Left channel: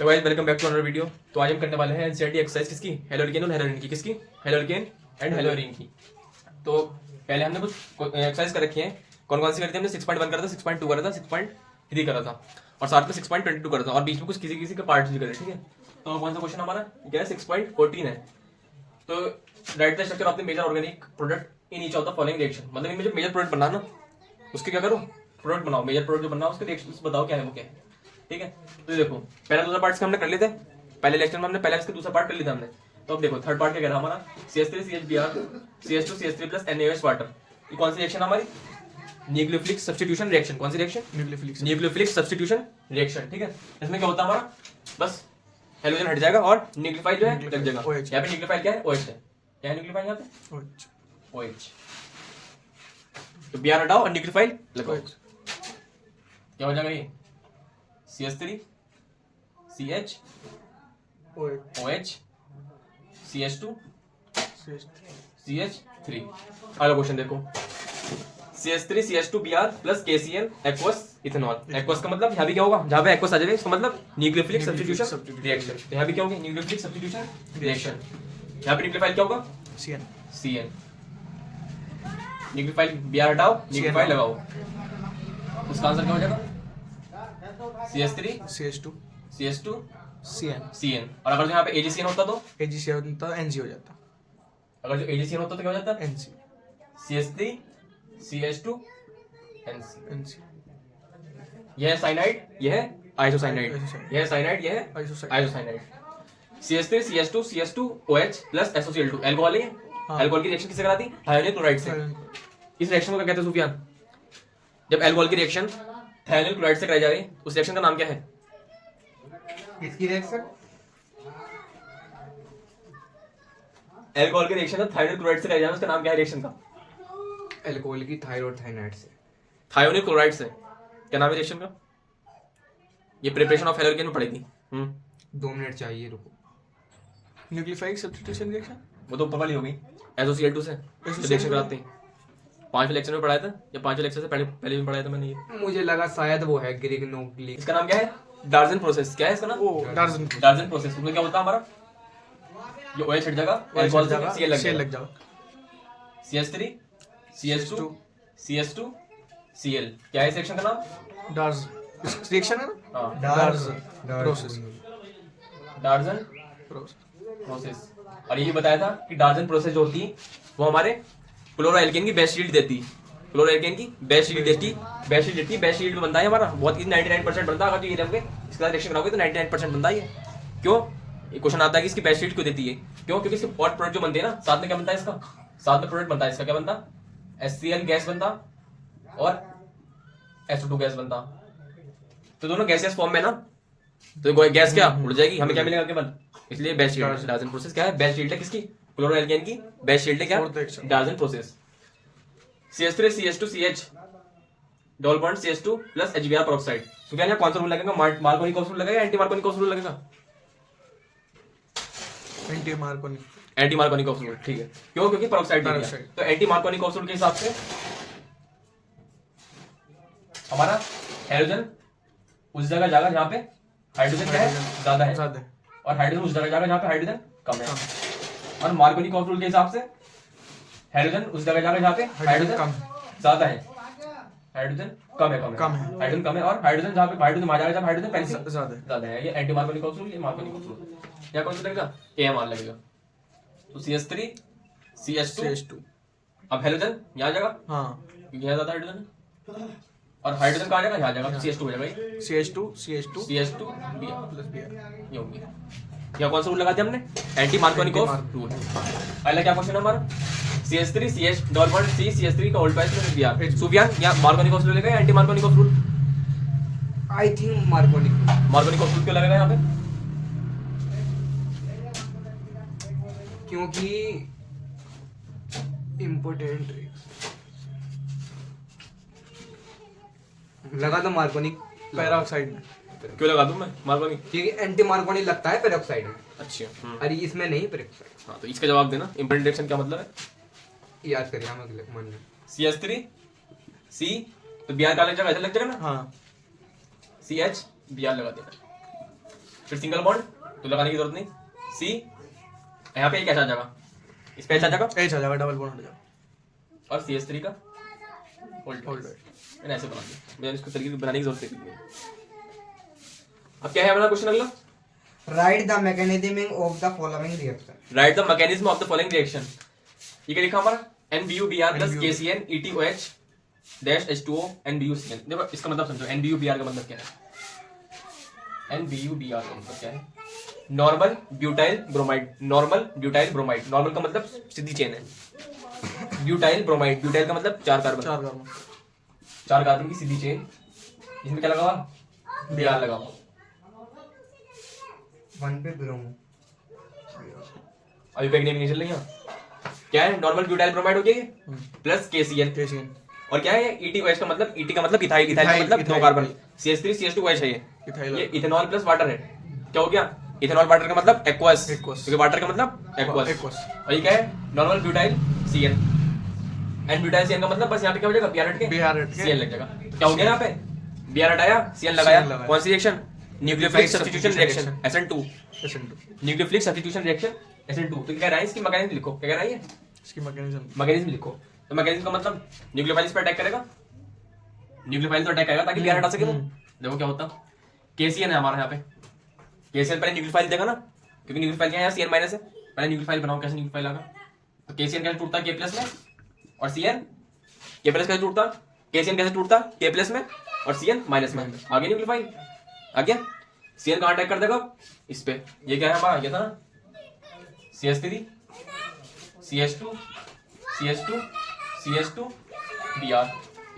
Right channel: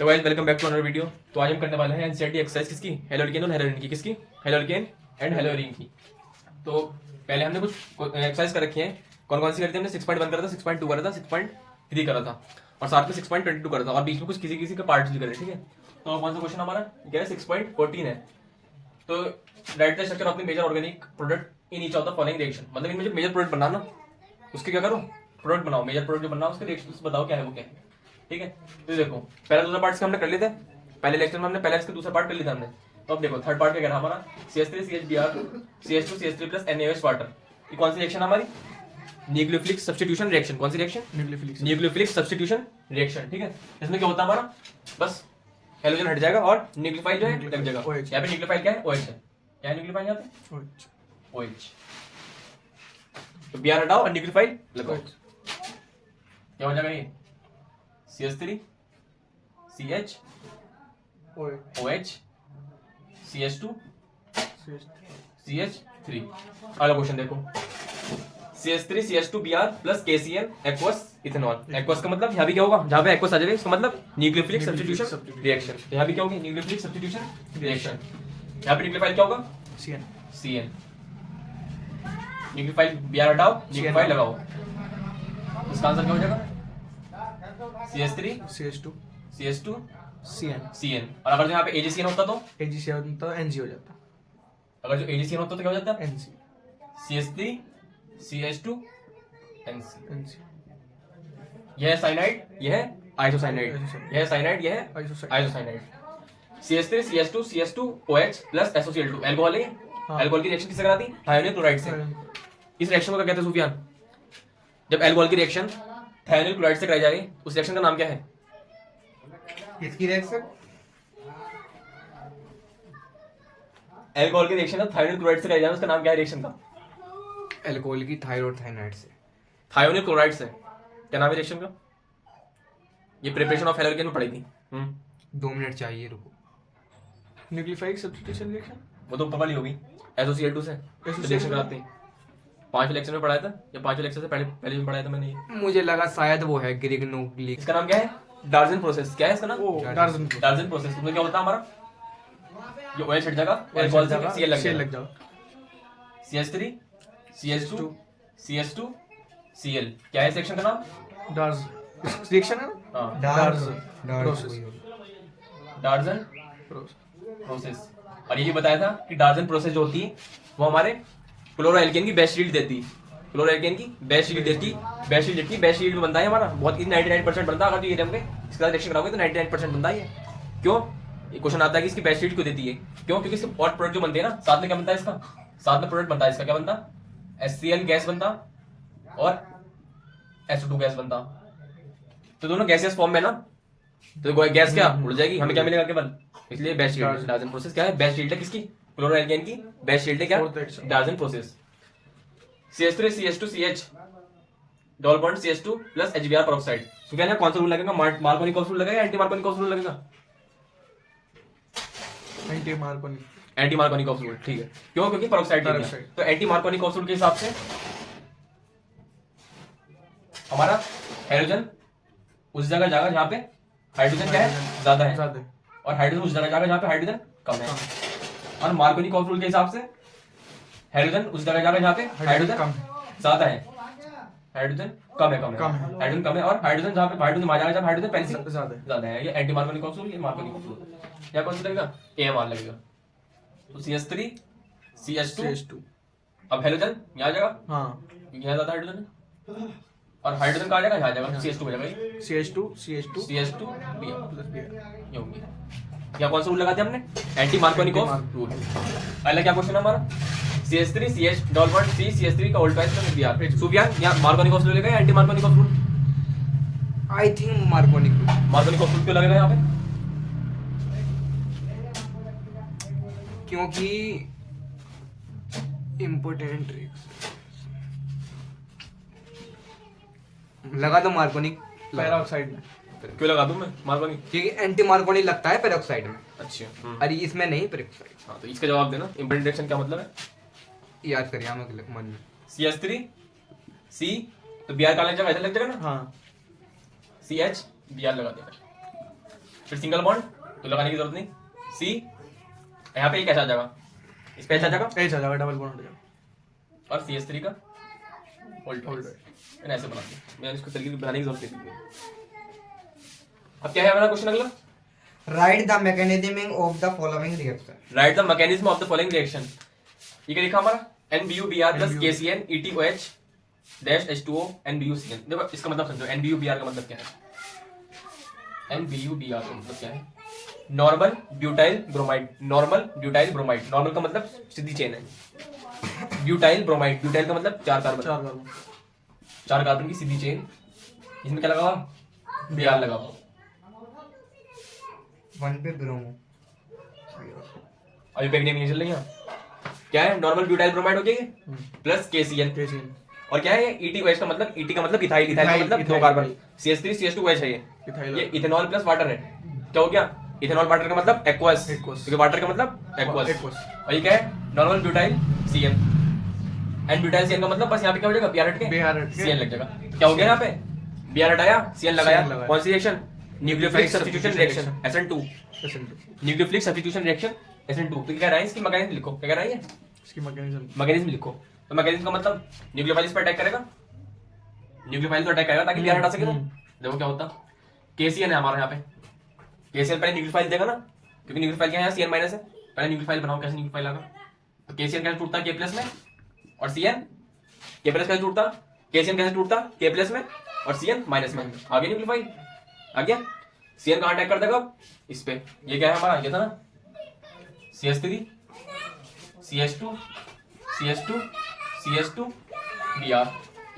Hello guys, welcome back to another video. तो आज हम करने वाले हैं एनसीईआरटी एक्सरसाइज किसकी, हेलोल्केन और हेलोरिन की। किसकी? हेलोल्केन एंड हेलोरिन की। तो पहले हमने कुछ एक्सरसाइज कर रखी है। कौन कौन सी करी थी हमने? 6.1 करा था, 6.2 करा था, 6.3 करा था और साथ में 6.22 करा था और बीच में कुछ किसी किसी का पार्ट्स भी करे। ठीक है, तो कौन सा क्वेश्चन हमारा क्या है? 6.14 है। तो write the structure of the major organic product in each of the following reaction. मतलब मुझे मेजर प्रोडक्ट बनाना, उसके क्या करो? प्रोडक्ट बनाओ, मेजर प्रोडक्ट जो बनना उसके रिएक्शन बताओ क्या है वो क्या है। ठीक है, तो देखो पहला दूसरा पार्ट हमने कर लिए थे। पहले लेक्चर में हमने पहले इसके दूसरा पार्ट कर लिया था हमने। तो अब देखो थर्ड पार्ट क्या कह रहा है हमारा? CH3 CHBr CH2 CH3 plus NaOH water. ये कौन सी रिएक्शन हमारी? Nucleophilic substitution reaction. कौन सी रिएक्शन? Nucleophilic substitution reaction. ठीक है, इसमें क्या होता है हमारा? बस हेलोजन हट जाएगा और न्यूक्लियोफाइल जो है लग जाएगा। यहाँ पे न्यूक्लियोफाइल क्या है? OH है। क्या है न्यूक्लियोफाइल यहाँ पे? OH। तो Br हटाओ और न्यूक्लियोफाइल लगाओ, क्या हो जाएगा? ये CH3 CH OH CH2 CH3। अगला क्वेश्चन देखो, CH3 CH2 Br plus KCl aqueous ethanol. Aqueous का मतलब यहाँ भी क्या होगा? जहाँ पे एक्वस आ जाएगा इसका मतलब न्यूक्लियोफिलिक सब्स्टिट्यूशन रिएक्शन। तो यहाँ भी क्या होगी? Nucleophilic substitution reaction. यहाँ पे न्यूक्लियोफाइल क्या होगा? CN। न्यूक्लियोफाइल Br हटाओ, न्यूक्लियोफाइल लगाओ, इसका आंसर क्या हो जाएगा? CH3 CH2 CN। और अगर जो यहाँ पे AgCN होता तो NG हो जाता। अगर जो AgCN होता तो क्या हो जाता? NG CH3 CH2 NC। NC। यह है साइनाइड, यह है आइसोसाइनाइड, यह है साइनाइड, यह है isocyanide. CH3 CH2 CH2 OH plus SOCl2 alcohol है। अल्कोहल की रिएक्शन किससे कराती? थायोनिल क्लोराइड से। इस रिएक्शन को क्या कहते हैं सुफियान? जब अल्कोहल की रिएक्शन थायोनिल क्लोराइड से कराई जा रही है उस रिएक्शन का नाम क्या है? इसकी रिएक्शन अल्कोहल की रिएक्शन जब थायोनिल क्लोराइड से कराई जा रही है उसका नाम क्या है रिएक्शन का? अल्कोहल की थायराइड थायनाइड से, थायोनिल क्लोराइड से। क्या नाम है रिएक्शन का? ये प्रिपरेशन ऑफ हेलोजन में पढ़ेगी। 2 मिनट चाहिए, रुको। न्यूक्लियोफाइल सब्स्टिट्यूशन रिएक्शन वो तो ऊपर वाली होगी, SOCl2 से रिएक्शन कराते हैं। 5वें लेक्चर में पढ़ाया था या 5वें लेक्चर से पहले भी पढ़ाया था मैंने ये। मुझे लगा शायद वो है ग्रिग्नोग्लिक। इसका नाम क्या है? डार्जन प्रोसेस। क्या है इसका नाम? डार्जन प्रोसेस। उसमें क्या होता है हमारा? जो OH हट जाएगा, अल्कोहल से Cl लग जाएगा। CH3 CH2 CH2 Cl। क्या है इस रिएक्शन का नाम? डार्ज रिएक्शन है ना? हाँ, डार्जन प्रोसेस। और यही बताया था कि डार्जन प्रोसेस जो होती है वो हमारे क्लोरोएल्केन की बेस्ट यील्ड देती है। क्लोरोएल्केन की बेस्ट यील्ड देती है। बेस्ट यील्ड में बनता है हमारा बहुत ही 99% बनता है। अगर ये लेंगे इसके साथ रिएक्शन कराओगे तो 99% बनता है। क्यों? ये क्वेश्चन आता है कि इसकी बेस्ट यील्ड क्यों देती है? क्यों? क्योंकि इसके और प्रोडक्ट जो बनते हैं ना, साथ में क्या बनता है इसका? साथ में प्रोडक्ट बनता है इसका। क्या बनता? HCl गैस बनता और SO2 गैस बनता। तो दोनों गैसियस फॉर्म में ना, तो गैस क्या उड़ जाएगी, हमें क्या मिलेगा केवल? इसलिए बेस्ट यील्ड डार्जन प्रोसेस क्या है? बेस्ट यील्ड है किसकी? क्लोरोएल्केन की बेस्ट यील्ड है क्या? डार्जन process. CH3 CH2 CH double bond CH2 plus HBr peroxide. तो क्या कौन सा रूल लगेगा? मार्कोनी का रूल लगेगा या एंटी मार्कोनी का रूल लगेगा? एंटी मार्कोनी का रूल। ठीक है, क्यों? क्योंकि पेरोक्साइड तो एंटी मार्कोनी का रूल के हिसाब से हमारा हाइड्रोजन उस जगह जाएगा जहां पे हाइड्रोजन क्या है? ज्यादा है, और हाइड्रोजन उस जगह जाएगा जहां पे हाइड्रोजन कम है। और मार्कोनी का रूल के हिसाब से हाइड्रोजन उस जगह जाएगा जहां पे हाइड्रोजन ज्यादा है, हाइड्रोजन कम है। हाइड्रोजन कम है और हाइड्रोजन जहां पे हाइड्रोजन आ जाएगा जब हाइड्रोजन पहले से ज्यादा है। ये एंटी मार्कोनी का रूल, ये मार्कोनी का रूल। क्या कौन सा लगेगा? AMR लगेगा। तो CH3 CH2 अब हाइड्रोजन यहां आ जाएगा, हां, क्योंकि यहां ज्यादा हाइड्रोजन है। और हाइड्रोजन कहां जाएगा? यहां जाएगा, CH2 हो जाएगा। CH2 ये होगी। क्या कौन सा रूल लगाते हमने? एंटी मार्कोनी का रूल। पहला क्या क्वेश्चन है हमारा? CH3 CH double bond C CH3 का होल पाइस प्लस Br। सुफियान या मार्कोनी का रूल लगेगा या एंटी मार्कोनी का रूल? आई थिंक मार्कोनी का रूल क्यों लगेगा यहाँ पे? क्योंकि इम्पोर्टेंट लगा दो मार्कोनी पेरोक्साइड में। क्यों लगा दूं मैं मार्कोनी? क्योंकि एंटी मार्कोनी लगता है पेरोक्साइड में। अच्छा, अरे इसमें नहीं पेरोक्साइड। हाँ, तो इसका जवाब देना। इम्पोर्टेंट रिएक्शन क्या मतलब है? याद करिए हम अगले मन में। CH3 C तो Br का लग जाएगा, ऐसे लग जाएगा ना? हाँ, CH Br लगा देगा। फिर सिंगल बॉन्ड तो लगाने की जरूरत नहीं, C यहाँ पे एक ऐसा आ जाएगा, इस पे ऐसा आ जाएगा एच आ जाएगा, डबल बॉन्ड हो जाएगा। और CH3 का होल्ड मैंने ऐसे बना दिया, मैंने इसको तरीके से बनाने की जरूरत नहीं। अब क्या है हमारा क्वेश्चन अगला, right the mechanism of the following reaction. Right the mechanism of the following reaction. ये क्या लिखा हमारा, NBUBr plus KCN ETOH dash H2O NBUCN। देखो इसका मतलब समझो, NBUBr का मतलब क्या है, NBUBr का मतलब क्या है, normal butyl bromide, normal butyl bromide, normal का मतलब सीधी चेन है, ब्यूटाइल ब्रोमाइड, ब्यूटाइल का मतलब 4 कार्बन, 4 कार्बन की सीधी चेन, इसमें क्या लगा हुआ, Br लगा हुआ, 1 पे ब्रोमो। अभी बैग नहीं चल रही है, क्या है, नॉर्मल ब्यूटाइल ब्रोमाइड हो गया ये प्लस KCN, KCN और क्या है ये ETOH का मतलब, ET का मतलब इथाइल, इथाइल का मतलब 2 कार्बन, CH3 CH2OH है इथाइल। ये इथेनॉल प्लस वाटर है, क्या हो गया, इथेनॉल वाटर का मतलब एक्वस, क्योंकि वाटर का मतलब एक्वस, और ये क्या है, normal butyl CN, and butyl CN का मतलब बस यहाँ पे क्या हो जाएगा, Br हट के CN लग जाएगा, क्या हो गया यहाँ पे, Br हटाया CN लगाया, कौन सी reaction, nucleophilic substitution reaction SN2, nucleophilic substitution reaction SN2। तो क्या कह रहा है, इसकी मैकेनिज्म लिखो, क्या कह रहा है ये, इसकी मैकेनिज्म मैकेनिज्म लिखो। तो मैकेनिज्म का मतलब न्यूक्लियोफाइल इस पर अटैक करेगा, न्यूक्लियोफाइल तो अटैक करेगा ताकि Br हटा सके, तो देखो क्या होता, KCN है हमारे यहाँ पे, KCN पहले न्यूक्लियोफाइल देगा ना, क्योंकि न्यूक्लियोफाइल क्या है, CN माइनस है, पहले न्यूक्लियोफाइल बनाओ, कैसे न्यूक्लियोफाइल आएगा, तो KCN कैसे टूटता है K प्लस में, और CN K प्लस कैसे टूटता, KCN कैसे टूटता K प्लस में और CN माइनस में, आगे न्यूक्लियोफाइल आ गया, CN कहाँ अटैक कर देगा, इस पे, ये क्या है हमारा, ये था ना CH3 CH2 CH2 CH2 Br।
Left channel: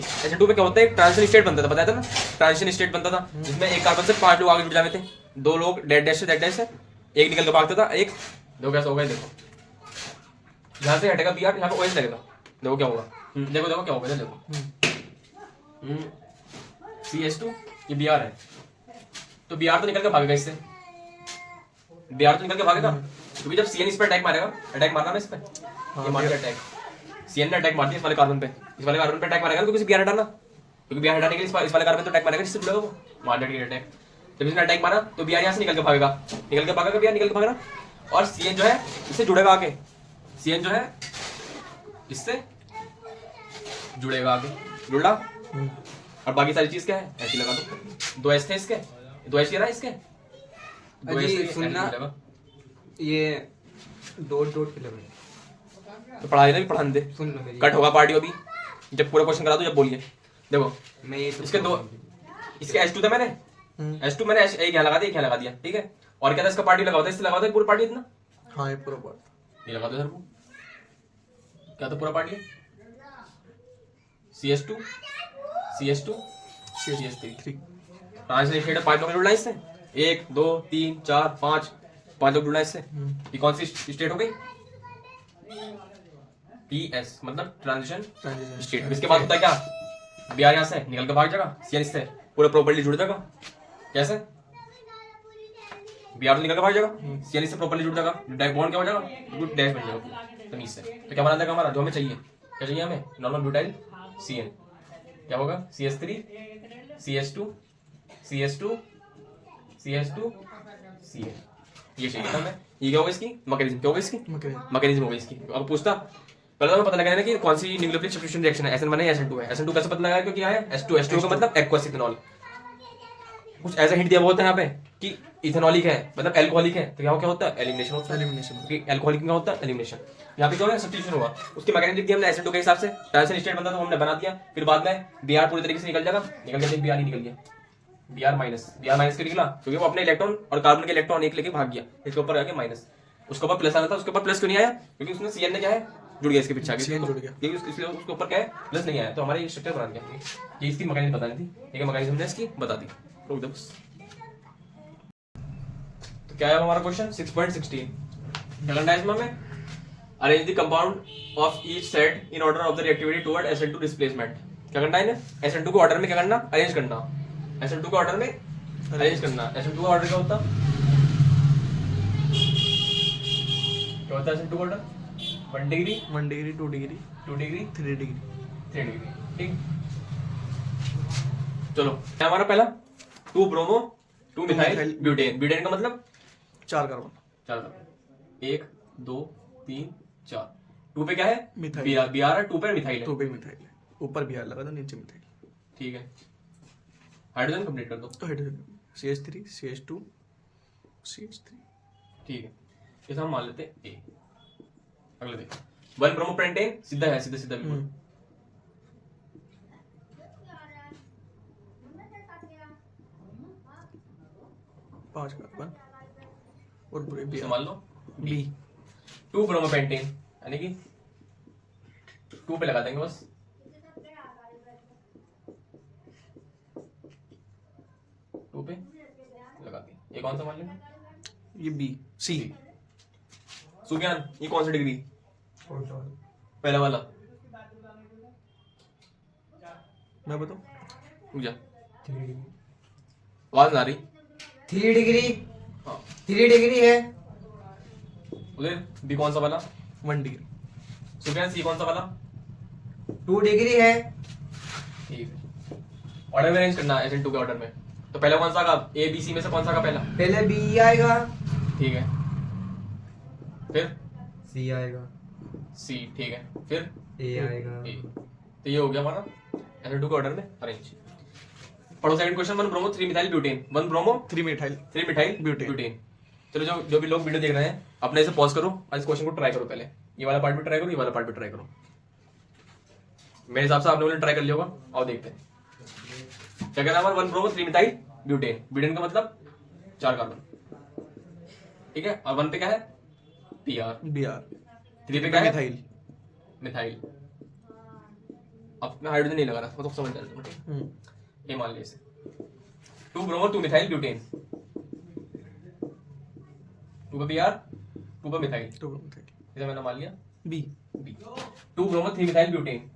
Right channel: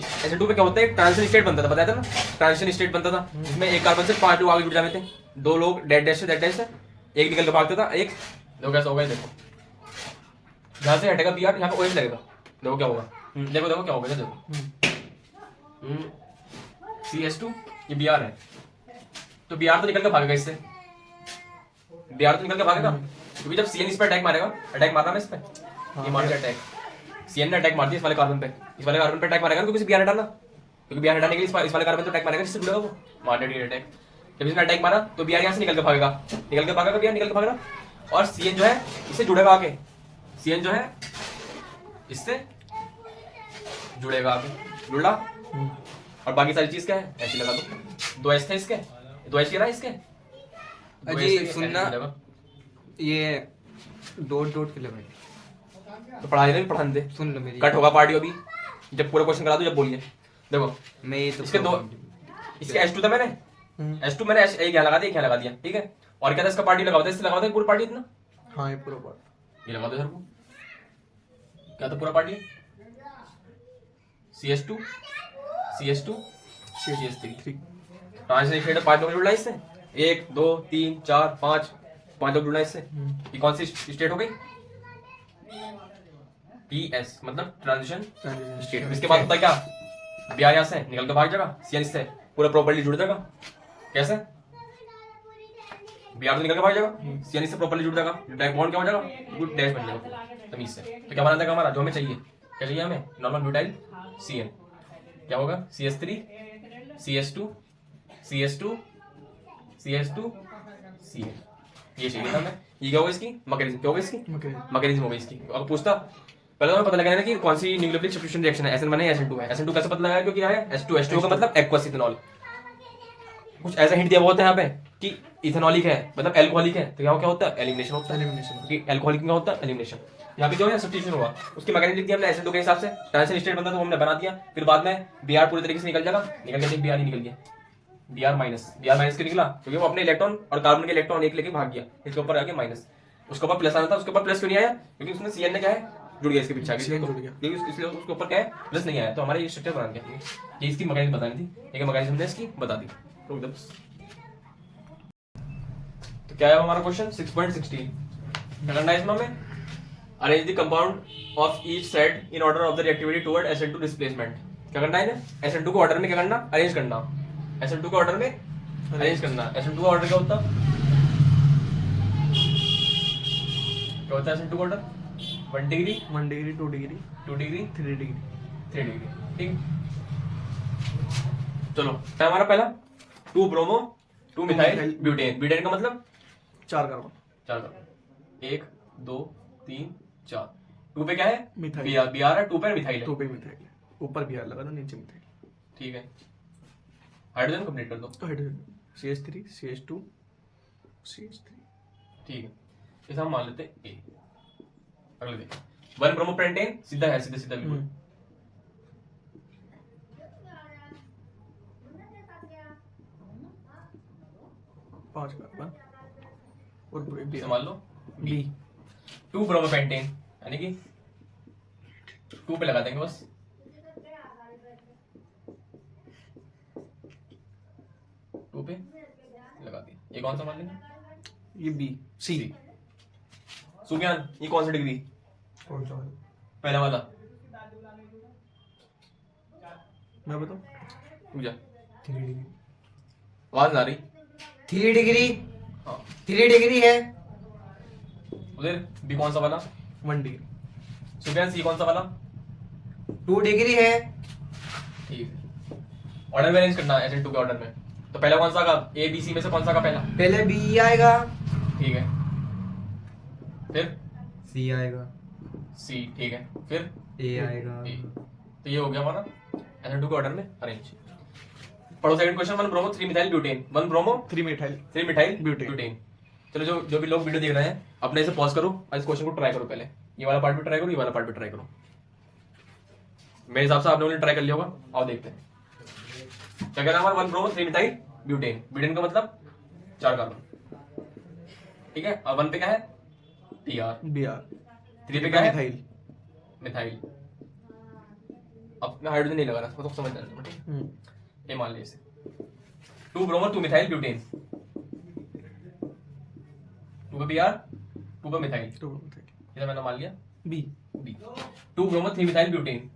SN2 पे क्या होता है, एक ट्रांजिशन स्टेट बनता था, बताया था ना, ट्रांजिशन स्टेट बनता था जिसमें एक कार्बन से 5 लोग आगे जुड़ जाते थे, 2 लोग डेड डैश से एक निकल के भागता था, एक देखो कैसा होगा, देखो यहाँ से हटेगा Br, यहाँ पे OH लगेगा, देखो क्या होगा, देखो देखो क्या होगा, देखो CH2 ये Br है, तो Br तो निकल के भागेगा इससे, Br तो निकल के भागेगा, क्योंकि जब CN इस पर अटैक मारेगा, अटैक मारना है इस पे, ये मार के अटैक, CN ने अटैक मार दिया इस वाले कार्बन पे, इस वाले कार्बन पे अटैक मारेगा, क्योंकि Br हटाना, क्योंकि Br हटाने के लिए इस वाले कार्बन पे अटैक मारेगा, जिससे जुड़ेगा वो मार देगा अटैक। जब इसने अटैक मारा तो Br यहाँ से निकल के भागेगा, Br निकल के भागेगा, और CN जो है इससे जुड़ेगा आगे, CN जो है इससे जुड़ेगा आगे, जुड़ा, और बाकी सारी चीज क्या है, ऐसी लगा दो, 2 H थे इसके, 2 H ना इसके, अजी सुनना, ये डॉट डॉट के लिए तो पढ़ा दे, पढ़ाने दे, सुन लो मेरी, कट होगा पार्टी अभी, जब पूरा क्वेश्चन करा दो जब बोलिए, देखो मैं ये तो इसके 2, इसके H2 था मैंने, H2 मैंने एक यहाँ लगा दिया, एक यहाँ लगा दिया, ठीक है, और क्या था इसका पार्टी लगा होता है, इससे लगा होता है पूरा पार्टी इतना, हाँ ये पूरा पार्ट ये लगा दो सर को, क्या था पूरा party, CH2 CH2 CH3 translation है, 5 लोग जुड़ना है इससे, 1 2 3 4 5 लोग जुड़ना है इससे, ये कौन सी स्टेट हो गई, TS मतलब ट्रांजिशन स्टेट। इसके बाद होता है क्या, Br यहाँ से निकल के भाग जाएगा, CN इससे पूरा प्रॉपर्ली जुड़ जाएगा, कैसे, Br तो निकल के भाग जाएगा, CN इससे प्रॉपर्ली जुड़ जाएगा, डाइक बॉन्ड क्या हो जाएगा, गुड डैश बन जाएगा तमीज से। तो क्या बना देगा हमारा, जो हमें चाहिए, क्या चाहिए हमें, नॉर्मल ब्यूटाइल CN, क्या होगा CH3 CH2 CH2 CH2 CN, ये चाहिए था हमें, ये क्या होगा इसकी मैकेनिज्म, क्या होगा इसकी मैकेनिज्म होगा इसकी। अब पूछता पहले तो पता लगाना कि कौन सी न्यूक्लियोफिलिक सब्स्टिट्यूशन रिएक्शन है, SN1 है SN2 है, SN2 कैसे पता लगाया, क्योंकि क्या है H2 का मतलब एक्वस इथेनॉल, कुछ ऐसा हिंट दिया हुआ होता है यहाँ पे कि इथेनॉलिक है मतलब अल्कोहलिक है, तो यहाँ क्या होता है एलिमिनेशन होता है, क्योंकि अल्कोहलिक क्या होता है एलिमिनेशन, यहाँ पे जो है सब्स्टिट्यूशन होगा, उसकी मैकेनिज्म लिख दिया हमने SN2 के हिसाब से, ट्रांजिशन स्टेट बनता तो हमने बना दिया, फिर बाद में Br पूरी तरीके से निकल जाएगा, निकल गया Br ही निकल गया, Br माइनस क्यों निकला, क्योंकि वो अपने इलेक्ट्रॉन और कार्बन के इलेक्ट्रॉन एक लेके भाग गया, इसके ऊपर आके माइनस, उसके ऊपर प्लस आना था, उसके ऊपर प्लस क्यों नहीं आया, क्योंकि उसने CN ने क्या है जुड़ गया इसके पीछे, इसलिए उसके ऊपर क्या है प्लस नहीं आया, तो हमारे ये स्ट्रक्चर बना गया, ये इसकी मैकेनिज्म बतानी थी, एक मैकेनिज्म ने इसकी बता दी। तो क्या है हमारा क्वेश्चन 6.16, क्या करना है इसमें हमें, arrange the compound of each set in order of the reactivity toward SN2 displacement. क्या करना है इन्हें, SN2 को ऑर्डर में क्या करना, अरेंज करना, SN2 को ऑर्डर में अरेंज करना। SN2 का ऑर्डर क्या होता, क्या होता है SN2 का order, 1 degree 1 degree 2 degree 2 degree 3 degree 3 degree, ठीक। चलो है हमारा पहला 2 ब्रोमो 2 मिथाइल ब्यूटेन। ब्यूटेन का मतलब 4 कार्बन। 4 कार्बन, 1 2 3 4। 2 पे क्या है? मिथाइल। बी आर है, 2 पे मिथाइल है। 2 पे मिथाइल है, ऊपर भी आर लगा था, नीचे मिथाइल। ठीक है, हाइड्रोजन कंप्लीट कर दो। तो हाइड्रोजन CH3 CH2 CH3। ठीक है, इसे हम मान लेते हैं ए। अगले देखो 1 ब्रोमोपेंटेन, सीधा है, सीधा सीधा बिल्कुल। 5 कार्बन और पूरे इसे मान लो बी। 2 ब्रोमोपेंटेन, यानी कि 2 पे लगा देंगे बस। टू पे लगा दिया। ये कौन सा मान लेंगे? ये बी सी। सुज्ञान, ये कौन सी डिग्री? पहला वाला मैं बताऊं? पूजा आवाज आ रही। 3 डिग्री, हाँ 3 डिग्री है। उधर बी कौन सा वाला? 1 डिग्री। सुज्ञान सी कौन सा वाला? 2 डिग्री है। ठीक है, ऑर्डर में अरेंज करना है SN2 के ऑर्डर में। तो पहला कौन सा का? ए बी सी में से कौन सा का पहला? पहले बी आएगा, ठीक है, फिर सी आएगा, सी, ठीक है, फिर ए आएगा। ए। तो ये हो गया हमारा SN2 के ऑर्डर में अरेंज। पढ़ो second question. 1 bromo 3 methyl butane. 1 bromo 3 methyl 3 methyl butane. Butane. चलो जो भी लोग वीडियो देख रहे हैं अपने इसे पॉज करो और इस क्वेश्चन को ट्राई करो। पहले ये वाला पार्ट भी ट्राई करो, ये वाला पार्ट भी ट्राई करो। मेरे हिसाब से आप लोगों ने ट्राई कर लिया होगा। आओ देखते हैं क्या कहना है। 1 ब्रोमो 3 मिथाइल ब्यूटेन। ब्यूटेन का मतलब 4 कार्बन, ठीक है। और 1 पे क्या है? पीआर। बीआर। 3 पे क्या है? मिथाइल। मिथाइल। अब मैं हाइड्रोजन नहीं लगा रहा, वो तो समझ जाना, ठीक है। ये मान लिया इसे 2 ब्रोमो 2 मिथाइल ब्यूटेन। 2 पे पीआर, 2 पे मिथाइल, 2 मिथाइल इसे मैंने मान लिया B. B. 2 bromo 3 methyl butane.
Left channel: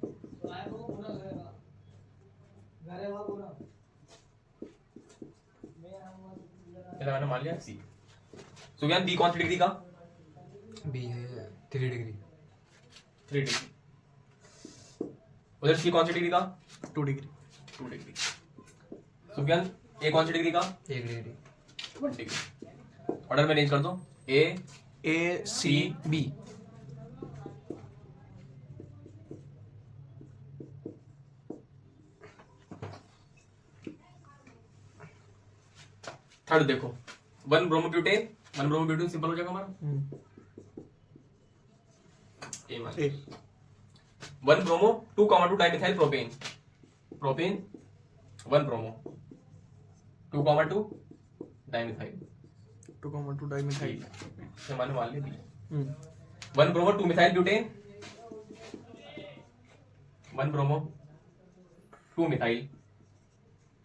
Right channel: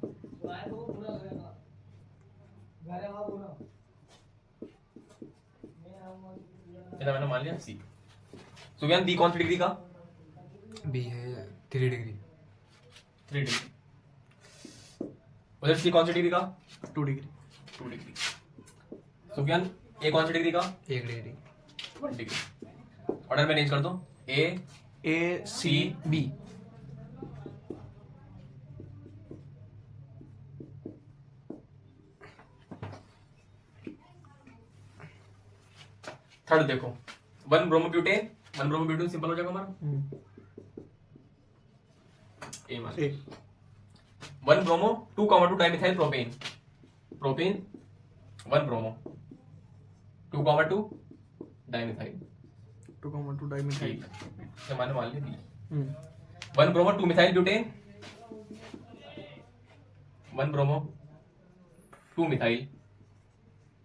इसे मैंने मान लिया सी। सुज्ञान बी कौन सी डिग्री का? बी है 3 डिग्री। 3 डिग्री। उधर सी कौन सी डिग्री का? 2 डिग्री। 2 डिग्री। सुज्ञान ए कौन सी डिग्री का? 1 डिग्री। 1 डिग्री। ऑर्डर में अरेंज कर दो। A C B. थर्ड देखो 1 bromo butane. 1 bromo butane simple हो जाएगा हमारा। ए मान A 1 bromo 2,2 dimethyl propane. Propane 1 bromo 2,2 dimethyl. 2,2 dimethyl. ठीक है, तो मैंने मान लिया B. 1 1 bromo 2 methyl butane. 1 bromo 2 methyl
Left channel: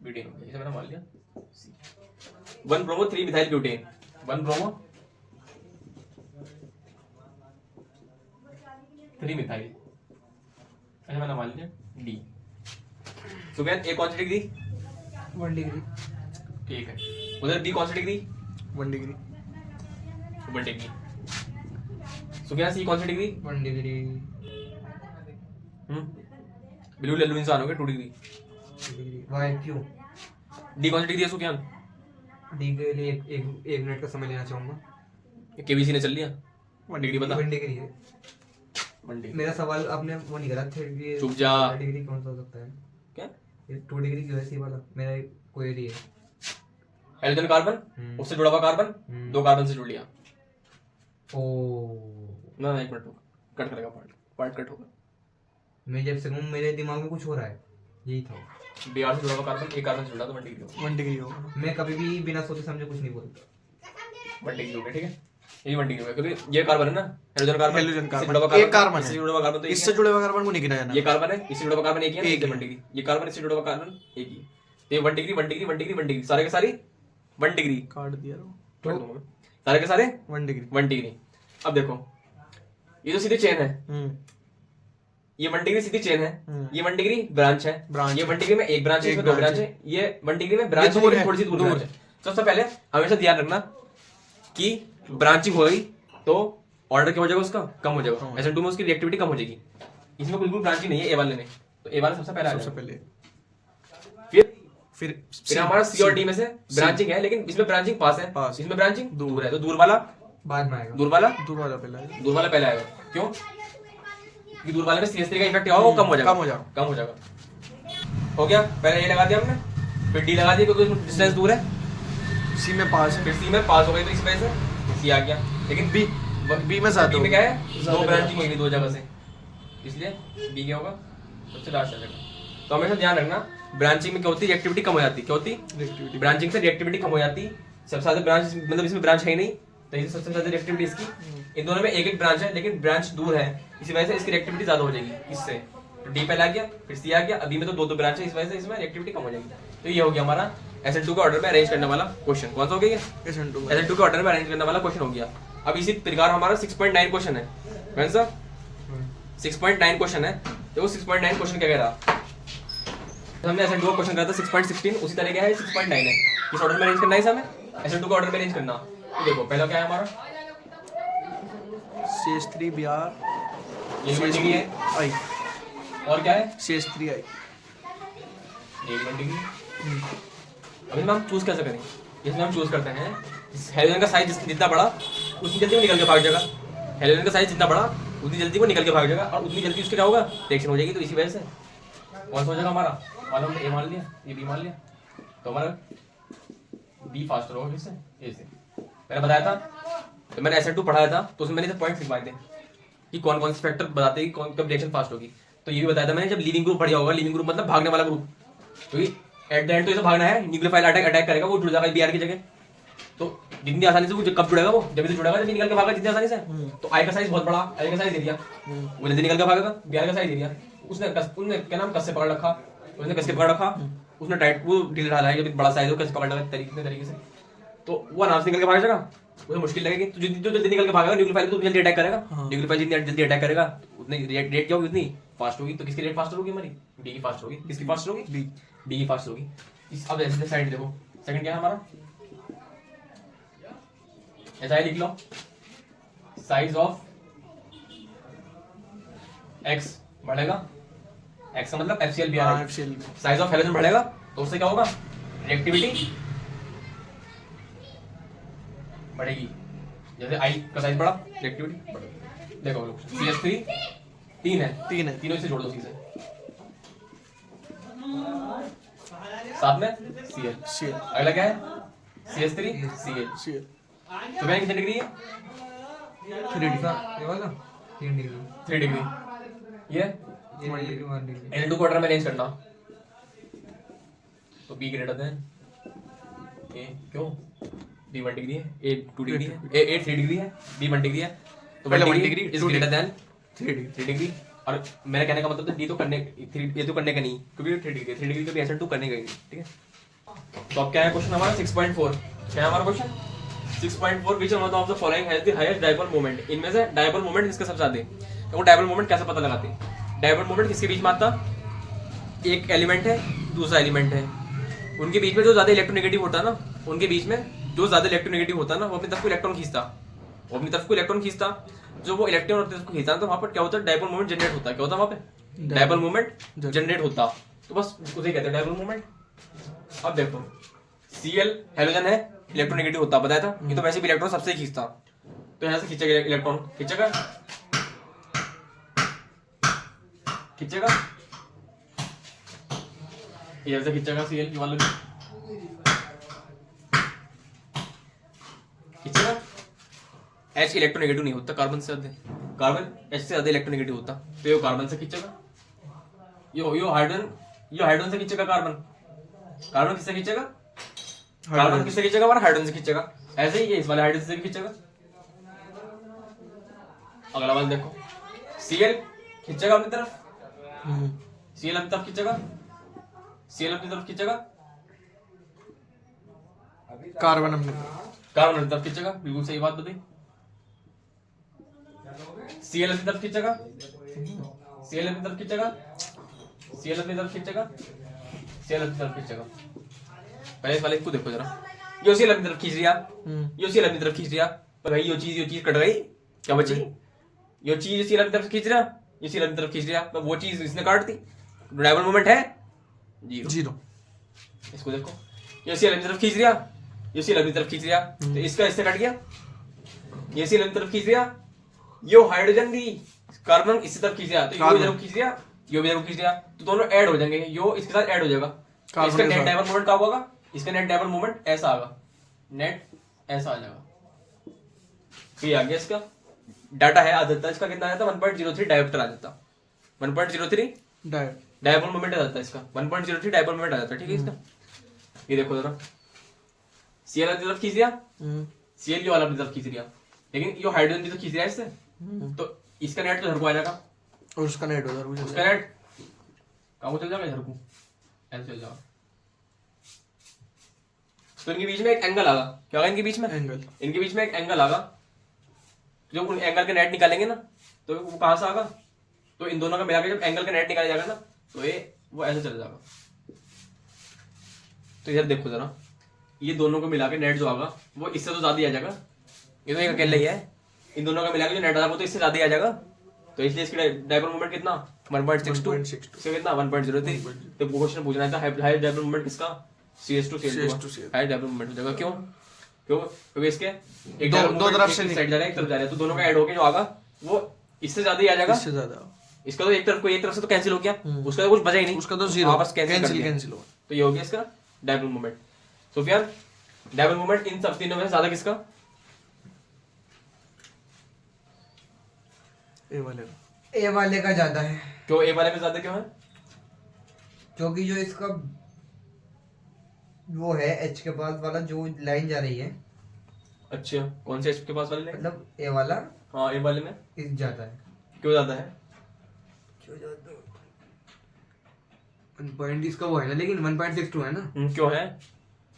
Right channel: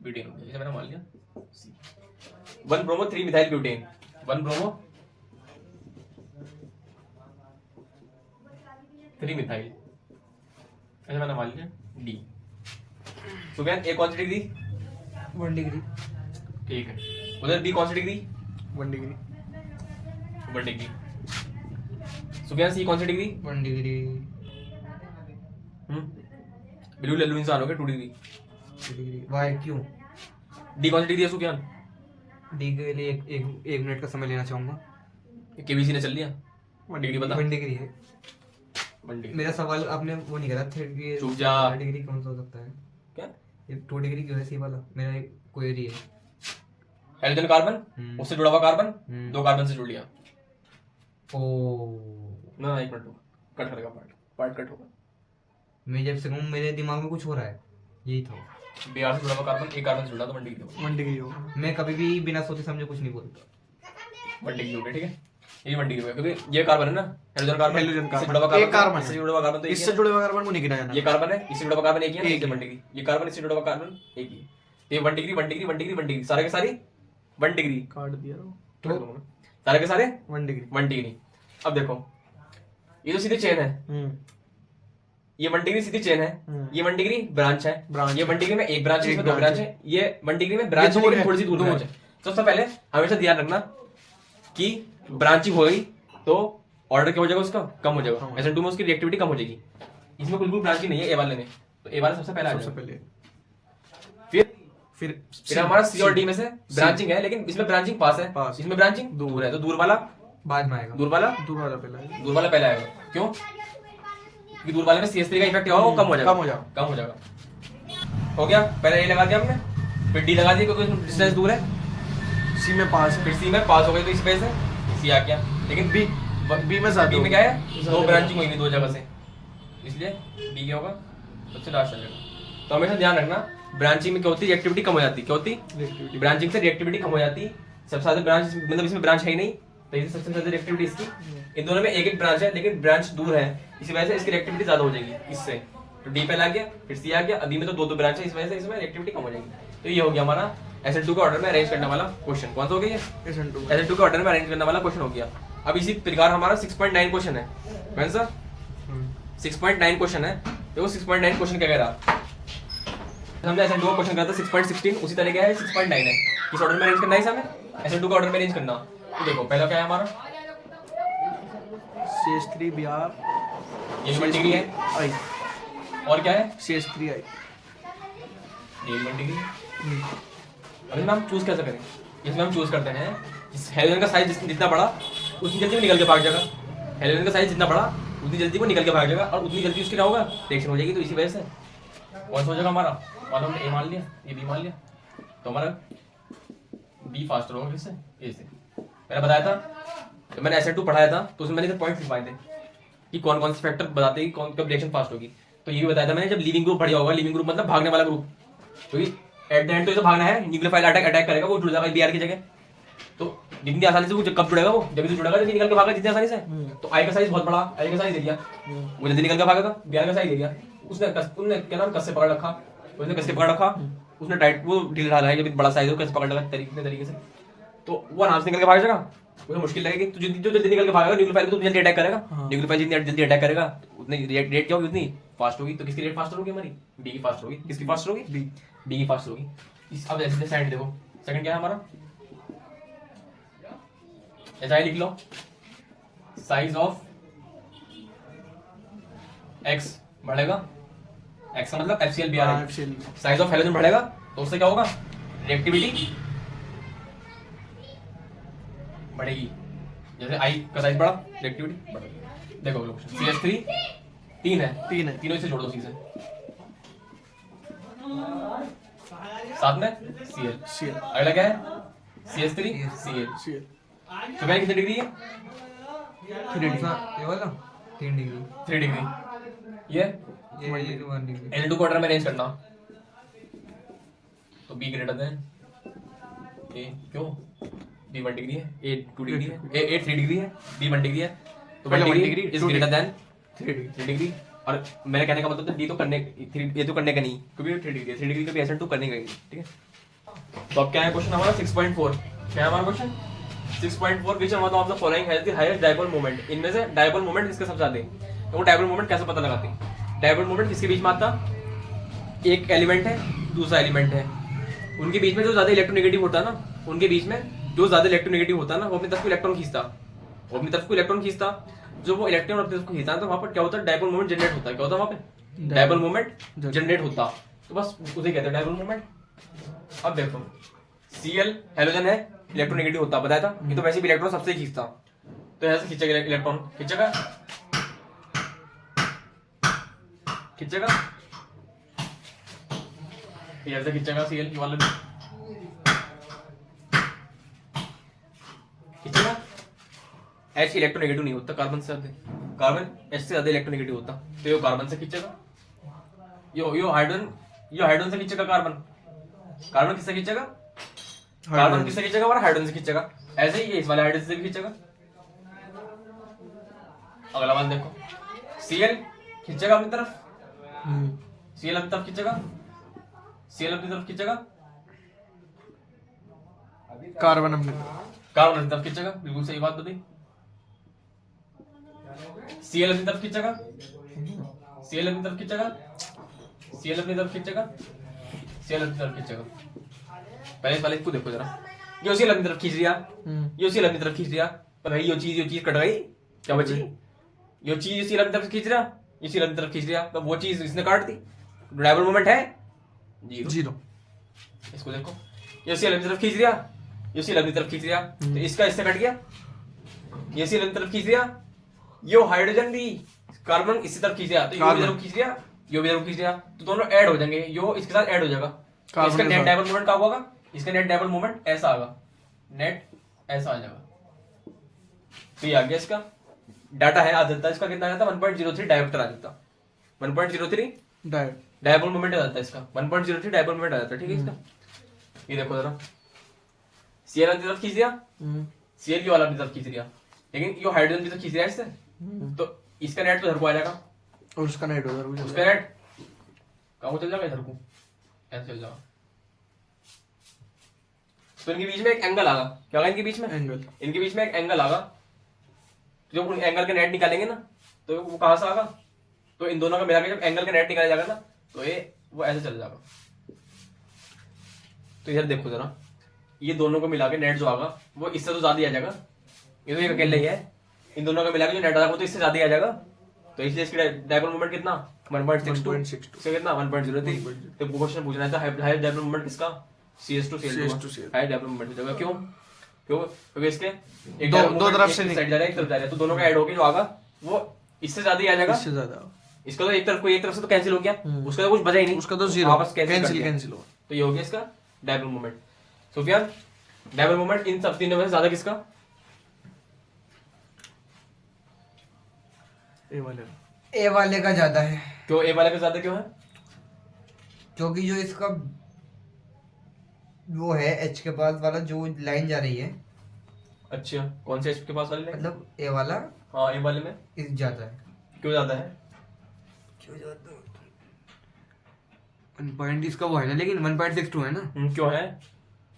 butane हो गया, इसे मैंने मान लिया C. 1 bromo 3 methyl butane. 1 bromo 3 methyl, इसे मैंने मान लिया डी। सुज्ञान ए कौन सी डिग्री? 1 डिग्री। ठीक है, उधर बी कौन सी डिग्री? 1 डिग्री। 1 डिग्री। सुज्ञान सी कौन सी डिग्री? 1 डिग्री। बिल्कुल लल्लू इंसान हो गए। 2 डिग्री। 2 डिग्री। वाई क्यों? डी कौन सी डिग्री है सुज्ञान? डी के लिए एक मिनट का समय लेना चाहूंगा। केबीसी ने चल लिया। 1 डिग्री बता। 1 डिग्री है। 1 डिग्री। मेरा सवाल आपने वो नहीं करा था कि चुप जा। 1 डिग्री कौन सा हो सकता है? क्या? ये 2 डिग्री क्यों है? सी वाला मेरा एक क्वेरी है। हाइड्रोजन कार्बन, उससे जुड़ा हुआ कार्बन, 2 कार्बन से जुड़ लिया। ओ ना 1 मिनट रुक, कट करेगा पार्ट कट होगा। मैं जब से हूँ मेरे दिमाग में कुछ हो रहा है, यही था। बीआर से जुड़ा हुआ कार्बन 1 कार्बन से जुड़ा तो 1 डिग्री होगा। 1 डिग्री होगा। मैं कभी भी बिना सोचे समझे कुछ नहीं बोलता। 1 डिग्री हो गया, ठीक है। ये 1 डिग्री हो गया क्योंकि ये कार्बन है ना, हाइड्रोजन कार्बन। हाइड्रोजन इससे कार्बन। जुड़ा हुआ एक कार्बन है। इससे जुड़ा हुआ कार्बन तो एक इससे ही जुड़े हुए कार्बन को नहीं गिनाया है। ना। ये कार्बन है, इससे जुड़ा हुआ कार्बन एक ही है, एक एक ही 1 डिग्री। ये कार्बन इससे जुड़ा हुआ कार्बन एक ही है। तो ये 1 डिग्री 1 डिग्री 1 डिग्री 1 डिग्री सारे के सारे 1 डिग्री। काट दिया तो सारे के सारे 1 डिग्री। 1 डिग्री। अब देखो ये जो सीधी चेन है, ये 1 डिग्री सीधी चेन है, ये 1 डिग्री ब्रांच है, ब्रांच ये 1 डिग्री में एक ब्रांच है, एक इसमें 2 ब्रांच ब्रांच है, ये 1 डिग्री में ब्रांच है दूर लेकिन है, थोड़ी सी दूर दूर ब्रांच है। तो सबसे पहले हमेशा ध्यान रखना कि ब्रांचिंग हो गई तो ऑर्डर क्या हो जाएगा, उसका कम हो जाएगा। SN2 में उसकी रिएक्टिविटी कम हो जाएगी। इसमें बिल्कुल ब्रांचिंग नहीं है ए वाले में, तो ए वाला सबसे पहले आ सबसे जाएगा। पहले फिर हमारा सी और डी में से ब्रांचिंग है, लेकिन इसमें ब्रांचिंग पास है, पास। इसमें ब्रांचिंग दूर है, तो दूर वाला बाद में आएगा। दूर वाला दूर वाला पहला है। दूर वाला पहले आएगा। क्यों? क्योंकि दूर वाले में CS3 का इफेक्ट होगा, वो कम हो जाएगा, कम हो जाएगा। हो गया, पहले ए लगा दिया हमने, फिर डी लगा दिया क्योंकि डिस्टेंस दूर है, सी में पास है, फिर सी में पास हो गई तो इस वजह से सी आ गया। लेकिन बी बी में ज्यादा बी में होगा। क्या है, ज्यादा दो ब्रांचिंग हुई दो जगह से, इसलिए बी क्या होगा, सबसे लास्ट चलेगा। तो हमेशा ध्यान रखना, ब्रांचिंग में क्या होती है, रिएक्टिविटी कम हो जाती है। क्या होती है? ब्रांचिंग से रिएक्टिविटी कम हो जाती है। सबसे ज्यादा ब्रांच मतलब इसमें ब्रांच है ही नहीं, तो इससे सबसे ज्यादा रिएक्टिविटी इसकी। इन दोनों में एक एक ब्रांच है, लेकिन ब्रांच दूर है, इसी वजह से इसकी रिएक्टिविटी ज्यादा हो जाएगी इससे। तो डी पहले आ गया, फिर सी आ गया, अभी में तो दो दो ब्रांच है, इस वजह से इसमें रिएक्टिविटी कम हो जाएगी। तो ये हो गया हमारा SN2 के ऑर्डर में अरेंज करने वाला क्वेश्चन। कौन सा हो गया? SN2 के ऑर्डर में अरेंज करने वाला क्वेश्चन हो गया। अब इसी प्रकार हमारा 6.9 क्वेश्चन है, कौन सा? 6.9 क्वेश्चन है। तो 6.9 क्वेश्चन क्या कह रहा, हमने SN2 का क्वेश्चन करा था 6.16, उसी तरह क्या है 6.9 है। किस ऑर्डर में अरेंज करना है हमें? SN2 का ऑर्डर में अरेंज करना। तो देखो पहला क्या है हमारा, CS3 BR ये वन डिग्री है, आई, और क्या है CS3 आई। ये वन डिग्री। अब इसमें हम चूज कैसे करेंगे? इसमें हम चूज करते हैं, इस हेलोजन का साइज जितना बड़ा उतनी जल्दी वो निकल के भाग जाएगा। हेलोजन का साइज जितना बड़ा उतनी जल्दी वो निकल के भाग जाएगा, और उतनी जल्दी उसके क्या होगा, रिएक्शन हो जाएगी। तो इसी वजह से कौन सा हो जाएगा हमारा, मालूम ए मान लिया, ये बी मान लिया, तो हमारा बी फास्टर होगा किससे, ए से। मैंने बताया था, तो मैंने SN2 पढ़ाया था, तो उसमें मैंने पॉइंट लिखवाए थे कि कौन कौन से फैक्टर बताते हैं कि कौन कब रिएक्शन फास्ट होगी। तो ये भी बताया था मैंने, जब लिविंग ग्रुप बढ़िया होगा, लिविंग ग्रुप मतलब भागने वाला ग्रुप, क्योंकि एट द एंड तो इसे भागना है, न्यूक्लियोफाइल अटैक करेगा, वो जुड़ जाएगा BR की जगह। तो जितनी आसानी से वो कब जुड़ेगा, वो जब भी जुड़ेगा, जब निकल के भागा जितनी आसानी से। तो आई का साइज बहुत बड़ा, आई का साइज दे दिया, वो जल्दी निकल के भागेगा। BR का साइज दे दिया, उसने क्या नाम कस से पकड़ रखा, उसने कस से पकड़ रखा, उसने टाइट वो ढील डाला है, जब बड़ा साइज है कैसे पकड़ रखा तरीके से, तो वो आराम से निकल के भाग जाएगा। उसे मुश्किल लगेगी, तो जो जल्दी निकल के भागेगा न्यूक्लियोफाइल को, तो जल्दी अटैक करेगा। न्यूक्लियोफाइल जितनी जल्दी अटैक करेगा उतनी रेट क्या होगी, उतनी फास्ट होगी। तो किसकी रेट फास्ट होगी हमारी, बी की फास्ट होगी। किसकी फास्ट होगी, बी की फास्ट होगी। अब ऐसे सेकंड देखो, सेकंड क्या है हमारा, ऐसा ही लिख लो, साइज ऑफ एक्स बढ़ेगा, एक्स का मतलब FCl BR, size of halogen बढ़ेगा, तो उससे क्या होगा, रिएक्टिविटी बढ़ेगी। जैसे आई का साइज बढ़ा, रिएक्टिविटी बढ़ेगी। देखो लोग, CS3 तीन है, तीनों से जोड़ दो सी से, साथ में Cl। अगला क्या है, CS3 Cl। तो क्या कितनी डिग्री है, 3 वाला 3 डिग्री, 3 डिग्री। ये 1 डिग्री। L2 क्वार्टर में अरेंज करना, तो B ग्रेटर देन A, क्यों, B 1 डिग्री है, A 2 डिग्री है, A 3 डिग्री है, B 1 डिग्री है, तो 1 degree is greater than 3 degree. और मेरे कहने का मतलब तो D तो करने, ये तो करने का नहीं, क्योंकि 3 डिग्री तो SN2 करने का ही नहीं, ठीक है। तो अब क्या है क्वेश्चन हमारा 6.4, क्या है हमारा question 6.4, which one of the following has the highest dipole moment. इनमें से डायपोल मोमेंट किसके सबसे ज्यादा है, वो डायपोल मोमेंट कैसे पता लगाते हैं। डायपोल मोमेंट किसके बीच में आता, एक एलिमेंट है दूसरा एलिमेंट है, उनके बीच में जो ज्यादा इलेक्ट्रोनेगेटिव होता है ना, उनके बीच में जो ज्यादा इलेक्ट्रोनेगेटिव होता है ना, वो अपनी तरफ को इलेक्ट्रॉन खींचता, वो अपनी तरफ को इलेक्ट्रॉन खींचता, जो वो इलेक्ट्रॉन अपनी तरफ को खींचता, तो वहां पर क्या होता है, डायपोल मोमेंट जनरेट होता है। क्या होता है वहां पे, डायपोल मोमेंट जनरेट होता, तो बस उसे कहते हैं डायपोल मोमेंट। अब देखो Cl हेलोजन है, इलेक्ट्रोनेगेटिव होता, बताया था, ये तो वैसे भी इलेक्ट्रॉन सबसे खींचता, तो ऐसे खींचेगा इलेक्ट्रॉन, खींचेगा ये ऐसे खींचेगा Cl वाला भी खींचेगा। H इलेक्ट्रोनेगेटिव नहीं होता कार्बन से ज्यादा, कार्बन H से ज्यादा इलेक्ट्रोनेगेटिव होता, तो ये कार्बन से खींचेगा, यो हाइड्रोजन से खींचेगा, कार्बन किससे खींचेगा, कार्बन किससे खींचेगा, हमारा हाइड्रोजन से खींचेगा। ऐसे ही ये इस वाले हाइड्रोजन से भी खींचेगा। अगला वाला देखो, Cl खींचेगा अपनी तरफ, Cl अपनी तरफ खींचेगा, Cl अपनी तरफ खींचेगा, कार्बन अपनी तरफ खींचेगा, बिल्कुल सही बात बताई। Cl अपनी तरफ खींचेगा, Cl अपनी तरफ खींचेगा, Cl अपनी तरफ खींचेगा, Cl अपनी तरफ खींचेगा। पहले वाले को देखो जरा, यो Cl अपनी तरफ खींच लिया, यो Cl अपनी तरफ खींच लिया, तो भाई यो चीज कट गई, क्या बची, यो चीज Cl अपनी तरफ खींच रहा, ये Cl अपनी तरफ खींच लिया, तो वो चीज इसने काट दी, डायपोल मोमेंट है जीरो। इसको देखो, ये सी अपनी तरफ खींच दिया, ये सी अपनी तरफ खींच दिया, तो इसका इससे कट गया, ये सी अपनी तरफ खींच दिया, ये हाइड्रोजन भी कार्बन इससे तरफ खींच दिया, तो ये भी तरफ खींच दिया, ये भी तरफ खींच दिया, तो दोनों ऐड हो जाएंगे, यो इसके साथ ऐड हो जाएगा, इसका नेट डायपोल मोमेंट क्या होगा, इसका नेट डायपोल मोमेंट ऐसा आएगा, नेट ऐसा आ जाएगा। तो ये आ गया इसका डाटा है, आ जाता है इसका कितना आ जाता है 1.03 डायोप्टर आ जाता, 1.03 डायपोल मोमेंट आ जाता है इसका, 1.03 डायपोल मोमेंट आ जाता है, ठीक है इसका। ये देखो जरा, सीएल अपनी तरफ खींच दिया, सीएल वाला अपनी तरफ खींच दिया, लेकिन ये हाइड्रोजन भी तो खींच रहा है इससे, तो इसका नेट तो इधर को आ जाएगा और उसका नेट उधर को उसका नेट कहाँ को चल जाएगा, इधर को ऐसे चल जाएगा। तो इनके बीच में एक एंगल आगा, क्या होगा इनके बीच में एंगल, इनके बीच में एक एंगल आगा, जब उन एंगल के नेट निकालेंगे ना तो वो कहां से आगा, तो इन दोनों का मिला के जब एंगल का नेट निकाला जाएगा ना तो ये वो ऐसे चल जाएगा। तो इधर देखो जरा, ये दोनों को मिला के नेट जो आगा वो इससे तो ज्यादा आ जाएगा, ये तो एक अकेले ही है, इन दोनों का मिला के जो नेट आएगा तो इससे ज्यादा आ जाएगा, तो इसलिए इसकी डायपोल मोमेंट कितना 1.62 कितना 1.03। तो क्वेश्चन पूछना है हाई डायपोल मोमेंट किसका, CS2 हाई डायपोल मोमेंट हो जाएगा। क्यों क्योंकि इसके एक दो तरफ से साइड जा रहा है, एक तरफ जा रहा है, तो दोनों का ऐड होके जो आगा वो इससे ज्यादा ही आ जाएगा, इससे ज्यादा। इसका तो एक तरफ से तो कैंसिल हो गया, उसका तो कुछ बचा ही नहीं, उसका तो जीरो वापस कैंसिल हुआ, तो ये हो गया इसका dipole moment. Sufiyan dipole moment इन सब तीनों में से ज्यादा किसका, ए वाले का ज्यादा है। क्यों ए वाले का ज्यादा क्यों है, क्योंकि जो इसका वो है एच के पास वाला जो लाइन जा रही है, अच्छा कौन से एच के पास वाले लाइन, मतलब ए वाला, हाँ ए वाले में इस ज्यादा है। क्यों ज्यादा है, क्यों ज्यादा पॉइंट इसका वो है ना, लेकिन 1.62 है ना। क्यों है,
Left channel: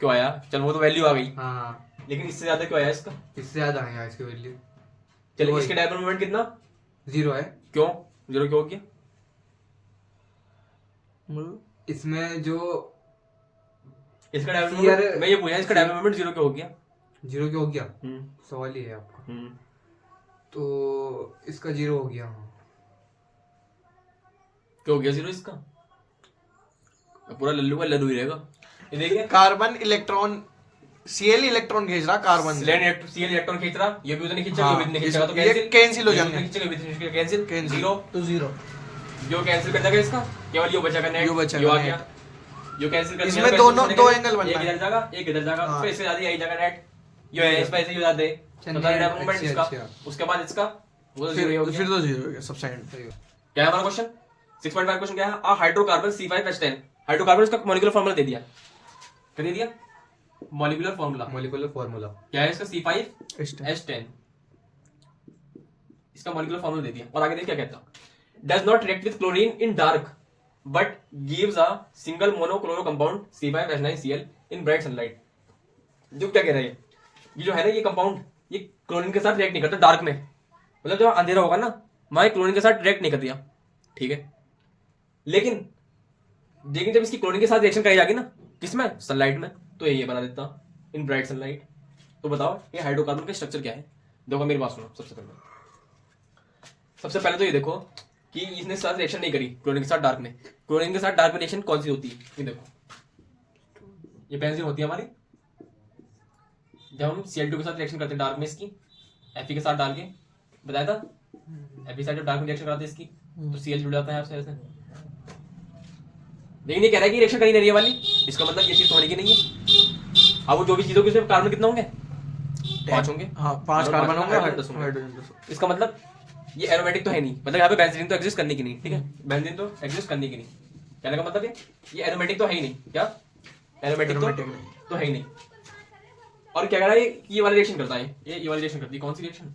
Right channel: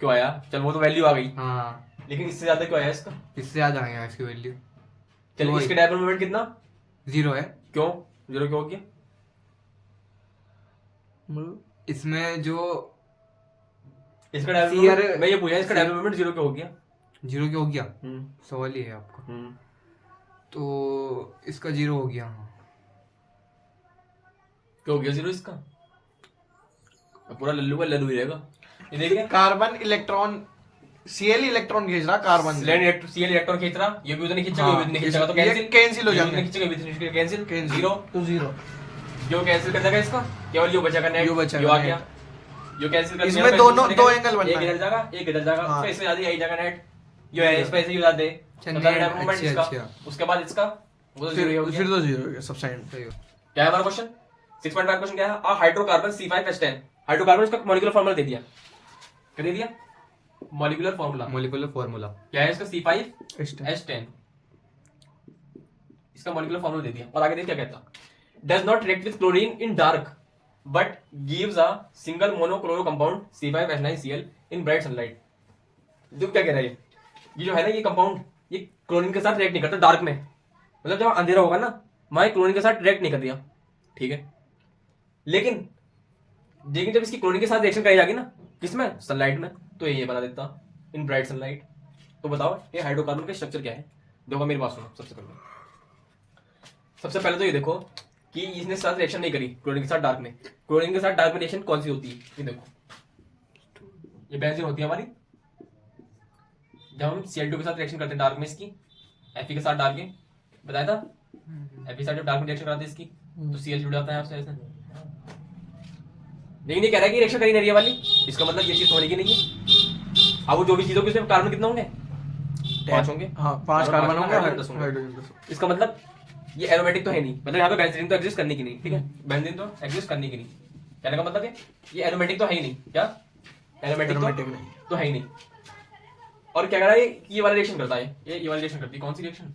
क्यों आया, चल वो तो वैल्यू आ गई, हाँ लेकिन इससे ज्यादा क्यों आया इसका, इससे ज्यादा है इसकी वैल्यू। चल इसके डायपोल मोमेंट कितना 0 है। क्यों 0 क्यों हो गया, इसमें जो इसका डायपोल मोमेंट मैं ये पूछा, इसका डायपोल मोमेंट 0 क्यों हो गया, 0 क्यों हो गया, सवाल ये है आपका। तो इसका 0 हो गया, क्यों हो गया 0 इसका, पूरा लल्लू का लल्लू ही रहेगा। ये देखिए कार्बन इलेक्ट्रॉन Cl इलेक्ट्रॉन खींच रहा कार्बन से, Cl इलेक्ट्रॉन खींच रहा, ये भी उधर नहीं खींचेगा, हाँ, ये भी नहीं खींचेगा, तो ये कैंसिल हो जाएंगे, कैंसिल कैंसिल 0 तो 0 जो कैंसिल कर देगा इसका, केवल ये बचेगा नेट, यो बचेगा आ नेट। गया, यो कैंसिल कर इसमें दो एंगल बनना है, एक इधर जाएगा एक इधर जाएगा, हाँ। तो इससे ज्यादा यही जाएगा नेट, ये है इस पे ऐसे ही ज्यादा है, तो डायपोल मोमेंट इसका, उसके बाद इसका वो तो 0 ही हो गया, फिर तो 0 हो गया सब साइड। क्या है हमारा क्वेश्चन 6.5 क्वेश्चन क्या है, आ हाइड्रोकार्बन C5H10, हाइड्रोकार्बन इसका मॉलिक्यूलर फार्मूला दे दिया, क्या दे दिया, मॉलिक्यूलर फार्मूला क्या है इसका C5H10, इसका मॉलिक्यूलर फार्मूला दे दिया, और आगे देखिए क्या कहता, does not react with chlorine in dark but gives a single monochloro compound C5H9Cl in bright sunlight. जो क्या कह रहा है, ये जो है ना ये कंपाउंड ये क्लोरीन के साथ रिएक्ट नहीं करता डार्क में, मतलब जब अंधेरा होगा ना मैं क्लोरीन के साथ रिएक्ट नहीं कर दिया, ठीक है, लेकिन जब इसकी क्लोरीन के साथ रिएक्शन कराई जाएगी ना किसमें, सनलाइट में, तो ये बना देता इन ब्राइट सनलाइट। तो बताओ ये हाइड्रोकार्बन का स्ट्रक्चर क्या है, देखो मेरी बात सुनो। सबसे पहले तो ये देखो कि इसने साथ रिएक्शन नहीं करी क्लोरीन के साथ डार्क में, क्लोरीन के साथ डार्क में रिएक्शन कौन सी होती है, ये देखो ये बेंजीन होती है हमारी, जब हम Cl2 के साथ रिएक्शन करते हैं डार्क में इसकी Fe के साथ डाल के बताया था, Fe के साथ जब डार्क में रिएक्शन कराते हैं इसकी तो Cl जुड़ जाता है आपसे ऐसे, लेकिन ये कह रहा है कि रिएक्शन करी नहीं रही है वाली, इसका मतलब ये चीज तो होगी नहीं है। अब वो जो भी चीज होगी उसमें कार्बन कितना होंगे 5 होंगे, हाँ 5 कार्बन होंगे, हाइड्रोजन 10। इसका मतलब ये एरोमेटिक तो है नहीं, मतलब यहाँ पे बेंजीन तो एग्जिस्ट करने की नहीं, ठीक है, बेंजीन तो एग्जिस्ट करने की नहीं, कहने का मतलब है ये एरोमेटिक तो है ही नहीं, क्या एरोमेटिक तो है ही नहीं। और क्या कह रहा है ये वाला रिएक्शन करता है, ये वाला रिएक्शन करती है, कौन सी रिएक्शन,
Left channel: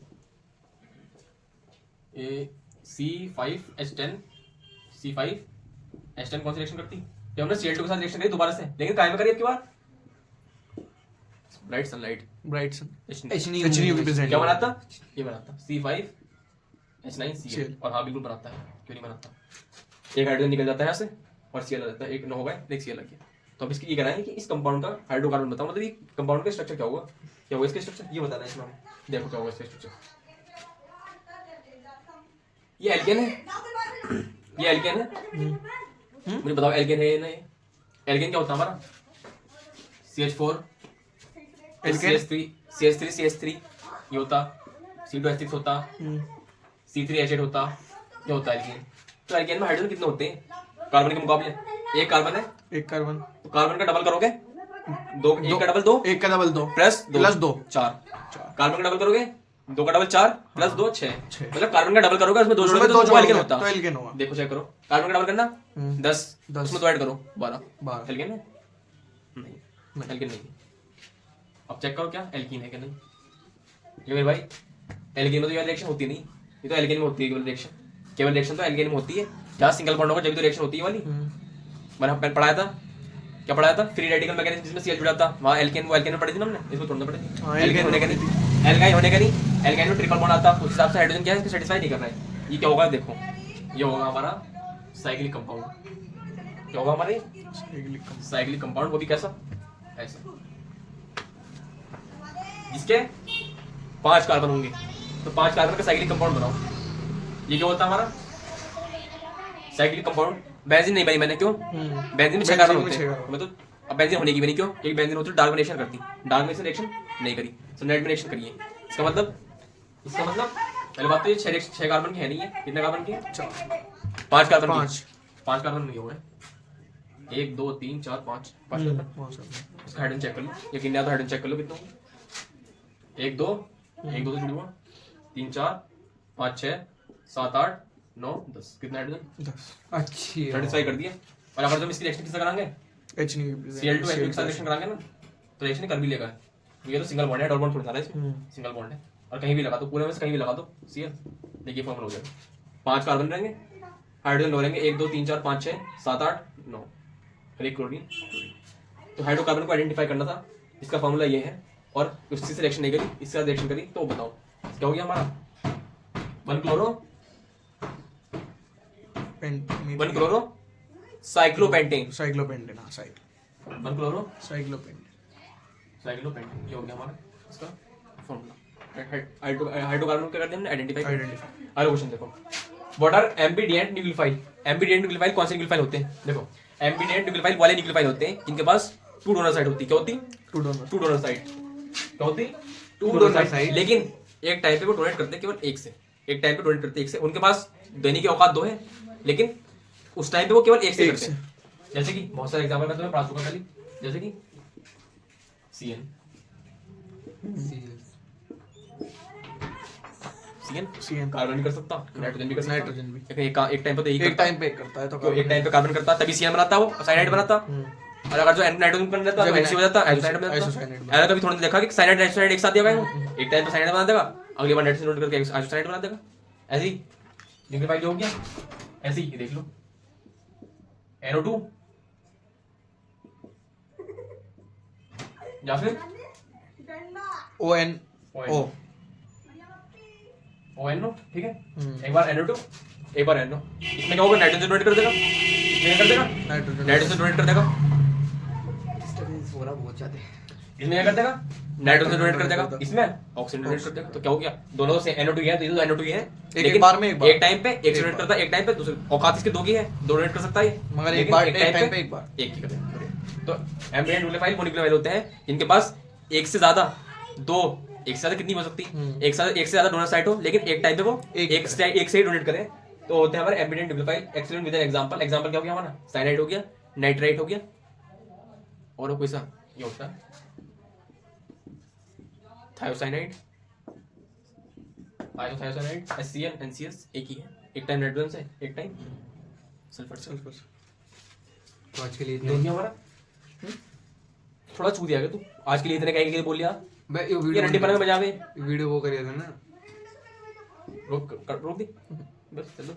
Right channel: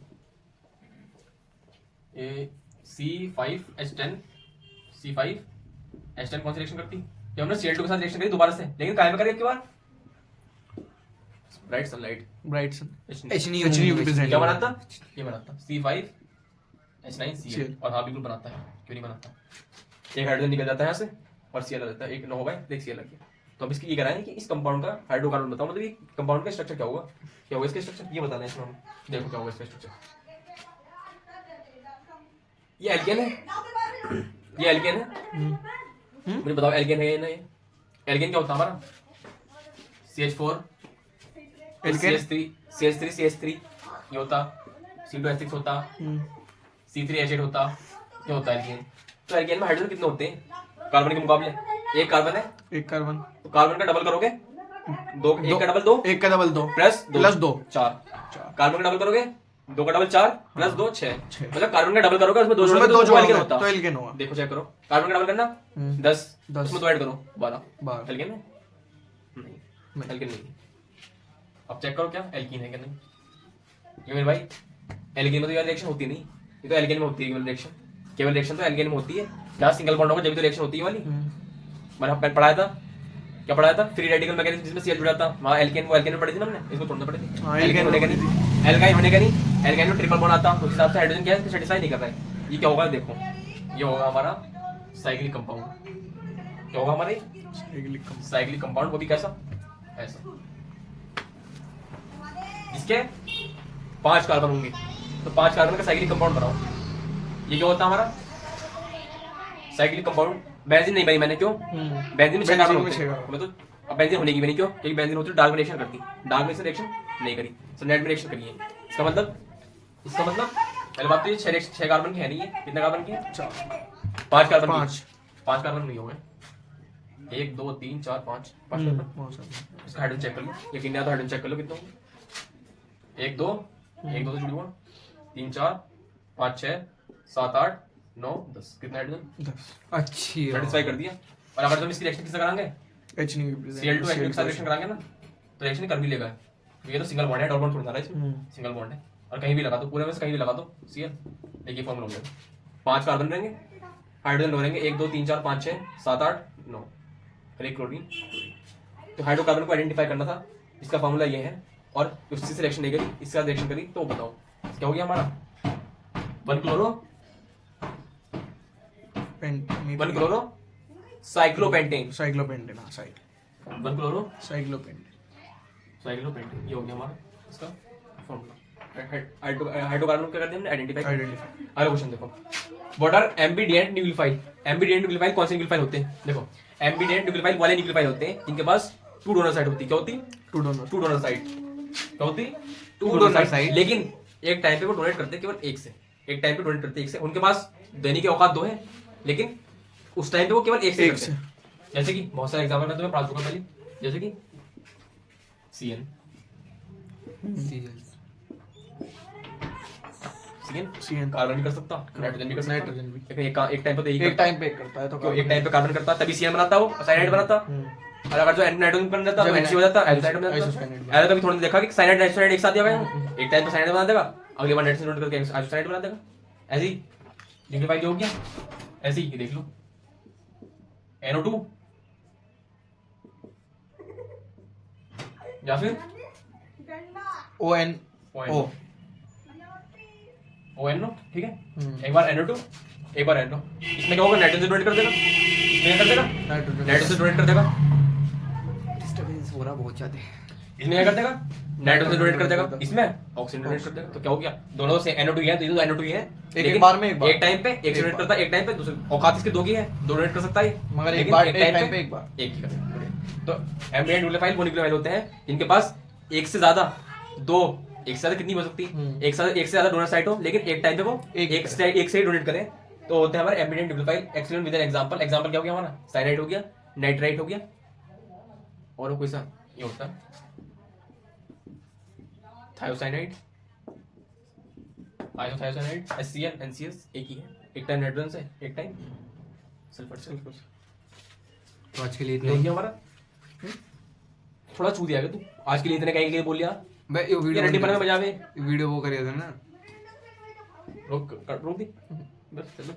ये C5H10 कौन सी रिएक्शन करती, जब हमने Cl2 के साथ रिएक्शन करी दोबारा से, लेकिन काहे में करी अब की बार ब्राइट सन HNU की प्रेजेंट, क्या बनाता, ये बनाता C5H9Cl, और हाँ बिल्कुल बनाता है, क्यों नहीं बनाता, एक हाइड्रोजन निकल जाता है यहाँ से और Cl आ जाता है, एक न होगा एक Cl आ गया। तो अब इसकी ये कहना है कि इस कंपाउंड का हाइड्रोकार्बन बताओ, मतलब ये कंपाउंड का स्ट्रक्चर क्या होगा इसका स्ट्रक्चर ये बताना है इसमें, देखो क्या होगा इसका स्ट्रक्चर, ये एल्केन है, ये एल्केन है, मुझे बताओ एल्केन है ना, ये एल्केन क्या होता है हमारा? CH4 एल्केन CH3 ये होता, C2H6 होता, C3H8 होता, क्या होता है एल्केन? तो एल्केन में हाइड्रोजन कितने होते हैं कार्बन के मुकाबले? एक कार्बन है, एक कार्बन, तो कार्बन का डबल करोगे दो, एक का डबल दो, एक का डबल 2 प्लस दो चार, कार्बन का डबल करोगे दो का डबल 4 प्लस 2 6, छः। मतलब कार्बन का डबल करोगे उसमें दो उसमें जोड़ोगे दो तो एल्केन जोड़ोगे होता। तो एल्केन होगा। देखो चेक करो, कार्बन का डबल करना 10 10 उसमें तो ऐड करो 12 12 एल्केन है? नहीं एल्केन नहीं। अब चेक करो क्या एल्कीन है क्या नहीं। ये मेरे भाई एल्केन में तो यार रिएक्शन होती नहीं, ये तो एल्केन में होती है केवल रिएक्शन, केवल रिएक्शन तो एल्केन में होती है जहाँ सिंगल बॉन्ड होगा जब तो रिएक्शन होती है वाली। मैंने पढ़ाया था, क्या पढ़ाया था? फ्री रेडिकल मैकेनिज्म जिसमें CH जुड़ा था, वहाँ एल्केन वो एल्केन में पढ़ी थी ना हमने, इसमें थोड़ा पढ़ी थी। हाँ, एल्केन होने का में नहीं, एल्काइन होने का नहीं, एल्काइन में ट्रिपल बॉन्ड आता, उस हिसाब से हाइड्रोजन क्या है इसको सेटिस्फाई नहीं कर रहा है। ये क्या होगा देखो, ये होगा हमारा साइक्लिक कंपाउंड। क्या होगा हमारे साइक्लिक कंपाउंड, वो भी कैसा? ऐसा, इसके 5 कार्बन होंगे, तो 5 कार्बन का साइक्लिक कंपाउंड बनाओ। ये क्या होता है हमारा साइक्लिक कंपाउंड? बेंजीन नहीं भाई मैंने, क्यों? बेंजीन में 6 कार्बन होते हैं, मतलब अब बेंजीन होने की भी नहीं, क्यों? क्योंकि बेंजीन होती है डार्क रिएक्शन करती, डार्क में रिएक्शन नहीं करी, तो नेट में रिएक्शन करिए। इसका मतलब पहले बात तो ये 6 कार्बन की है नहीं है, कितने कार्बन की है? 5 कार्बन, 5 कार्बन में हो गए 1 2 3 4 5 इसका हाइड्रोजन चेक कर लो, ये कितने आता हाइड्रोजन चेक कर लो कितने होंगे। 1 2 1 2 से जुड़ हुआ 3 4 5 6 7 8 9 10, कितना हाइड्रोजन? 10 अच्छी सेटिस्फाई कर दिया। और अगर तुम इसकी रिएक्शन किससे कराएंगे? H नहीं Cl2 H के साथ रिएक्शन कराएंगे ना, तो रिएक्शन कर भी लेगा। ये तो सिंगल बॉन्ड है, डबल बॉन्ड थोड़ा ना इसमें, सिंगल बॉन्ड है। और कहीं भी लगा दो, पूरे में से कहीं भी लगा दो Cl, देखिए फॉर्मूला हो जाएगा। 5 कार्बन रहेंगे, हाइड्रोजन लो रहेंगे 1 2 3 4 5 6 7 8 9 और एक क्लोरीन। तो हाइड्रोकार्बन को आइडेंटिफाई करना था, इसका फॉर्मूला ये है। और किसी से रिएक्शन नहीं करी, इसके साथ रिएक्शन करी, तो बताओ क्या हो गया हमारा? 1 क्लोरो साइक्लोपेंटेन, साइक्लोपेंटेन, हाँ 1 क्लोरो साइक्लोपेंटेन, ये हो गया हमारा इसका फॉर्मूला। हाइड्रोकार्बन क्या करते हैं? आइडेंटिफाई। अगला क्वेश्चन देखो, व्हाट आर एम्बिडिएंट न्यूक्लियोफाइल? एम्बिडिएंट न्यूक्लियोफाइल कौन से न्यूक्लियोफाइल होते हैं? देखो एम्बिडिएंट न्यूक्लियोफाइल वाले न्यूक्लियोफाइल होते हैं इनके पास 2 डोनर साइड होती है। क्या होती? 2 डोनर साइड। क्या होती? 2 डोनर साइड। लेकिन एक टाइम पे वो डोनेट करते हैं केवल एक से, एक टाइम पे डोनेट करते हैं एक से। उनके पास देने की औकात 2 है, लेकिन उस टाइम पे वो केवल एक से करते हैं। जैसे कि बहुत सारे एग्जांपल मैं तुम्हें पढ़ा चुका पहले, जैसे कि CN कार्बन भी कर सकता, नाइट्रोजन भी कर सकता, नाइट्रोजन भी। लेकिन एक टाइम पे तो एक टाइम पे करता है, तो एक टाइम पे कार्बन करता, तभी CN बनाता, वो साइनाइड बनाता। और अगर जो नाइट्रोजन बन जाता है हो जाता है, आइसोसाइनाइड बन जाता है। कभी थोड़ा देखा कि साइनाइड नाइट्रोजन एक साथ दिया गया, एक टाइम पे साइनाइड बना देगा, अगली बार नाइट्रोजन करके आइसोसाइनाइड बना देगा। ऐसे ही लिक्विफाई हो गया, ऐसे ही देख लो NO2 या फिर ONO, ठीक है। एक बार NO2 एक बार NO, इसमें क्या होगा? नाइट्रोजन डोनेट कर देगा, इसमें कर देगा नाइट्रोजन डोनेट कर देगा, डिस्टरबेंस हो रहा बहुत ज्यादा। इसमें क्या कर देगा? नाइट्रोजन डोनेट कर देगा, इसमें ऑक्सीजन डोनेट कर देगा। तो क्या हो गया? दोनों से NO2 है, तो NO2 ही है, एक बार में एक टाइम पे एक से डोनेट करता है, एक टाइम पे दूसरे। औकात इसके 2 की है, 2 डोनेट कर सकता है, मगर एक लेकिन बार एक टाइम टाइम पे एक बार एक ही करेगा। तो एम्बिडेंट न्यूक्लियोफाइल वो न्यूक्लियोफाइल होते हैं इनके पास एक से ज्यादा, 2 एक से ज्यादा कितनी हो सकती है? एक से ज्यादा डोनर साइट हो, लेकिन एक टाइम पे वो एक से ही डोनेट करें, तो होते हैं हमारे ambient nucleophile. Excellent with an example. Example क्या हो गया हमारा? साइनाइड हो गया, नाइट्राइट हो गया, और कोई सा ये होता है थायोसाइनाइड, आइसोथायोसाइनाइड, HCl NCS एक ही है, एक टाइम नाइट्रोजन से, एक टाइम सल्फर। तो आज के लिए इतना ही हमारा थोड़ा चू दिया तू, आज के लिए इतने कहीं बोल लिया। मैं ये ये रंडी पर में बजा में वीडियो वो करे थे ना, रोक दी बस चलो।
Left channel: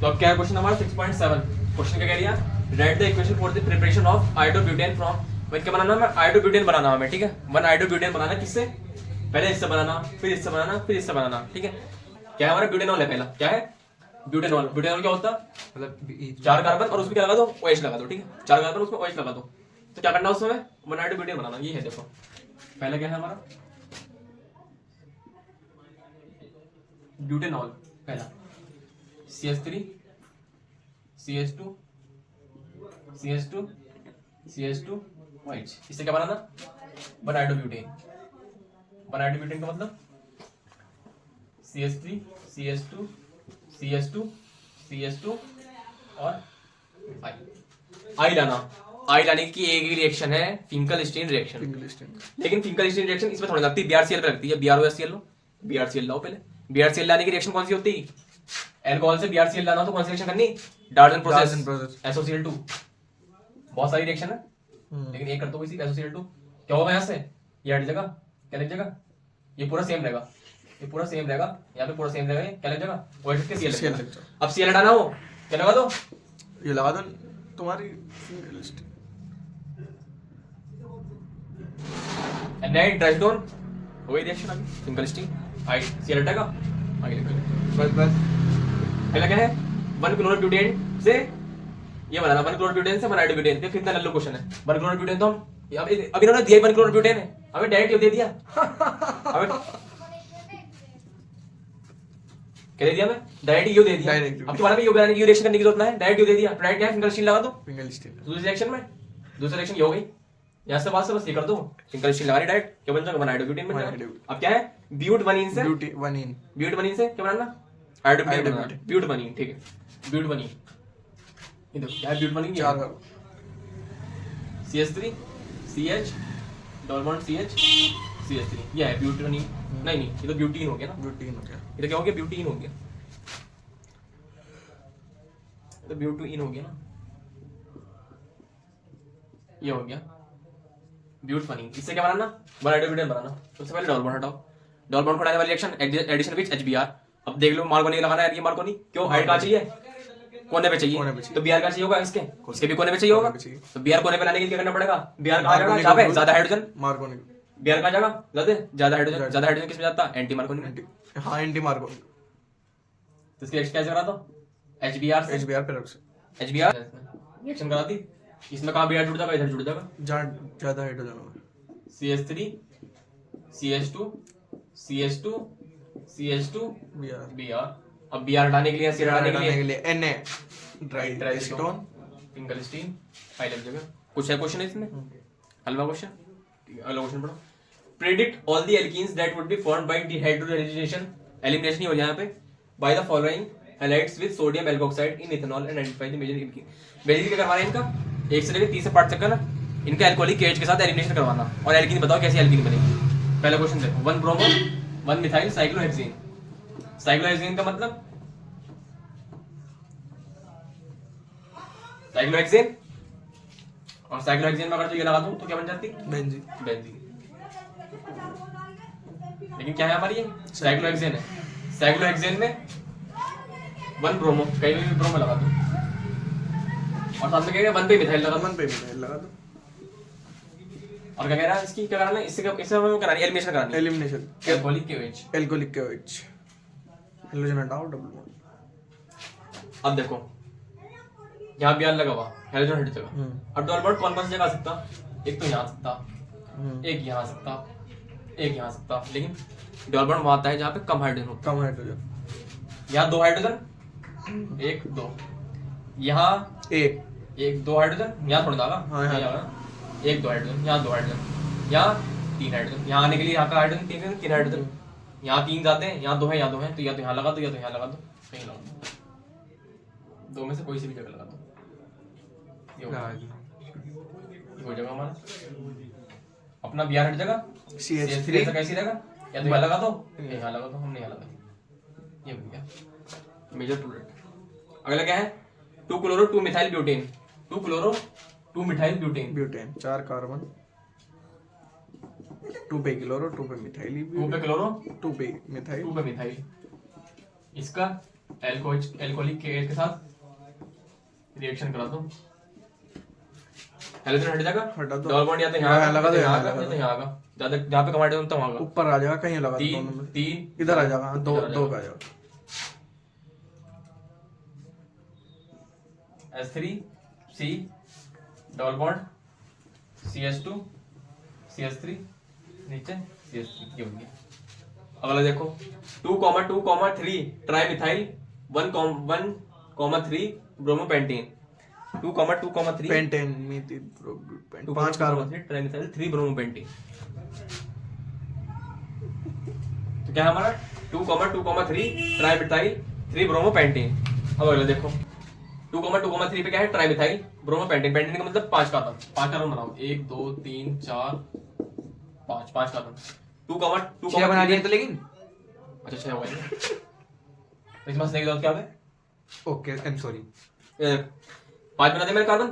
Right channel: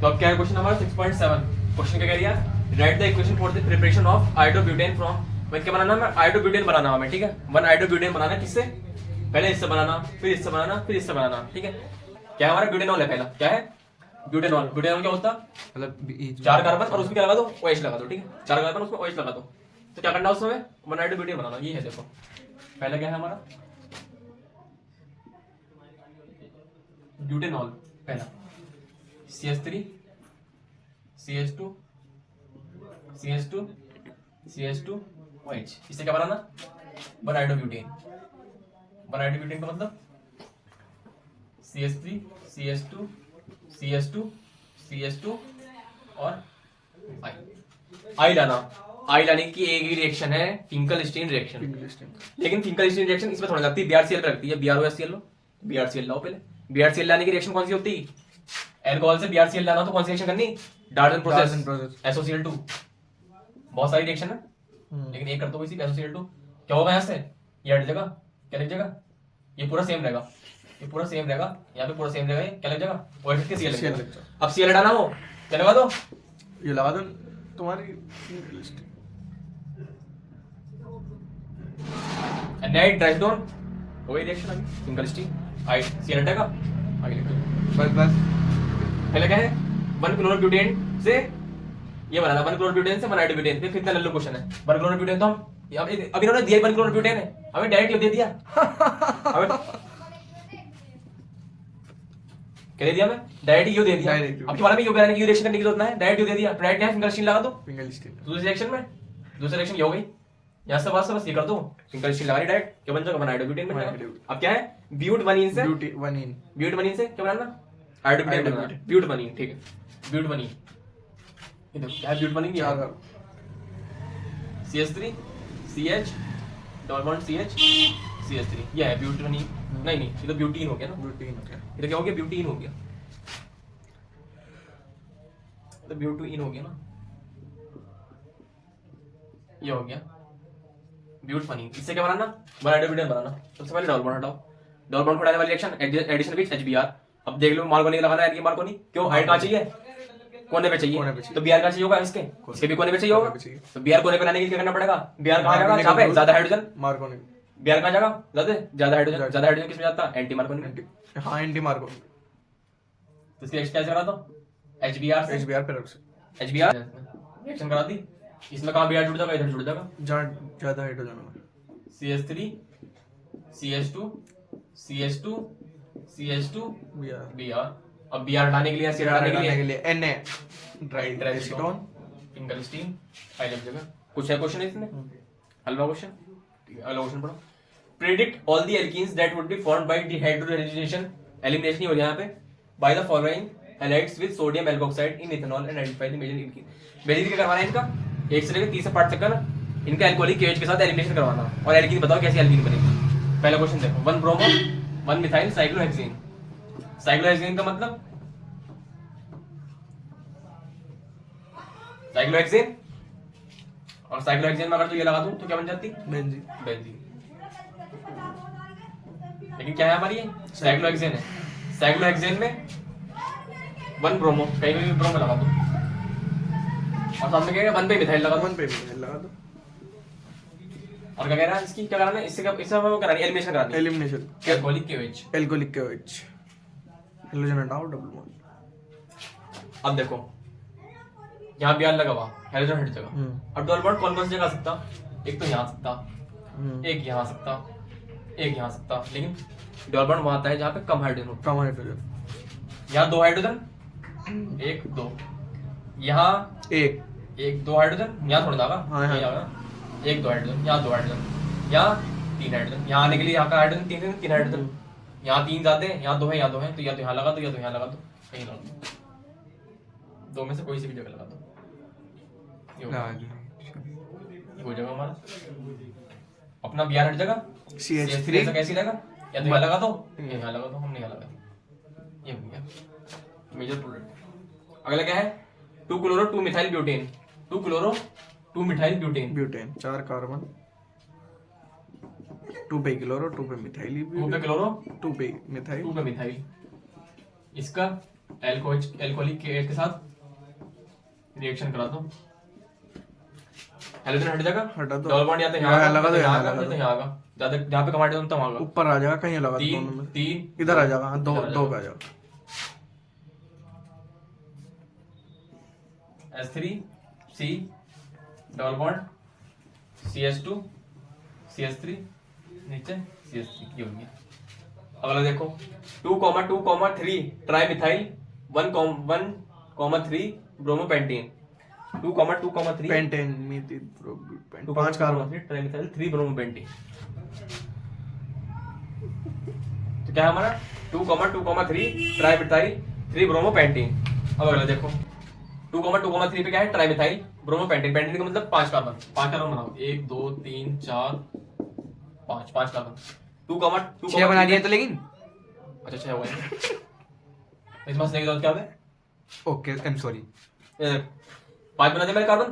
तो अब क्या है क्वेश्चन हमारा 6.7। क्वेश्चन क्या कह रहा है? Right the equation for the preparation of isobutane from, मैं क्या बनाना है? आइसोब्यूटेन बनाना है, ठीक है। 1 आइसोब्यूटेन बनाना, किससे? पहले इससे बनाना, फिर इससे बनाना, फिर इससे बनाना, ठीक है। क्या है हमारा? ब्यूटेनॉल है पहला। क्या है? ब्यूटेनॉल। ब्यूटेनॉल क्या होता है? मतलब 4 कार्बन और उसमें क्या लगा दो? OH लगा दो, ठीक है। 4 कार्बन उसमें OH लगा दो। तो क्या करना है उसमें? 1 आइसोब्यूटेन बनाना। ये है देखो, पहला क्या है हमारा? ब्यूटेनॉल पहला, CH3 CH2 CH2 OH। इससे क्या बनाना, 1 हाइड्रोब्यूटेन। 1 हाइड्रोब्यूटेन का मतलब CH3 CH2 और आई लाना। आई लाने की एक ही रिएक्शन है फिंकल स्टीन रिएक्शन। लेकिन फिंकल स्टीन रिएक्शन इसमें थोड़ी लगती है, BrCl पे लगती है। BrOHCl लो, BrCl लाओ पहले। BrCl लाने की रिएक्शन कौन सी होती है? अल्कोहल से BrCl लाना हो तो कौन सी रिएक्शन करनी? Dalton process, SOCl2। बहुत सारी रिएक्शन है, लेकिन एक कर दो इसी SOCl2। क्या होगा यहाँ से? ये हट जाएगा, क्या लग जाएगा? ये पूरा सेम रहेगा, ये पूरा सेम रहेगा, यहाँ पे पूरा सेम रहेगा। ये क्या लग जाएगा? OH के Cl लग जाएगा। अब Cl हटाना हो, क्या लगा दो? ये लगा दो तुम्हारी फिंगल स्टीन। नाइट ट्राइटोन हो गई रिएक्शन अभी फिंगल स्टीन। आई Cl हटेगा, आई बस बस पहले क्या है? 1 क्लोरोब्यूटेन से ये बनाना, 1 क्लोरोब्यूटेन से 1 हाइड्रोब्यूटेन पे कितना लल्लू क्वेश्चन है। 1 क्लोरोब्यूटेन तो हम अब इन्होंने दिया 1 क्लोरोब्यूटेन है, हमें डायरेक्ट क्यों दे दिया? हमें क्या दे दिया? मैं डायरेक्ट यू दे दिया। Direct अब तुम्हारा भी यू बनाने की रिएक्शन करने की जरूरत है, डायरेक्ट यू दे दिया। डायरेक्ट क्या है? फिंगल स्टीन लगा दो फिंगल स्टीन दूसरी रिएक्शन में। दूसरी रिएक्शन ये हो गई, यहाँ से बात से बस ये कर दो, फिंगल स्टीन लगा रही डायरेक्ट, क्या बन जाएगा? 1 हाइड्रोब्यूटेन बन जाएगा। अब क्या है? ब्यूट 1 इन से, ब्यूटी 1 इन ब्यूट 1 इन से क्या बनाना? हाइड्रोब्यूटेन बनाना, ब्यूट 1 इन। ठीक है, ब्यूट 1 इन। ये देखो क्या है? ब्यूट 1 इन चार CH3 CH double bond CH CH3, ये है ब्यूट 1 इन। नहीं नहीं, ये तो ब्यूटीन हो गया ना। ब्यूटी में क्या? ये तो क्या हो गया? ब्यूटीन हो गया, तो ब्यूटीन हो गया ना, ये हो गया ब्यूट 1 इन। इससे क्या बनाना? 1 हाइड्रोब्यूटेन बनाना। सबसे पहले डबल बॉन्ड हटाओ, डबल बॉन्ड को हटाने वाली रिएक्शन एडिशन विद HBr। अब देख लो मार्कोनी लगाना है, ये मार्कोनी क्यों? हाइड कहाँ चाहिए? कोने पे चाहिए, कोने पे चाहिए। तो Br कहाँ चाहिए होगा? इसके भी कोने पे चाहिए होगा। पे चाहिए। तो Br कोने पे लाने के लिए क्या करना पड़ेगा? Br कहाँ जाएगा? जहाँ पे ज्यादा हाइड्रोजन। मार्कोनी Br कहाँ जाएगा? ज्यादा हाइड्रोजन। ज्यादा हाइड्रोजन किसमें जाता है? एंटी मार्कोनी में। हाँ एंटी मार्कोनी तो इसकी रिएक्शन कैसे करा दो? HBr से HBr पे रख से HBr रिएक्शन करा दी। इसमें कहाँ Br जुड़ जाएगा? इधर जुड़ जाएगा। जहाँ ज्यादा हाइड्रोजन होगा CH3 CH2 Br Br। अब Br हटाने के लिए Br हटाने के लिए Na dry acetone Finkelstein हाई लग जाएगा। कुछ है क्वेश्चन है इसमें? हलवा क्वेश्चन। अगला क्वेश्चन पढ़ो। Predict all the alkenes that would be formed by dehydrogenation, elimination ही हो यहाँ पे, by the following halides with sodium alkoxide in ethanol and identify the major alkene. Basically क्या करवाना है इनका? 1 से लेकर 30 से पार्ट तक का ना इनका एल्कोहलिक KH के साथ एलिमिनेशन करवाना, और एल्कीन बताओ कैसी एल्कीन बनेगी। पहला क्वेश्चन देखो, 1 ब्रोमो 1 मिथाइल साइक्लोहेक्सेन। साइक्लोहेक्सेन का मतलब साइक्लोहेक्सेन, और साइक्लोहेक्सेन में अगर तो ये लगा दूं तो क्या बन जाती? Benzene benzene. लेकिन क्या है हमारी? ये साइक्लोहेक्सेन है। साइक्लोहेक्सेन में 1 ब्रोमो, कहीं भी ब्रोमो लगा दो, और साथ में क्या है? 1 पे मिथाइल लगा दो। 1 पे मिथाइल लगा दो। और क्या कह रहा है? इसकी क्या कराना है? इससे वो करानी है, एलिमिनेशन करानी है। Elimination alcoholic KH। Alcoholic KOH hydrogen हटाओ डबल बॉन्ड। अब देखो यहाँ Br लगा हुआ, हाइड्रोजन हट जाएगा। अब डबल बॉन्ड कौन कौन सी जगह आ सकता? एक तो यहाँ आ सकता, एक यहाँ आ सकता, एक यहाँ आ सकता। लेकिन डबल बॉन्ड वहां आता है जहाँ पे कम हाइड्रोजन होता कम हाइड्रोजन है। यहाँ 2 हाइड्रोजन, 1 2, यहाँ एक 1 2 हाइड्रोजन, यहाँ थोड़ा जाएगा। हाँ, यहाँ। 1 2 हाइड्रोजन, यहाँ 2 हाइड्रोजन, यहाँ 3 हाइड्रोजन। यहाँ आने के लिए यहाँ का हाइड्रोजन 3 हाइड्रोजन, यहाँ 3 जाते हैं, यहाँ 2 है, यहाँ 2 है, तो या तो यहाँ लगा दो या तो यहाँ लगा दो, कहीं लगा दो, 2 में से कोई सी भी जगह लगा दो। ये हो जाएगा हमारा अपना Br हट जाएगा। CH3 तो कैसी रहेगा? या तो यहाँ लगा दो या यहाँ लगा दो, हमने यहाँ लगा दिया। ये हो गया मेजर प्रोडक्ट। अगला क्या है? 2 chloro 2 methyl butane. 2 chloro 2 methyl butane. Butane 4 carbon 2 पे क्लोरो 2 पे मिथाइल 2 पे क्लोरो 2 पे मिथाइल 2 पे मिथाइल। इसका एल्कोहलिक KH के साथ रिएक्शन करा दो, हाइड्रोजन हट जाएगा। हटा दो। डबल बॉन्ड या तो यहाँ यहाँ लगा दो, यहाँ लगा लगा दो, दो। यहाँ आगा ज्यादा, जहाँ पे कम हाइड्रोजन तो वहाँ आगा। ऊपर आ जाएगा, कहीं लगा दो दोनों 3 में 3 इधर आ जाएगा। हाँ, दो इधर आ दो जाएगा। का आ जाएगा। H3 C double bond CH2 CH3 नीचे CH3, ये हो गया। अगला देखो 2,2,3 trimethyl 1,3 bromopentane. 2,2,3 pentane methyl प्रोब्यूटेन 5 कार्बन ट्राइमिथाइल 3 ब्रोमोपेंटेन। तो क्या है हमारा 2,2,3 ट्राइमिथाइल 3 ब्रोमोपेंटेन। अब अगला देखो 2,2,3 पे क्या है ट्राइमिथाइल ब्रोमोपेंटेन। पेंटेन का मतलब 5 कार्बन, 5 कार्बन बनाओ 1 2 3 4 5 5 कार्बन। 2,2 छह बना दिया तो लेकिन अच्छा 6 हो गए। तो इसमें से क्या होता है ओके आई एम सॉरी 5 बना दिया मेरे कार्बन।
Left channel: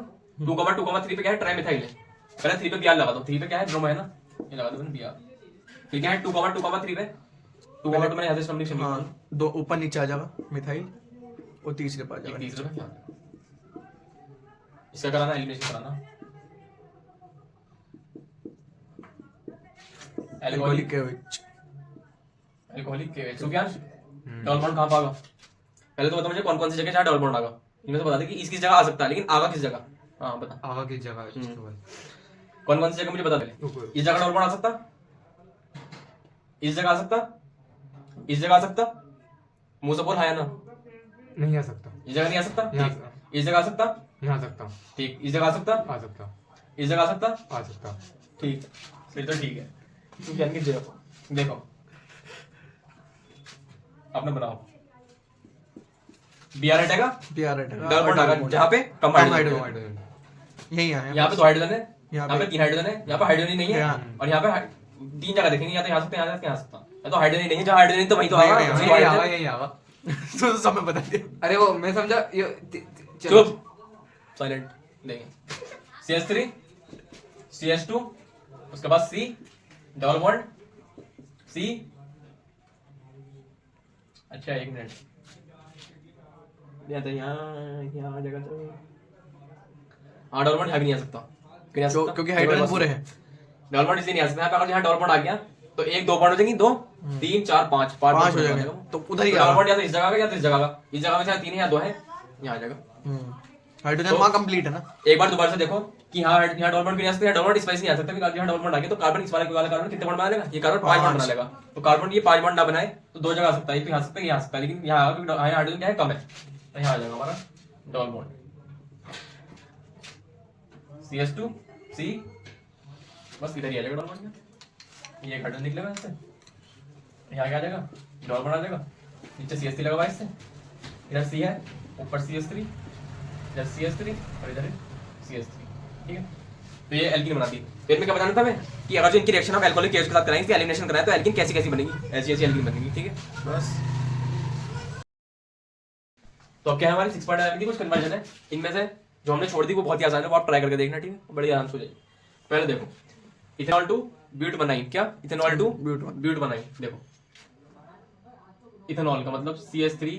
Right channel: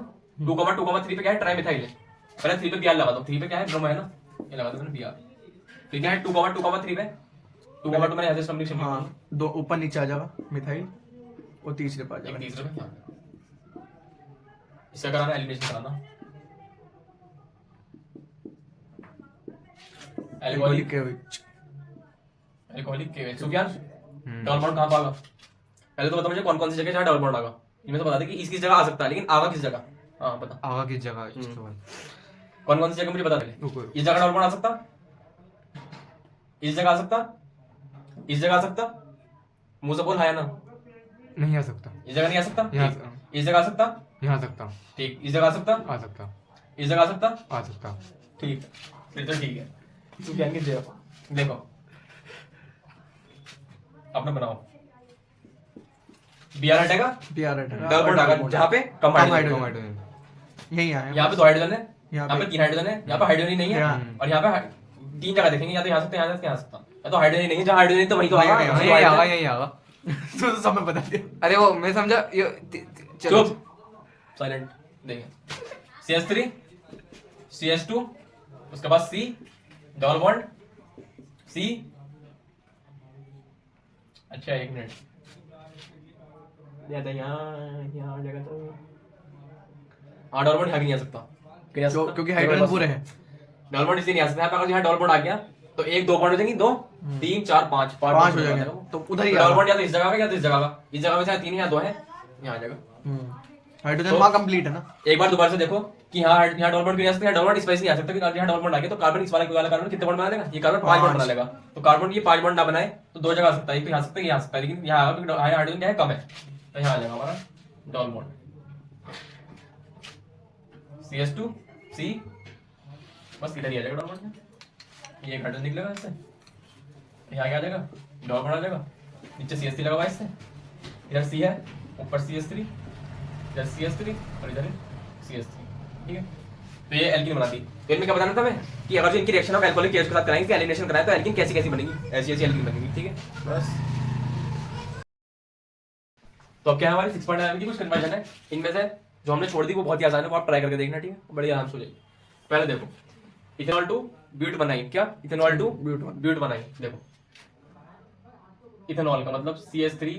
2,2,3 पे क्या है ट्राइमिथाइल है। पहले 3 पे Br लगा दो, 3 पे क्या है ब्रोमो है ना, ये लगा दो मैंने Br। फिर क्या है 2,2,3 पे 2,2 मैंने ऐसे कम्प्लीट हाँ दो ऊपर नीचे आ जाएगा मिथाइल और तीसरे पर आ जाएगा। तीसरे पे इसका कराना एलिमिनेशन कराना एल्कोहलिक केविच एल्कोहलिक के सुफियान डबल बॉन्ड कहां पाएगा? पहले तो बता मुझे कौन कौन सी जगह जहां डबल बॉन्ड आएगा। इनमें से बता दे कि इसकी जगह आ सकता है, लेकिन आगा किस जगह? हां बता आवा की जगह कौन कौन सी जगह मुझे बता दे। इस जगह डबल बॉन्ड आ सकता, इस जगह आ सकता, इस जगह आ सकता, मुंह से बोल हाँ या ना। नहीं आ सकता, इस जगह नहीं आ सकता, यहाँ ठीक। इस जगह आ सकता, यहाँ आ सकता, ठीक। इस जगह आ सकता, आ सकता, इस जगह आ सकता, आ सकता। ठीक। फिर तो ठीक है। तू क्या देखो अपना बनाओ Br हटेगा, Br हटेगा, डबल बॉन्ड आएगा जहां पे कम कम हाइड्रोजन। हाइड्रोजन यही आया यहाँ पे 2 हाइड्रोजन है, यहाँ यहाँ पे पे 3 हाइड्रोजन है, यहाँ पे हाइड्रोजन ही नहीं है, और यहाँ पे 3 जगह देखेंगे, या तो यहाँ सकते हैं, यहाँ सकता, या तो हाइड्रोजन ही नहीं है। जहाँ हाइड्रोजन तो वहीं तो आएगा। यहाँ, यही आवा, यही आवा। तो सब में बता दिया। अरे वो मैं समझा चुप साइलेंट देंगे। CH3 CH2 उसके बाद C डबल बॉन्ड C। अच्छा एक मिनट तो यहाँ जगह तो हाँ डबल बॉन्ड यहाँ भी नहीं आ सकता। क्यों नहीं आ सकता? क्योंकि हाइड्रोजन पूरे हैं। डबल बॉन्ड इसलिए नहीं आ सकता। अगर यहाँ डबल बॉन्ड आ गया तो 1 2 बॉन्ड हो जाएंगे, 2 3 4 5 5 हो जाएंगे तो उधर ही डबल बॉन्ड या तो इस जगह का या तो इस जगह का। इस जगह में चाहे 3 या 2 है, यहाँ आ जाएगा। हाइड्रोजन वहाँ कंप्लीट है ना। एक बार दोबारा से देखो कि यहाँ डबल बॉन्ड भी आ सकता है, डबल बॉन्ड इस वजह से नहीं आ सकता कि यहाँ डबल बॉन्ड आ गया तो कार्बन इस वाला कार्बन कितने बॉन्ड बना लेगा? ये कार्बन 5 बॉन्ड बना लेगा। तो कार्बन ये 5 बॉन्ड ना बनाए तो 2 जगह आ सकता है, एक तो यहाँ आ सकता है, यहाँ आ सकता है, लेकिन यहाँ हाइड्रोजन क्या है कम है, तो यहाँ आ जाएगा हमारा डबल बॉन्ड CH2 C। बस इधर ही आ जाएगा डबल बॉन्ड में। ये हाइड्रोजन निकलेगा इससे, यहाँ क्या आ जाएगा डबल बॉन्ड आ जाएगा। नीचे CH3 लगा हुआ है इससे, इधर C है, ऊपर CH3, इधर CH3 और इधर CH3। ठीक है, तो ये एल्कीन बनाती है। तो इनमें क्या बताना था मैं कि अगर जो इनकी रिएक्शन ऑफ अल्कोहलिक केस के साथ कराएंगे, इसकी एलिमिनेशन कराएं तो एल्कीन कैसी कैसी बनेगी, ऐसी ऐसी एल्कीन बनेगी। ठीक है बस। तो अब क्या हमारी 6.9 की कुछ कन्वर्जन है, इनमें से जो हमने छोड़ दी वो बहुत ही आसान है, वो आप ट्राई करके देखना। ठीक है, बड़ी आराम से हो जाएगी। पहले देखो इथेनॉल टू ब्यूट बनाइन, क्या इथेनॉल टू ब्यूट बनाइन। देखो इथेनॉल का मतलब CH3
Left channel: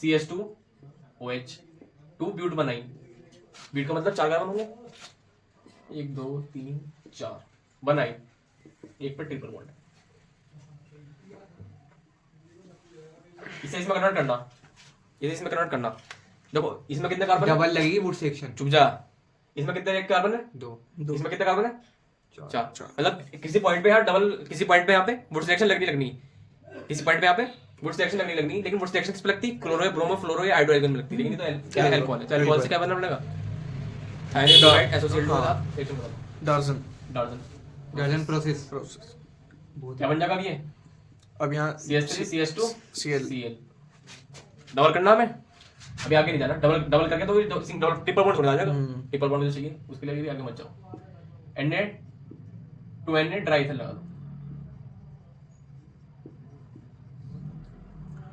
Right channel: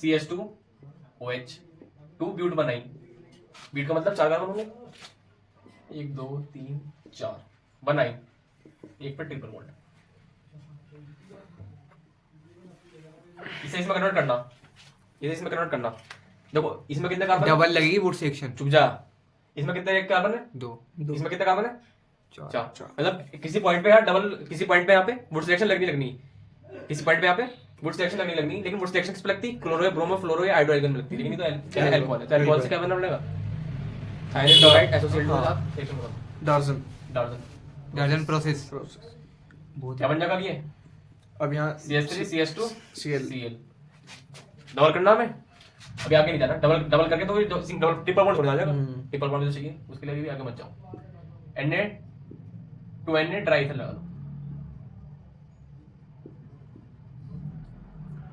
CH2 OH 2 ब्यूट बनाइन। ब्यूट का मतलब 4 कार्बन होंगे, 1 2 3 4 बनाइन, एक पर ट्रिपल बॉन्ड। इसे इसमें कन्वर्ट करना, इसे इसमें कन्वर्ट करना। देखो इसमें कितने कार्बन डबल लगेगी वुड सेक्शन। चुप जा। इसमें कितने कार्बन है? 2। इसमें कितने कार्बन है? 4। मतलब किसी पॉइंट पे यार डबल, किसी पॉइंट पे यहाँ पे वुड सिलेक्शन लगनी, किसी पॉइंट पे यहाँ पे वुड सिलेक्शन लगनी, लेकिन वुड सिलेक्शन किस पे लगती? क्लोरो, ब्रोमो, फ्लोरो या हाइड्रोजन में लगती। लेकिन तो क्या अल्कोहल है, तो अल्कोहल से क्या बनना पड़ेगा? थायराइड एसोसिएटेड के साथ रिएक्शन बनाओ। डार्जन प्रोसेस क्या बन जाएगा ये? अब यहाँ CH3 CH2 Cl डबल करना हमें, अभी आगे नहीं जाना। डबल करके तो डबल ट्रिपल बॉन्ड छोड़ जाएगा। ट्रिपल बॉन्ड जो चाहिए उसके लिए भी आगे मत जाओ। Na 2Na ट्राइथल लगा दो,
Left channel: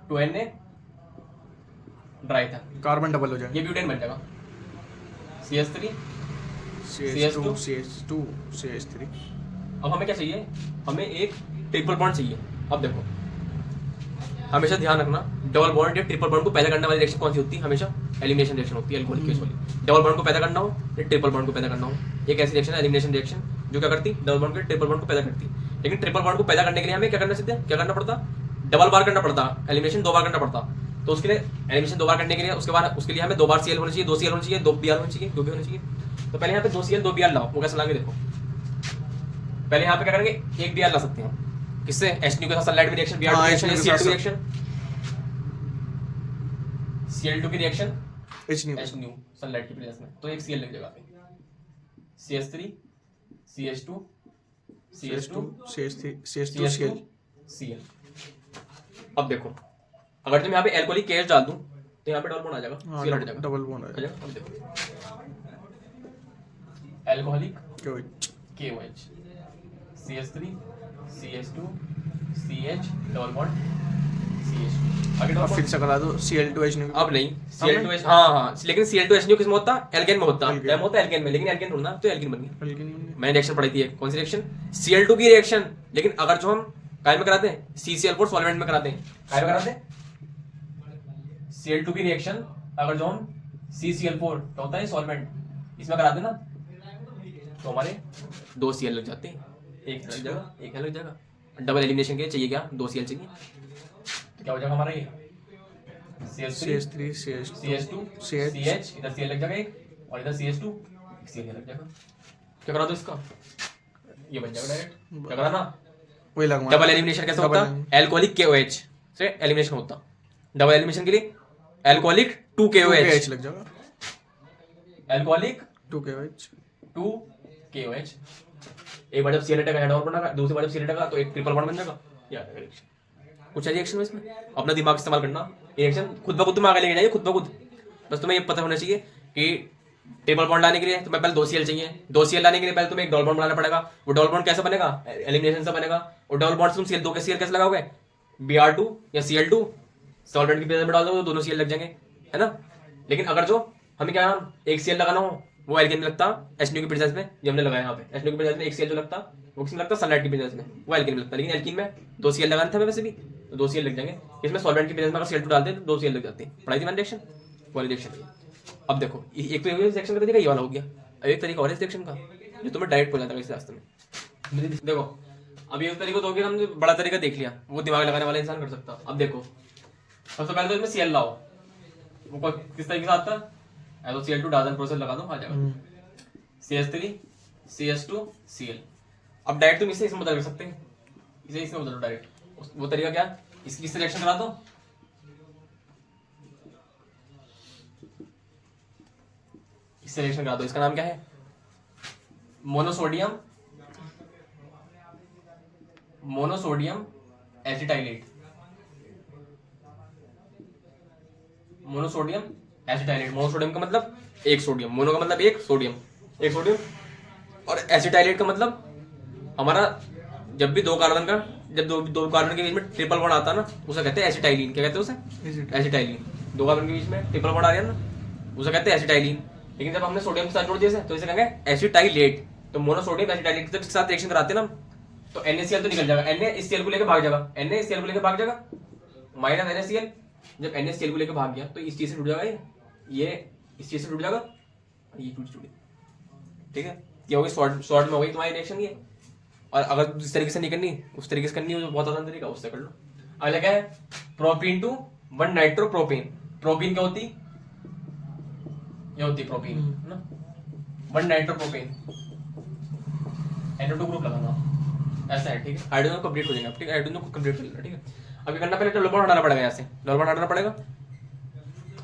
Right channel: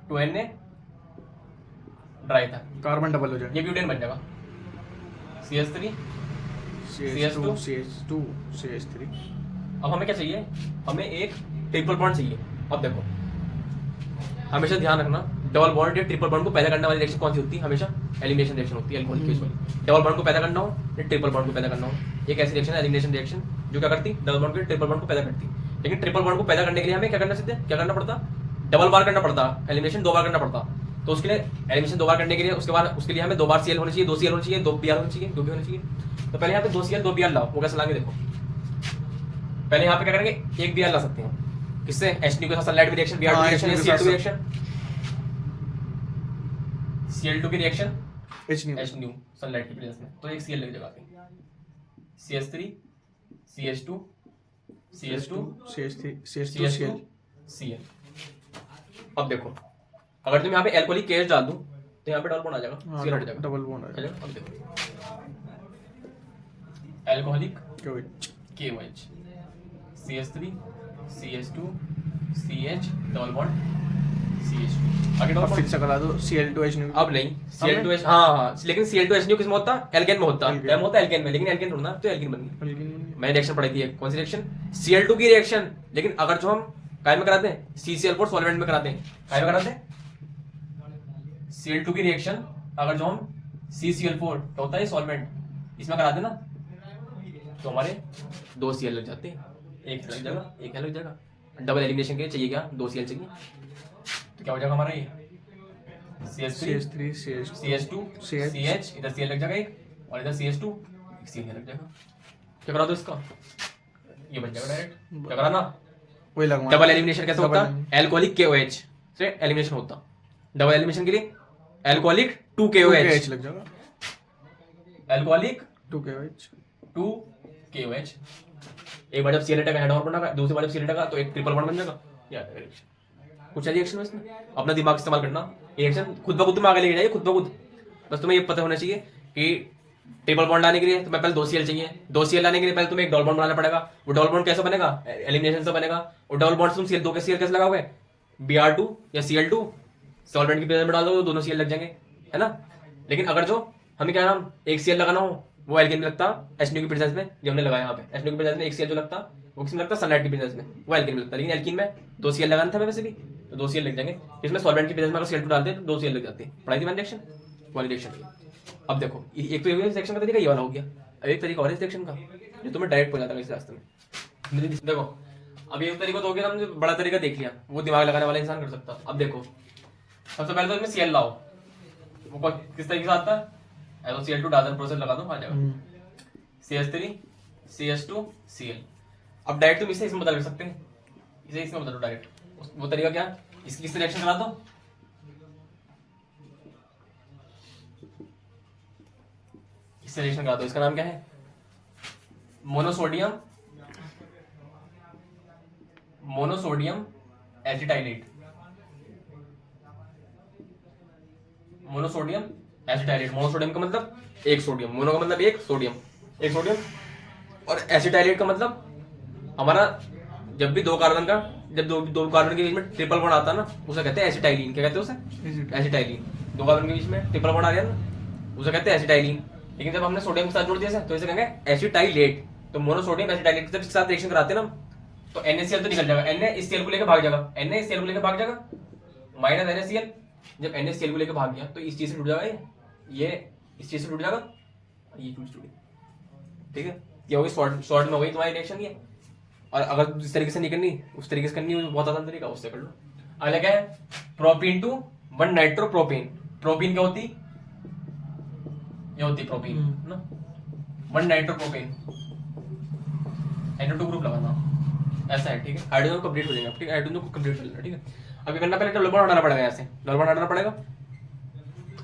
2Na ट्राइथल, कार्बन डबल हो जाएगा। ये ब्यूटेन बन जाएगा। CH3 CH2 CH2 CH3। अब हमें क्या चाहिए? हमें एक ट्रिपल बॉन्ड चाहिए। अब देखो हमेशा ध्यान रखना, डबल बॉन्ड या ट्रिपल बॉन्ड को पैदा करने वाली रिएक्शन कौन सी होती है? हमेशा एलिमिनेशन रिएक्शन होती है अल्कोहलिक केस वाली। डबल बॉन्ड को पैदा करना हो या ट्रिपल बॉन्ड को पैदा करना हो, एक ऐसी रिएक्शन एलिमिनेशन रिएक्शन जो क्या करती? डबल बॉन्ड को ट्रिपल बॉन्ड को पैदा करती। लेकिन ट्रिपल बॉन्ड को पैदा करने के लिए हमें क्या करना चाहिए? क्या करना पड़ता? डबल बार करना पड़ता, एलिमिनेशन 2 बार करना पड़ता। तो उसके लिए एलिमिनेशन 2 बार करने के लिए उसके लिए हमें 2 बार Cl होना चाहिए, 2 Cl होना चाहिए, 2 Br होना चाहिए, 2 B होना चाहिए। तो पहले यहाँ पे 2 Cl 2 Br लाओ, वो कैसे लाएंगे देखो। पहले यहाँ पे क्या करेंगे? 1 Br ला सकते हैं, किससे? H2 के साथ सल्फाइड की रिएक्शन, Br की रिएक्शन, Cl2 की रिएक्शन, Cl2 की reaction H new H new sunlight की प्रेजेंस में, तो एक Cl लग जाएगा CH3 CH2 CH2 CH2 CH2 Cl। अब देखो अगर तुम यहाँ पे एल्कोहलिक केएच डाल दूं तो यहाँ पे डबल बॉन्ड आ जाएगा, Cl हट जाएगा, डबल बॉन्ड आ है जाएगा। अब देखो alcoholic KOH CH3 CH2 CH double bond CH2 आगे डबल बॉन्ड। फिक्स करा दो Cl2 न्यू अब नहीं Cl2H, हाँ लेकिन Cl2H किस में होता है, एल्केन में होता है, एल्केन। होता है एल्केन में, लेकिन एल्केन ढूंढना तो एल्केन बन गई। एल्केन मैंने रिएक्शन पढ़ाई थी, कौन सी रिएक्शन, Cl2 की रिएक्शन, लेकिन अगर जो हम काय में कराते हैं CCl4 सॉल्वेंट में कराते हैं, काय में कराते हैं Cl2 की रिएक्शन, अगर जो हम CCl4 तो होता है सॉल्वेंट, इसमें कराते हैं ना, तो हमारे 2 Cl लग जाते हैं, एक लग जाएगा एक लग जाएगा। डबल एलिमिनेशन के लिए चाहिए क्या, 2 Cl चाहिए, तो क्या हो जाएगा हमारा ये CH3 CH2 CH, इधर Cl लग जाएगा एक, और इधर CH2 Cl लग जाएगा। क्या करा दो इसका, ये बन जाएगा डायरेक्ट, क्या करा ना। वही लगवा डबल एलिमिनेशन कैसे होता है, एल्कोहलिक KOH से एलिमिनेशन होता, डबल एलिमिनेशन के लिए एल्कोहलिक 2KOH लग जाएगा एल्कोहलिक 2KOH 2KOH। एक बार जब Cl हटेगा हेड और बनेगा, दूसरी बार जब Cl हटेगा तो एक ट्रिपल बॉन्ड बन जाएगा। या कुछ है रिएक्शन में इसमें, अपना दिमाग इस्तेमाल करना, रिएक्शन खुद ब खुद तुम आगे लेके जाइए, खुद ब खुद। बस तुम्हें ये पता होना चाहिए कि ट्रिपल बॉन्ड लाने के लिए तुम्हें पहले 2 Cl चाहिए, 2 Cl लाने के लिए पहले तुम्हें एक डबल बॉन्ड बनाना पड़ेगा। वो डबल बॉन्ड कैसे बनेगा, एलिमिनेशन से बनेगा। और डबल बॉन्ड से तुम Cl2 के Cl कैसे लगाओगे, Br2 या Cl2 सॉल्वेंट की प्रेजेंस में डाल दो, दोनों Cl लग जाएंगे, है ना। लेकिन अगर जो हमें क्या नाम एक Cl लगाना हो, वो एल्केन में लगता H की प्रेजेंस में, जो हमने लगाया यहाँ पे H की प्रेजेंस में एक Cl जो लगता वो किसमें लगता सनलाइट की प्रेजेंस में, वो एल्केन में लगता। लेकिन एल्कीन में 2 Cl लगाना था वैसे भी, तो 2 Cl लग जाएंगे। इसमें सॉल्वेंट की प्रेजेंस में अगर Cl2 डालते हैं तो 2 Cl लग जाते हैं। पढ़ाई थी मैंने रिएक्शन, वाली रिएक्शन। अब देखो एक तो ये रिएक्शन का तरीका ये वाला हो गया, अब एक तरीका और इस रिएक्शन का जो तुम्हें डायरेक्ट पहुंच जाता है इस रास्ते में। देखो अब ये तरीका तो हो गया, हमने बड़ा तरीका देख लिया, वो दिमाग लगाने वाला इंसान कर सकता। अब देखो सबसे पहले तो इसमें Cl लाओ, वो किस तरीके से आता है, तो Cl2 डाजन प्रोसेस लगा दो, आ जाएगा CH3 CH2 Cl। अब डायरेक्ट तुम इसे इसमें बदल कर सकते हैं, इसे इसमें बदलो डायरेक्ट। वो तरीका क्या, इसकी किससे रिएक्शन करा दो, इससे रिएक्शन करा दो। इसका नाम क्या है, मोनोसोडियम एसिटाइलेट, मोनोसोडियम एसिटाइलेट। मोनोसोडियम का मतलब एक सोडियम, मोनो का मतलब एक सोडियम, और एसिटाइलेट का मतलब हमारा जब भी दो कार्बन के बीच में ट्रिपल बॉन्ड आता है ना, उसे कहते हैं एसिटाइलिन। क्या कहते हैं उसे, एसिटाइलिन। दो कार्बन के बीच में ट्रिपल बॉन्ड आ गया ना, उसे कहते हैं एसिटाइलिन। लेकिन जब हमने सोडियम के साथ जोड़ दिया तो इसे कहेंगे एसिटाइलेट। तो मोनोसोडियम एसिटाइलेट के साथ रिएक्शन कराते हैं ना, तो NaCl तो निकल जाएगा, Na इस Cl को लेकर भाग जाएगा, Na इस Cl को लेकर भाग जाएगा, माइनस NaCl। जब Na Cl को लेकर भाग गया तो इस चीज से जुड़ जाएगा, ये इस चीज से जुड़ जाएगा, ये जुड़, ठीक है। ये होगी शॉर्ट में हो गई तुम्हारी रिएक्शन ये। और अगर जिस तरीके से नहीं करनी उस तरीके से करनी है, बहुत आसान तरीका, उससे कर लो। अगला क्या है, प्रोपीन टू 1 नाइट्रोप्रोपेन। प्रोपीन क्या होती, ये होती प्रोपीन ना, 1 नाइट्रोप्रोपेन, NO2 ग्रुप लगाना, ऐसा है, ठीक है। हाइड्रोजन कंप्लीट हो जाएगा, ठीक है, हाइड्रोजन को कंप्लीट कर लेना, ठीक है। अब करना, पहले डबल बॉन्ड हटाना पड़ेगा, ऐसे डबल बॉन्ड हटाना पड़ेगा,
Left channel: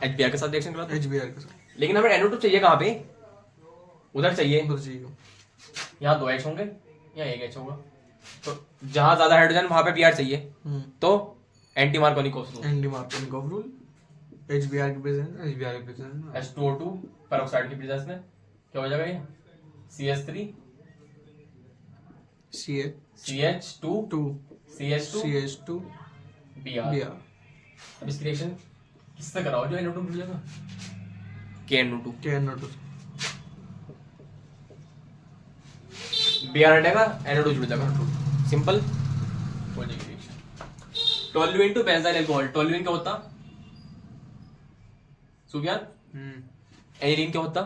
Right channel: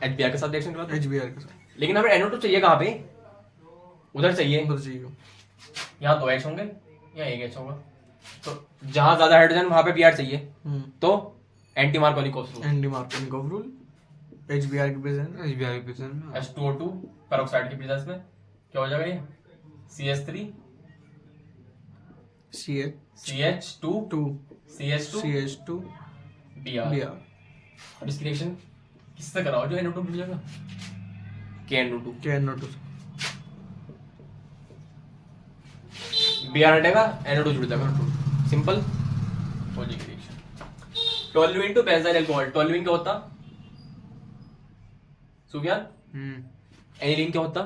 HBr के साथ रिएक्शन करो, HBr के साथ। लेकिन हमें NO2 चाहिए कहाँ पे, उधर चाहिए, यहाँ 2 H होंगे, यहाँ 1 H होगा, तो जहां ज्यादा हाइड्रोजन वहां पे Br चाहिए, तो एंटी मार्कोनिकोव रूल, HBr की प्रेजेंस, H2O2 पेरोक्साइड की प्रेजेंस में क्या हो जाएगा, ये CH3 CH2 CH2 Br। अब इसकी रिएक्शन किससे कराओ, जो NO2 जुड़ जाएगा, KNO2 Br हटेगा, NO2 जुड़ जाएगा, सिंपल हो जाएगी reaction. Toluene to benzyl alcohol. Toluene क्या होता, सुफियान, एनिलीन क्या होता,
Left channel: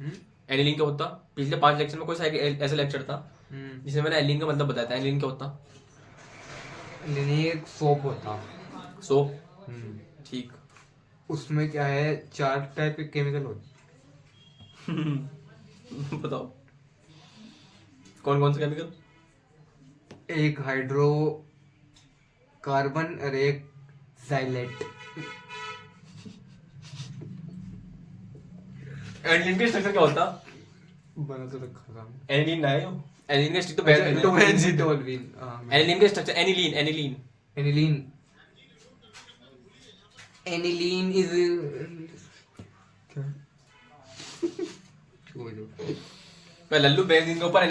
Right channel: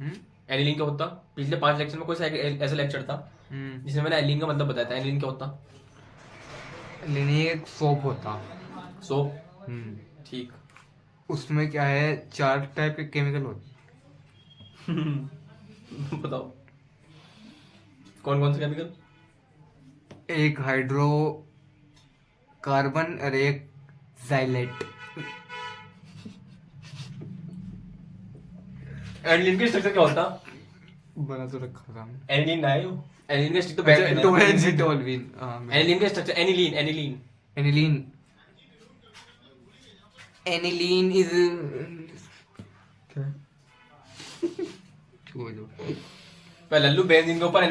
एनिलीन क्या होता। पिछले 5 लेक्चर में कोई ऐसा लेक्चर था जिसमें मैंने एनिलीन का मतलब बताया था। एनिलीन क्या होता, एक सोप होता, सोप, ठीक। उसमें क्या है, 4 टाइप के केमिकल होते। बताओ कौन कौन से केमिकल, एक हाइड्रो कार्बन और एक जाइलेट। एनिलीन का स्ट्रक्चर क्या होता? बना तो रखा था हमने। एनिलीन ना है यो, एनिलीन का स्ट्रक्चर तो अच्छा, बेंजीन तो है। बेंजीन है। टोल्वीन, हाँ, एनिलीन का structure aniline aniline aniline. Aniline is छोड़ दो। मैं लल्लू बेंजीन के ऊपर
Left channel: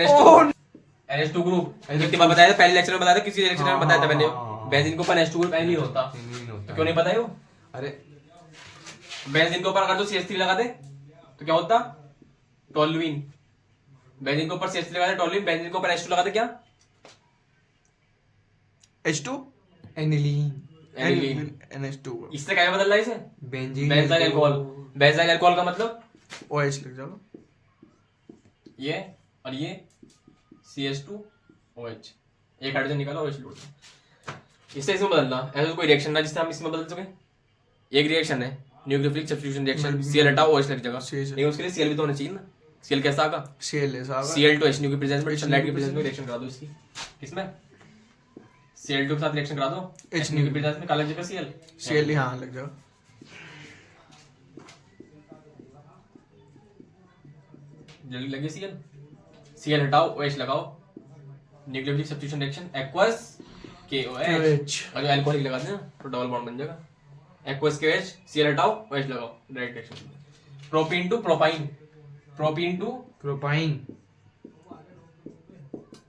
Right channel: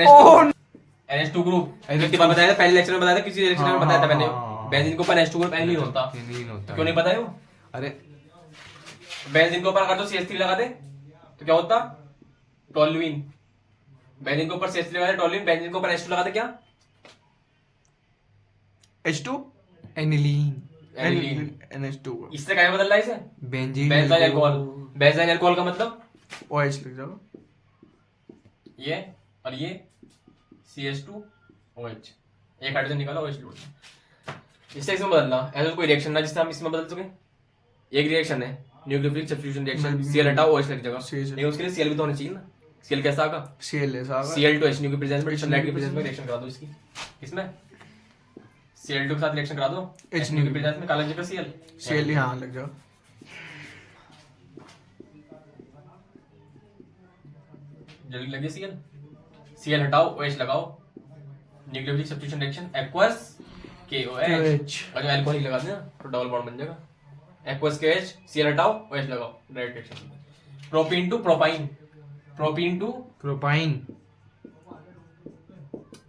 NH2 ग्रुप कितनी बार बताया था? पहले लेक्चर में बताया था, किसी लेक्चर में बताया था मैंने। हाँ। बेंजीन के ऊपर NH2 ग्रुप एनिलीन होता। एनिलीन होता तो क्यों नहीं पता है वो? अरे बेंजीन के ऊपर अगर तो CH3 लगा दे तो क्या होता? टोल्यूइन। बेंजीन के ऊपर CH3 लगा दे टोल्यूइन, बेंजीन के ऊपर H2 लगा दे क्या? H2 aniline. एनिलीन। NH2 इससे क्या बदल रहा है इसे? Benzene benzyl alcohol. Benzyl alcohol का मतलब OH लग जाएगा। ये और ये CH2OH, एक हाइड्रोजन निकाला OH जोड़ दिया। इससे इसमें बदलना, ऐसा कोई रिएक्शन ना जिससे हम इसमें बदल सके। एक रिएक्शन है न्यूक्लियोफिलिक सब्स्टिट्यूशन रिएक्शन, Cl हटा OH लग जाएगा, CH लेकिन उसके लिए Cl भी तो होना चाहिए ना। Cl कैसा आएगा? Cl ऐसा आएगा। Cl2H की प्रेजेंस में, H सनलाइट की की प्रेजेंस में presence रिएक्शन करा दो इसकी। किसमें? Cl2 के साथ रिएक्शन करा दो H की प्रेजेंस में, काला जगह Cl। Cl हाँ लग जाएगा। जल्दी लगे Cl हटाओ OH लगाओ, nucleophilic substitution reaction aqueous KOH, और जो अल्कोहलिक लगा देना तो डबल बॉन्ड बन जाएगा। एक्वस KOH, Cl हटाओ OH लगाओ, direct reaction. Propene to propyne, propene to propyne.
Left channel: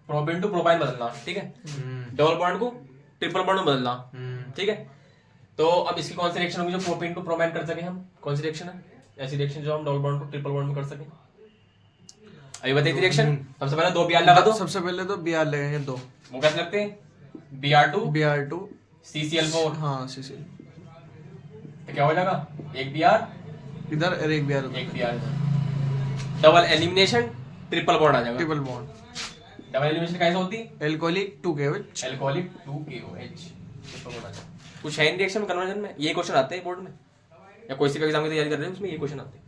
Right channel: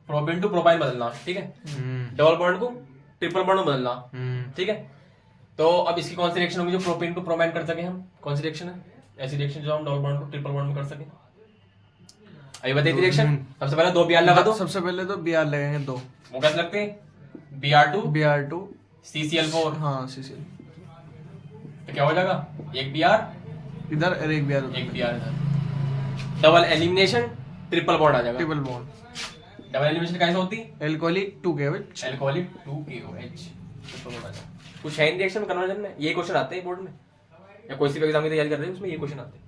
Propene to propyne बदलना, ठीक है। डबल बॉन्ड को ट्रिपल बॉन्ड में बदलना, ठीक है। तो अब इसकी कौन सी रिएक्शन होगी जो प्रोपीन टू प्रोपाइन कर सके हम? कौन सी रिएक्शन है ऐसी रिएक्शन जो हम डबल बॉन्ड को ट्रिपल बॉन्ड में कर सके? अभी बताइए रिएक्शन। सबसे पहले 2 Br लगा दो। सबसे पहले तो Br लगेंगे 2। वो कैसे लगते हैं? Br2 CCl4, हाँ CCl तो क्या हो जाएगा? एक Br इधर और एक Br एक Br इधर, डबल एलिमिनेशन, ट्रिपल बॉन्ड आ जाएगा। Triple bond. डबल एलिमिनेशन कैसे होती? Alcoholic 2KOH। Alcoholic 2KOH, triple bond आ जाएगा। कुछ है रिएक्शन कन्वर्जन में, ये क्वेश्चन आते हैं बोर्ड में, या कोई सी भी एग्जाम की तैयारी कर रहे हैं उसमें ये क्वेश्चन आते हैं।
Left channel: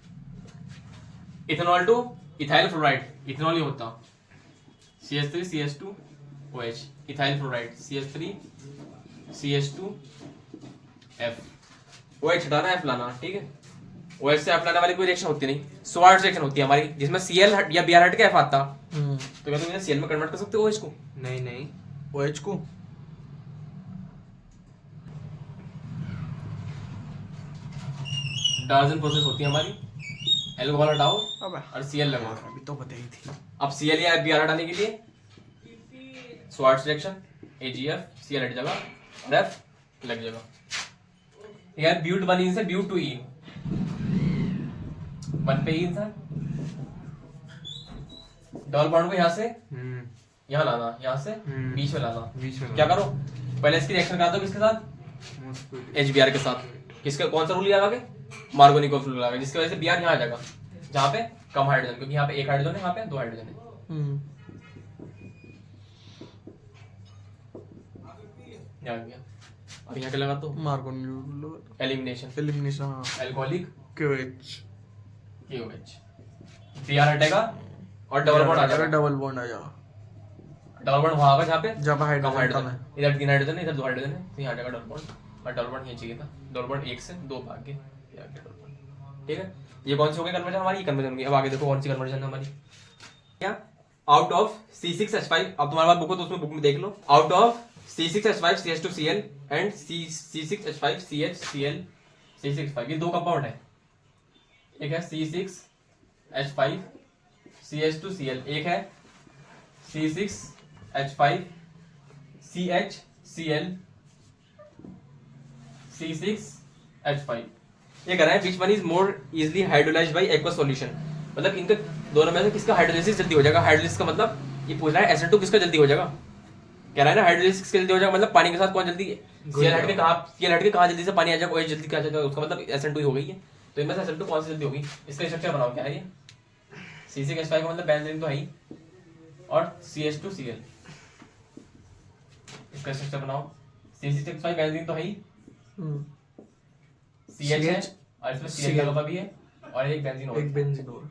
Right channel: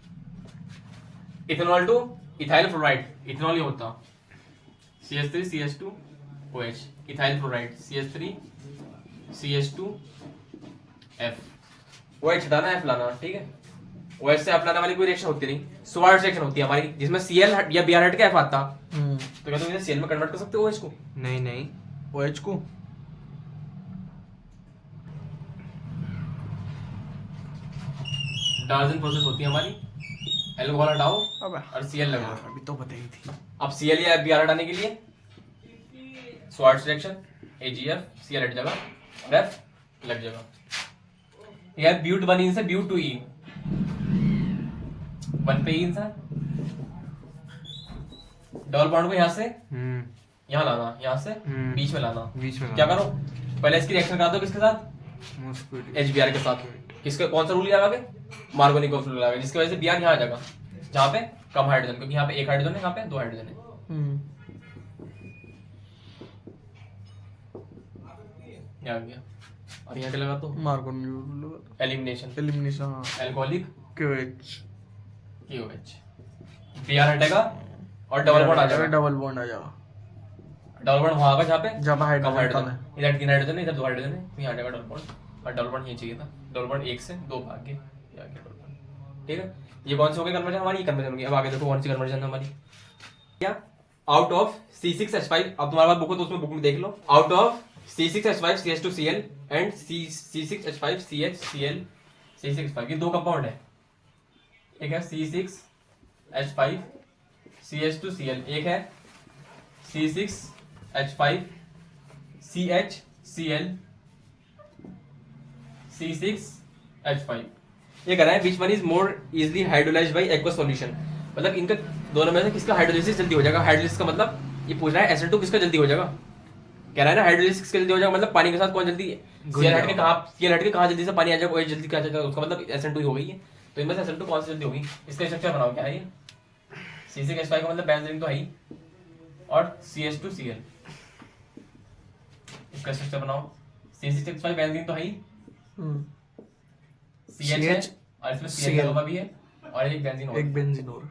Ethanol two ethyl fluoride, ethanol ये होता CH3 CH2OH, ethyl fluoride CH3 CH2F, OH हटाना F लाना, ठीक है। OH से F लाने वाली कोई रिएक्शन होती नहीं, स्वार्ट्ज रिएक्शन होती है हमारी, जिसमें Cl या Br हट के F आता। तो क्या तुम इसे Cl में कन्वर्ट कर सकते हो OH को? नहीं नहीं। OH को डार्जन प्रोसेस होती है हमारी, एल्कोहल हटाओ अबे और Cl लगाओ। अभी तो बताई थी। अब Cl या Br हटाने के लिए स्वार्ट्ज रिएक्शन, AgF, Cl हट जाएगा और F लग जाएगा। यह ब्यूट 1 से ब्यूट 2E, 1 पे E इंसान, डबल बॉन्ड को यहाँ से यहाँ लाना, यहाँ से बीच में लाना। बीच में क्या करो? पहले इसकी रिएक्शन करा दो किसके साथ? HBr के साथ। किसका कौन सा रूल लगा के? मार्गोनिकोव रूल लगा, जिसकी वजह से Br यहाँ आ जाएगा, जहाँ पे कम हाइड्रोजन, क्योंकि यहाँ पे एक हाइड्रोजन है, यहाँ पे 2 हाइड्रोजन है। यहाँ आ गया। और यहाँ पे लगा तो मार्गोनिकोव एलिमिनेशन, एलिमिनेशन हाँ अल्कोहलिक KOH KOH, Br हटेगा और डबल बॉन्ड आ जाएगा। डबल बॉन्ड आ जाएगा डबल बॉन्ड वहां आएगा जहाँ पे जहाँ पे कम हाइड्रोजन कम हाइड्रोजन, है। इधर 3 हाइड्रोजन है, इधर 2 हाइड्रोजन है, तो यहाँ आ जाएगा डबल बॉन्ड, और डबल बॉन्ड ये चाहिए था। डबल बॉन्ड 1 से 2 भाग के ये आ गया डबल बॉन्ड, ठीक है। ये कौन सी हो गई कन्वर्जन हमारी? कन्वर्जन की। अब आगे देखो कौन सी कन्वर्जन है हमारी। क्या? आउट ऑफ C6H5, अब तुम्हारे पास बुक हो तो उसमें बुक में देख लो। Out of C6H5 CH2Cl and C6H5 CHCl C6H5, ये 2 कंपाउंड है। एक है C6H5 CH2Cl, एक है C6H5 CHCl C6H5। ये कह रहा है which one is more easily hydrolyzed by aqueous solution, मतलब इनका दोनों में से किसका हाइड्रोलिसिस जल्दी हो जाएगा? हाइड्रोलिसिस का मतलब ये पूछ रहा है SN2 किसका जल्दी हो जाएगा, कह रहा है ना हाइड्रोलिसिस किसका जल्दी हो जाएगा, मतलब पानी के साथ कौन जल्दी Cl हट के कहाँ जल्दी से पानी आ जाएगा, OH जल्दी कहाँ जाएगा, उसका मतलब SN2 ही हो गई है। तो इनमें से SN2 कौन सी जल्दी होगी? इसका स्ट्रक्चर बनाओ। क्या है ये? C6H5 का मतलब बेंजीन तो है ही, और CH2Cl, इसका स्ट्रक्चर बनाओ। C6H5 बेंजीन तो है ही, CH है और इसमें Cl लगा हुआ भी है, और एक बेंजीन और, एक बेंजीन और।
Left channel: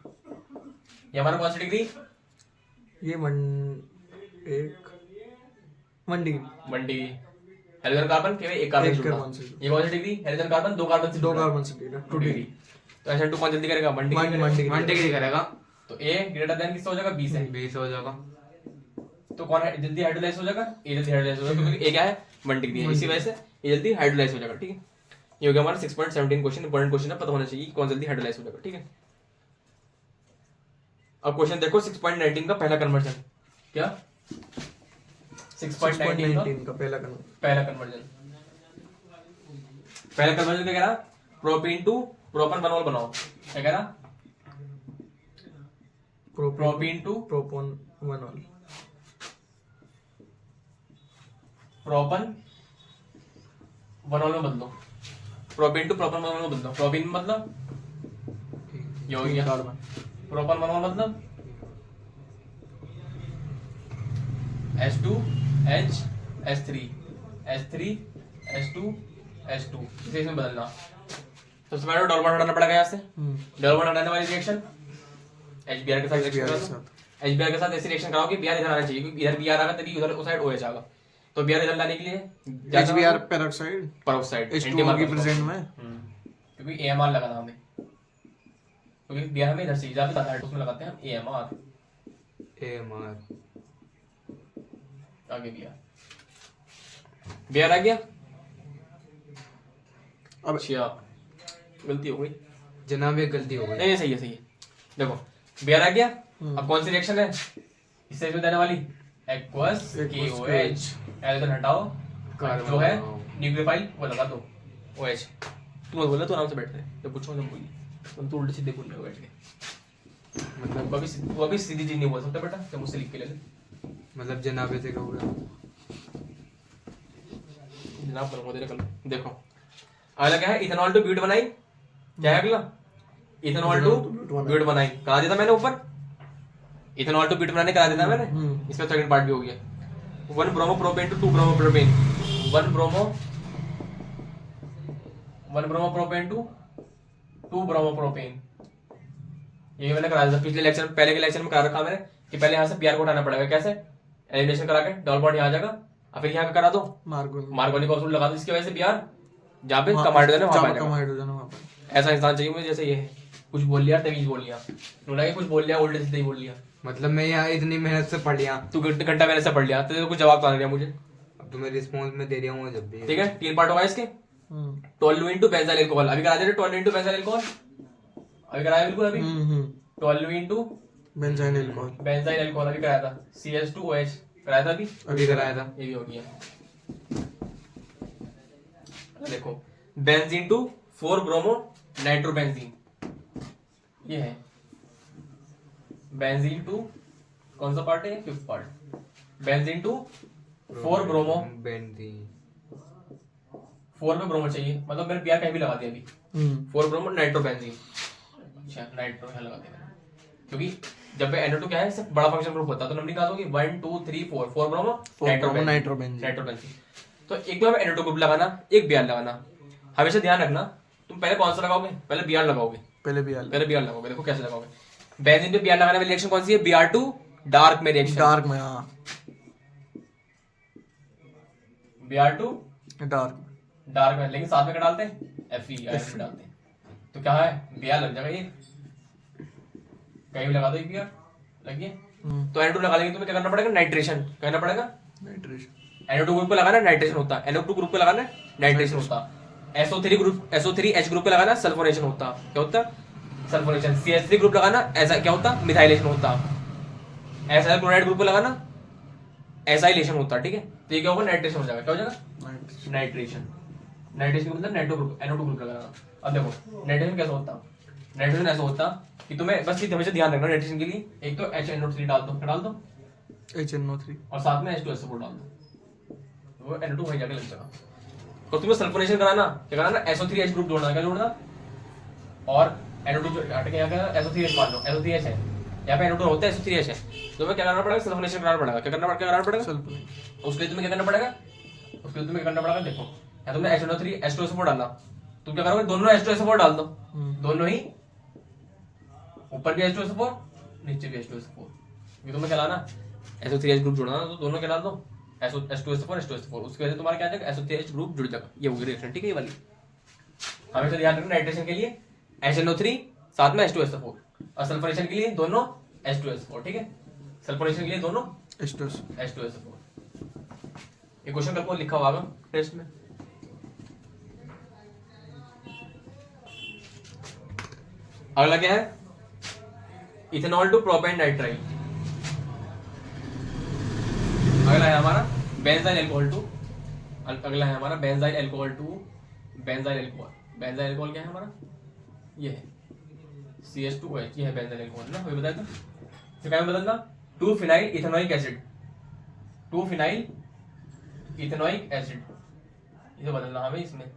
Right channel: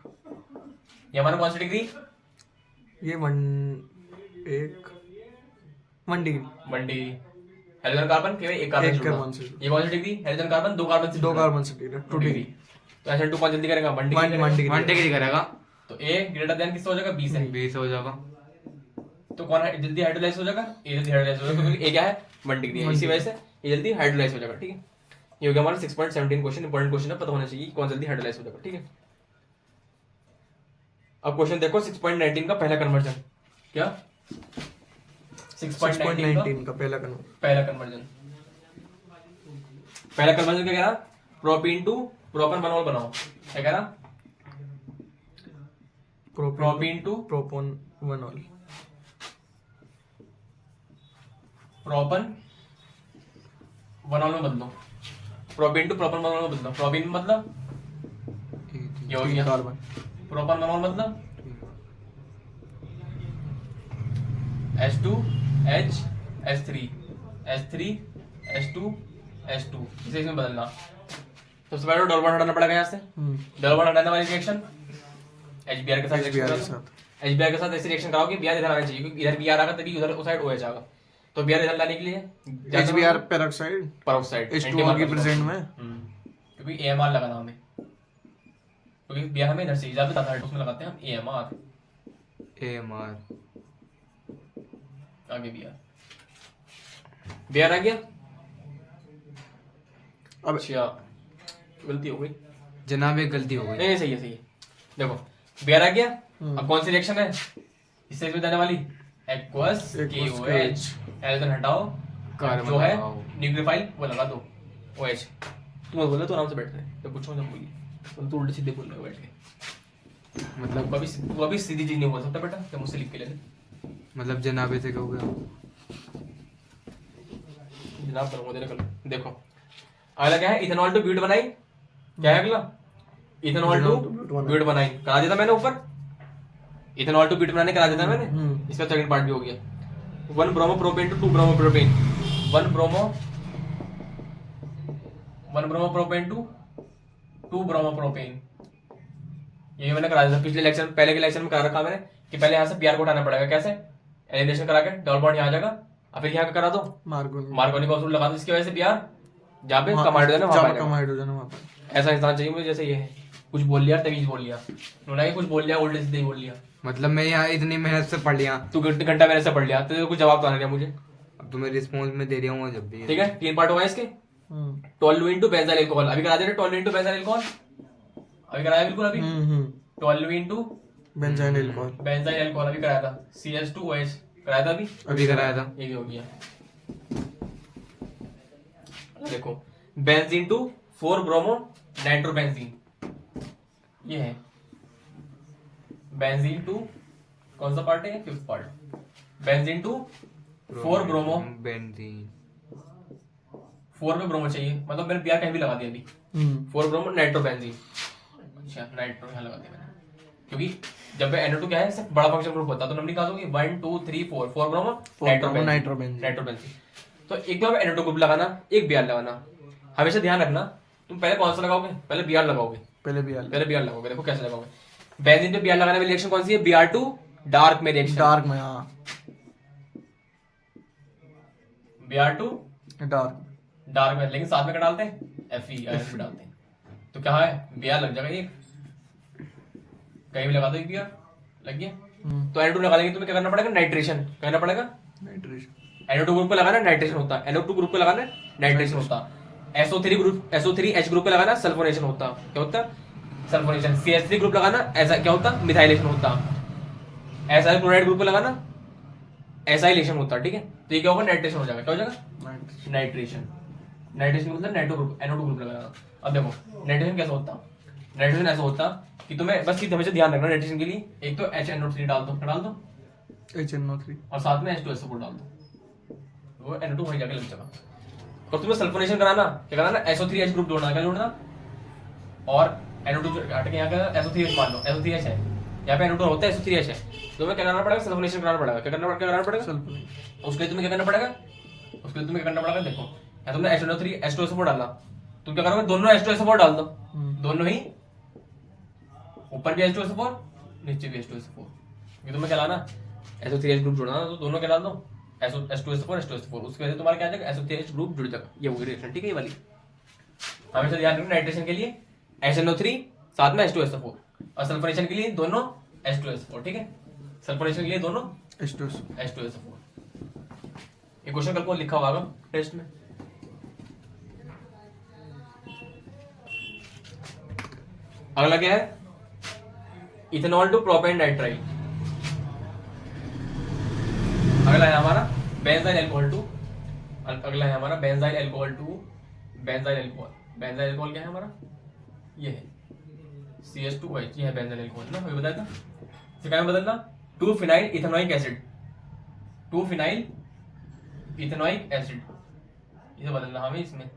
ये हमारा कौन सी डिग्री? ये 1 डिग्री 1 डिग्री। हाइड्रोजन कार्बन केवल एक कार्बन एक से जुड़ा। कार्बन से। ये कौन सी डिग्री? हाइड्रोजन कार्बन 2 कार्बन से 2 जुड़ा। कार्बन से 2 डिग्री। तो SN2 कौन जल्दी करेगा? 1 डिग्री करेगा। 1 डिग्री करेगा। तो A ग्रेटर देन किससे हो जाएगा? B से। 20 हो जाएगा। तो कौन है जल्दी हाइड्रोलाइज हो जाएगा? A जल्दी हाइड्रोलाइज हो जाएगा क्योंकि A क्या है? 1 डिग्री है, इसी वजह से ये जल्दी हाइड्रोलाइज हो जाएगा। ठीक है, ये हो गया हमारा 6.17 क्वेश्चन। इंपॉर्टेंट क्वेश्चन है, पता होना चाहिए कौन जल्दी हाइड्रोलाइज हो जाएगा। ठीक है, अब क्वेश्चन देखो 6.19 का पहला कन्वर्जन। क्या 6.19 का पहला कन्वर्जन क्या कह रहा? प्रोपीन टू प्रोपन बनॉल बनाओ। क्या कह रहा? Propene to propanol. Propanol में बदलो। प्रोपीन टू प्रोपन बनॉल में बदलो। प्रोपीन मतलब ये हो गया कार्बन। प्रोपन बनॉल मतलब H2H H3 H3 H2 H2 इसे इसमें बदलना। तो सबसे पहले डबल बॉन्ड हटाना पड़ेगा यहाँ से। डबल बॉन्ड हटाने वाली रिएक्शन HBr के साथ रिएक्शन करो। HBr के साथ ऐसी रिएक्शन कराओ कि Br इधर आना चाहिए, क्योंकि इधर Br आएगा तभी उधर उस साइड OH आएगा। तो Br इधर लाने के लिए HBr पेरोक्साइड पेरोक्साइड H2O के प्रेजेंट में, क्योंकि AMR लगाना हमें, क्योंकि Br हमें इधर से इजाफा आता है, उसमें लगाते हैं हम AMR। आगे Br आ गया। अब अच्छा गलती हो गई जनाब, एक गलती हो गई। नहीं, सही है। देखो Br आ गया। अब कौन सी रिएक्शन है इससे इसमें देने वाली? Aqueous KOH। इधर हटाओ, जो है न्यूक्लियोफाइल वो लगा दो OH। तुम बोला तो आराम से बैठ रहे, तो पूछो ना बोलिए, तुम तो उल्टे सीधे बोल रहे हो बैठ के। मतलब वो अभी सीधी चीज नहीं बोल सकता बेटा, तो मुझसे लिख के ले ले। मतलब जनाब ऐसे क्या हो गया? जनाब बनूंगा तेरे कल। देखो अगला क्या है? इथेनॉल टू ब्यूट बनाई। क्या है अगला? इथेनॉल टू ब्यूट बनाई करा दिया था मैंने ऊपर। इथेनॉल टू ब्यूट बनाने करा दिया था मैंने। इसका सेकंड पार्ट भी हो गया। 1 bromo propane two 2 bromo propane. 1 bromo propane two 2 bromo propane. ये मैंने करा दिया था पिछले लेक्चर, पहले के लेक्चर में करा रखा मैंने कि पहले यहाँ से Br को उठाना पड़ेगा। कैसे? एलिमिनेशन करा के डबल बॉन्ड यहाँ आ जाएगा, और फिर यहाँ पे करा दो मार्कोनी का असूल लगा दो, इसकी वजह से Br जहाँ पे कम हाइड्रोजन है वहाँ पे ऐसा इंसान चाहिए मुझे जैसे ये है। कुछ बोल लिया, तमीज बोल लिया, उन्होंने कुछ बोल लिया, उल्टे सीधे ही बोल लिया। मतलब मैं यहाँ इतनी मेहनत से पढ़ लिया, तू घंटा मेरे से पढ़ लिया, तो कुछ जवाब तो आ रहा मुझे। अब तुम्हें रिस्पॉन्स में दे रहा हूँ जब भी। ठीक है, 3 पार्ट होगा इसके। 12 इंटू बेंजाइल अल्कोहल अभी करा दे रहे। 12 इंटू बेंजाइल अल्कोहल अभी कराया बिल्कुल। अभी 12 इंटू बेंजाइल अल्कोहल अभी कराया था। CH2OH कराया था अभी कराया था। ये भी हो गया। देखो बेंजीन टू 4 ब्रोमो नाइट्रोबेंजीन, ये है बेंजीन टू कौन सा पार्ट है? 5th part. Benzene to 4 bromo benzene 4 में ब्रोमो चाहिए, मतलब मैंने Br कहीं भी लगा दिया अभी। 4 ब्रोमो नाइट्रोबेंजीन। अच्छा नाइट्रो यहाँ लगा दिया मैंने, क्योंकि जब NO2 क्या है सिर्फ बड़ा फंक्शन ग्रुप होता है, तो नंबर निकाल दोगे 1 2 3 4 ब्रोमो नाइट्रोबेंजीन। तो एक बार NO2 ग्रुप लगाना, एक Br लगाना। हमेशा ध्यान रखना तुम पहले कौन सा लगाओगे? पहले Br लगाओगे। पहले Br लगाओगे। देखो कैसे लगाओगे। बेंजीन पे Br लगाने वाली रिएक्शन कौन सी है? Br2 डार्क में रिएक्शन। डार्क में, हाँ Br2 डार्क में, लेकिन साथ में क्या डालते हैं? Fe डालते हैं। तो क्या है? Br लग जाएगा एक, कहीं भी लगा दो एक Br लग गया। तो NO2 लगा लेंगे, तुम्हें क्या करना पड़ेगा? नाइट्रेशन करना पड़ेगा। NO2 ग्रुप पे लगाना नाइट्रेशन होता है, NO2 ग्रुप पे लगाना नाइट्रेशन होता है, SO3H ग्रुप पे लगाना सल्फोनेशन होता। क्या होता? सल्फोनेशन। CH3 ग्रुप लगाना ऐसा क्या होता? मिथाइलेशन होता। एसाइल क्लोराइड ग्रुप पे लगाना एसाइलेशन होता। ठीक है, तो ये क्या होगा? नाइट्रेशन हो जाएगा। क्या हो जाएगा? नाइट्रेशन मतलब NO2 ग्रुप लगाना। अब देखो नाइट्रेशन कैसा होता? नाइट्रेशन ऐसा होता कि तुम्हें बस ये हमेशा ध्यान रखना नाइट्रेशन के लिए, एक तो HNO3 डाल दो, HNO3 और साथ में H2SO4 डाल दो, वो NO2 वहीं जाके लग जाएगा। और तुम्हें सल्फोनेशन कराना, क्या कराना? SO3H ग्रुप जोड़ना। क्या जोड़ना? और NO2 हट के यहाँ का SO3H मान लो, SO3H है, यहाँ पे NO2 होता है, SO3H है, तो तुम्हें क्या करना पड़ेगा? सल्फोनेशन कराना पड़ेगा। क्या करना पड़ेगा? उसके लिए तुम्हें क्या करना पड़ेगा? देखो यहाँ तुमने HNO3 H2SO4 डालना, तुम क्या करोगे? दोनों H2SO4 डाल दो, दोनों ही, ऊपर भी H2SO4 नीचे भी H2SO4, क्योंकि तुम्हें क्या लाना? SO3H ग्रुप जोड़ना, तो दोनों क्या डाल दो? H2SO4 उसकी वजह से तुम्हारा क्या आ जाएगा? SO3H ग्रुप जुड़ जाएगा। ये होगी रिएक्शन। ठीक है, ये वाली हमेशा ध्यान रखना नाइट्रेशन के लिए HNO3 साथ में H2SO4, और सल्फोनेशन के लिए दोनों H2SO4, ठीक है, सल्फोनेशन के लिए दोनों H2SO4। ये क्वेश्चन कल को लिखा होगा टेस्ट में। अगला क्या है, इथेनॉल टू प्रोपेन नाइट्राइल। अगला है हमारा बेंजाइल अल्कोहल टू, अगला है हमारा benzyl alcohol to benzyl alcohol. Benzyl alcohol क्या है हमारा, ये है CH2OH, ये है बेंजाइल अल्कोहल ना, वही बताया था। फिर क्या बदलना, 2 phenyl ethanoic acid, 2 phenyl ethanoic acid, इसे बदलना हमें, इसमें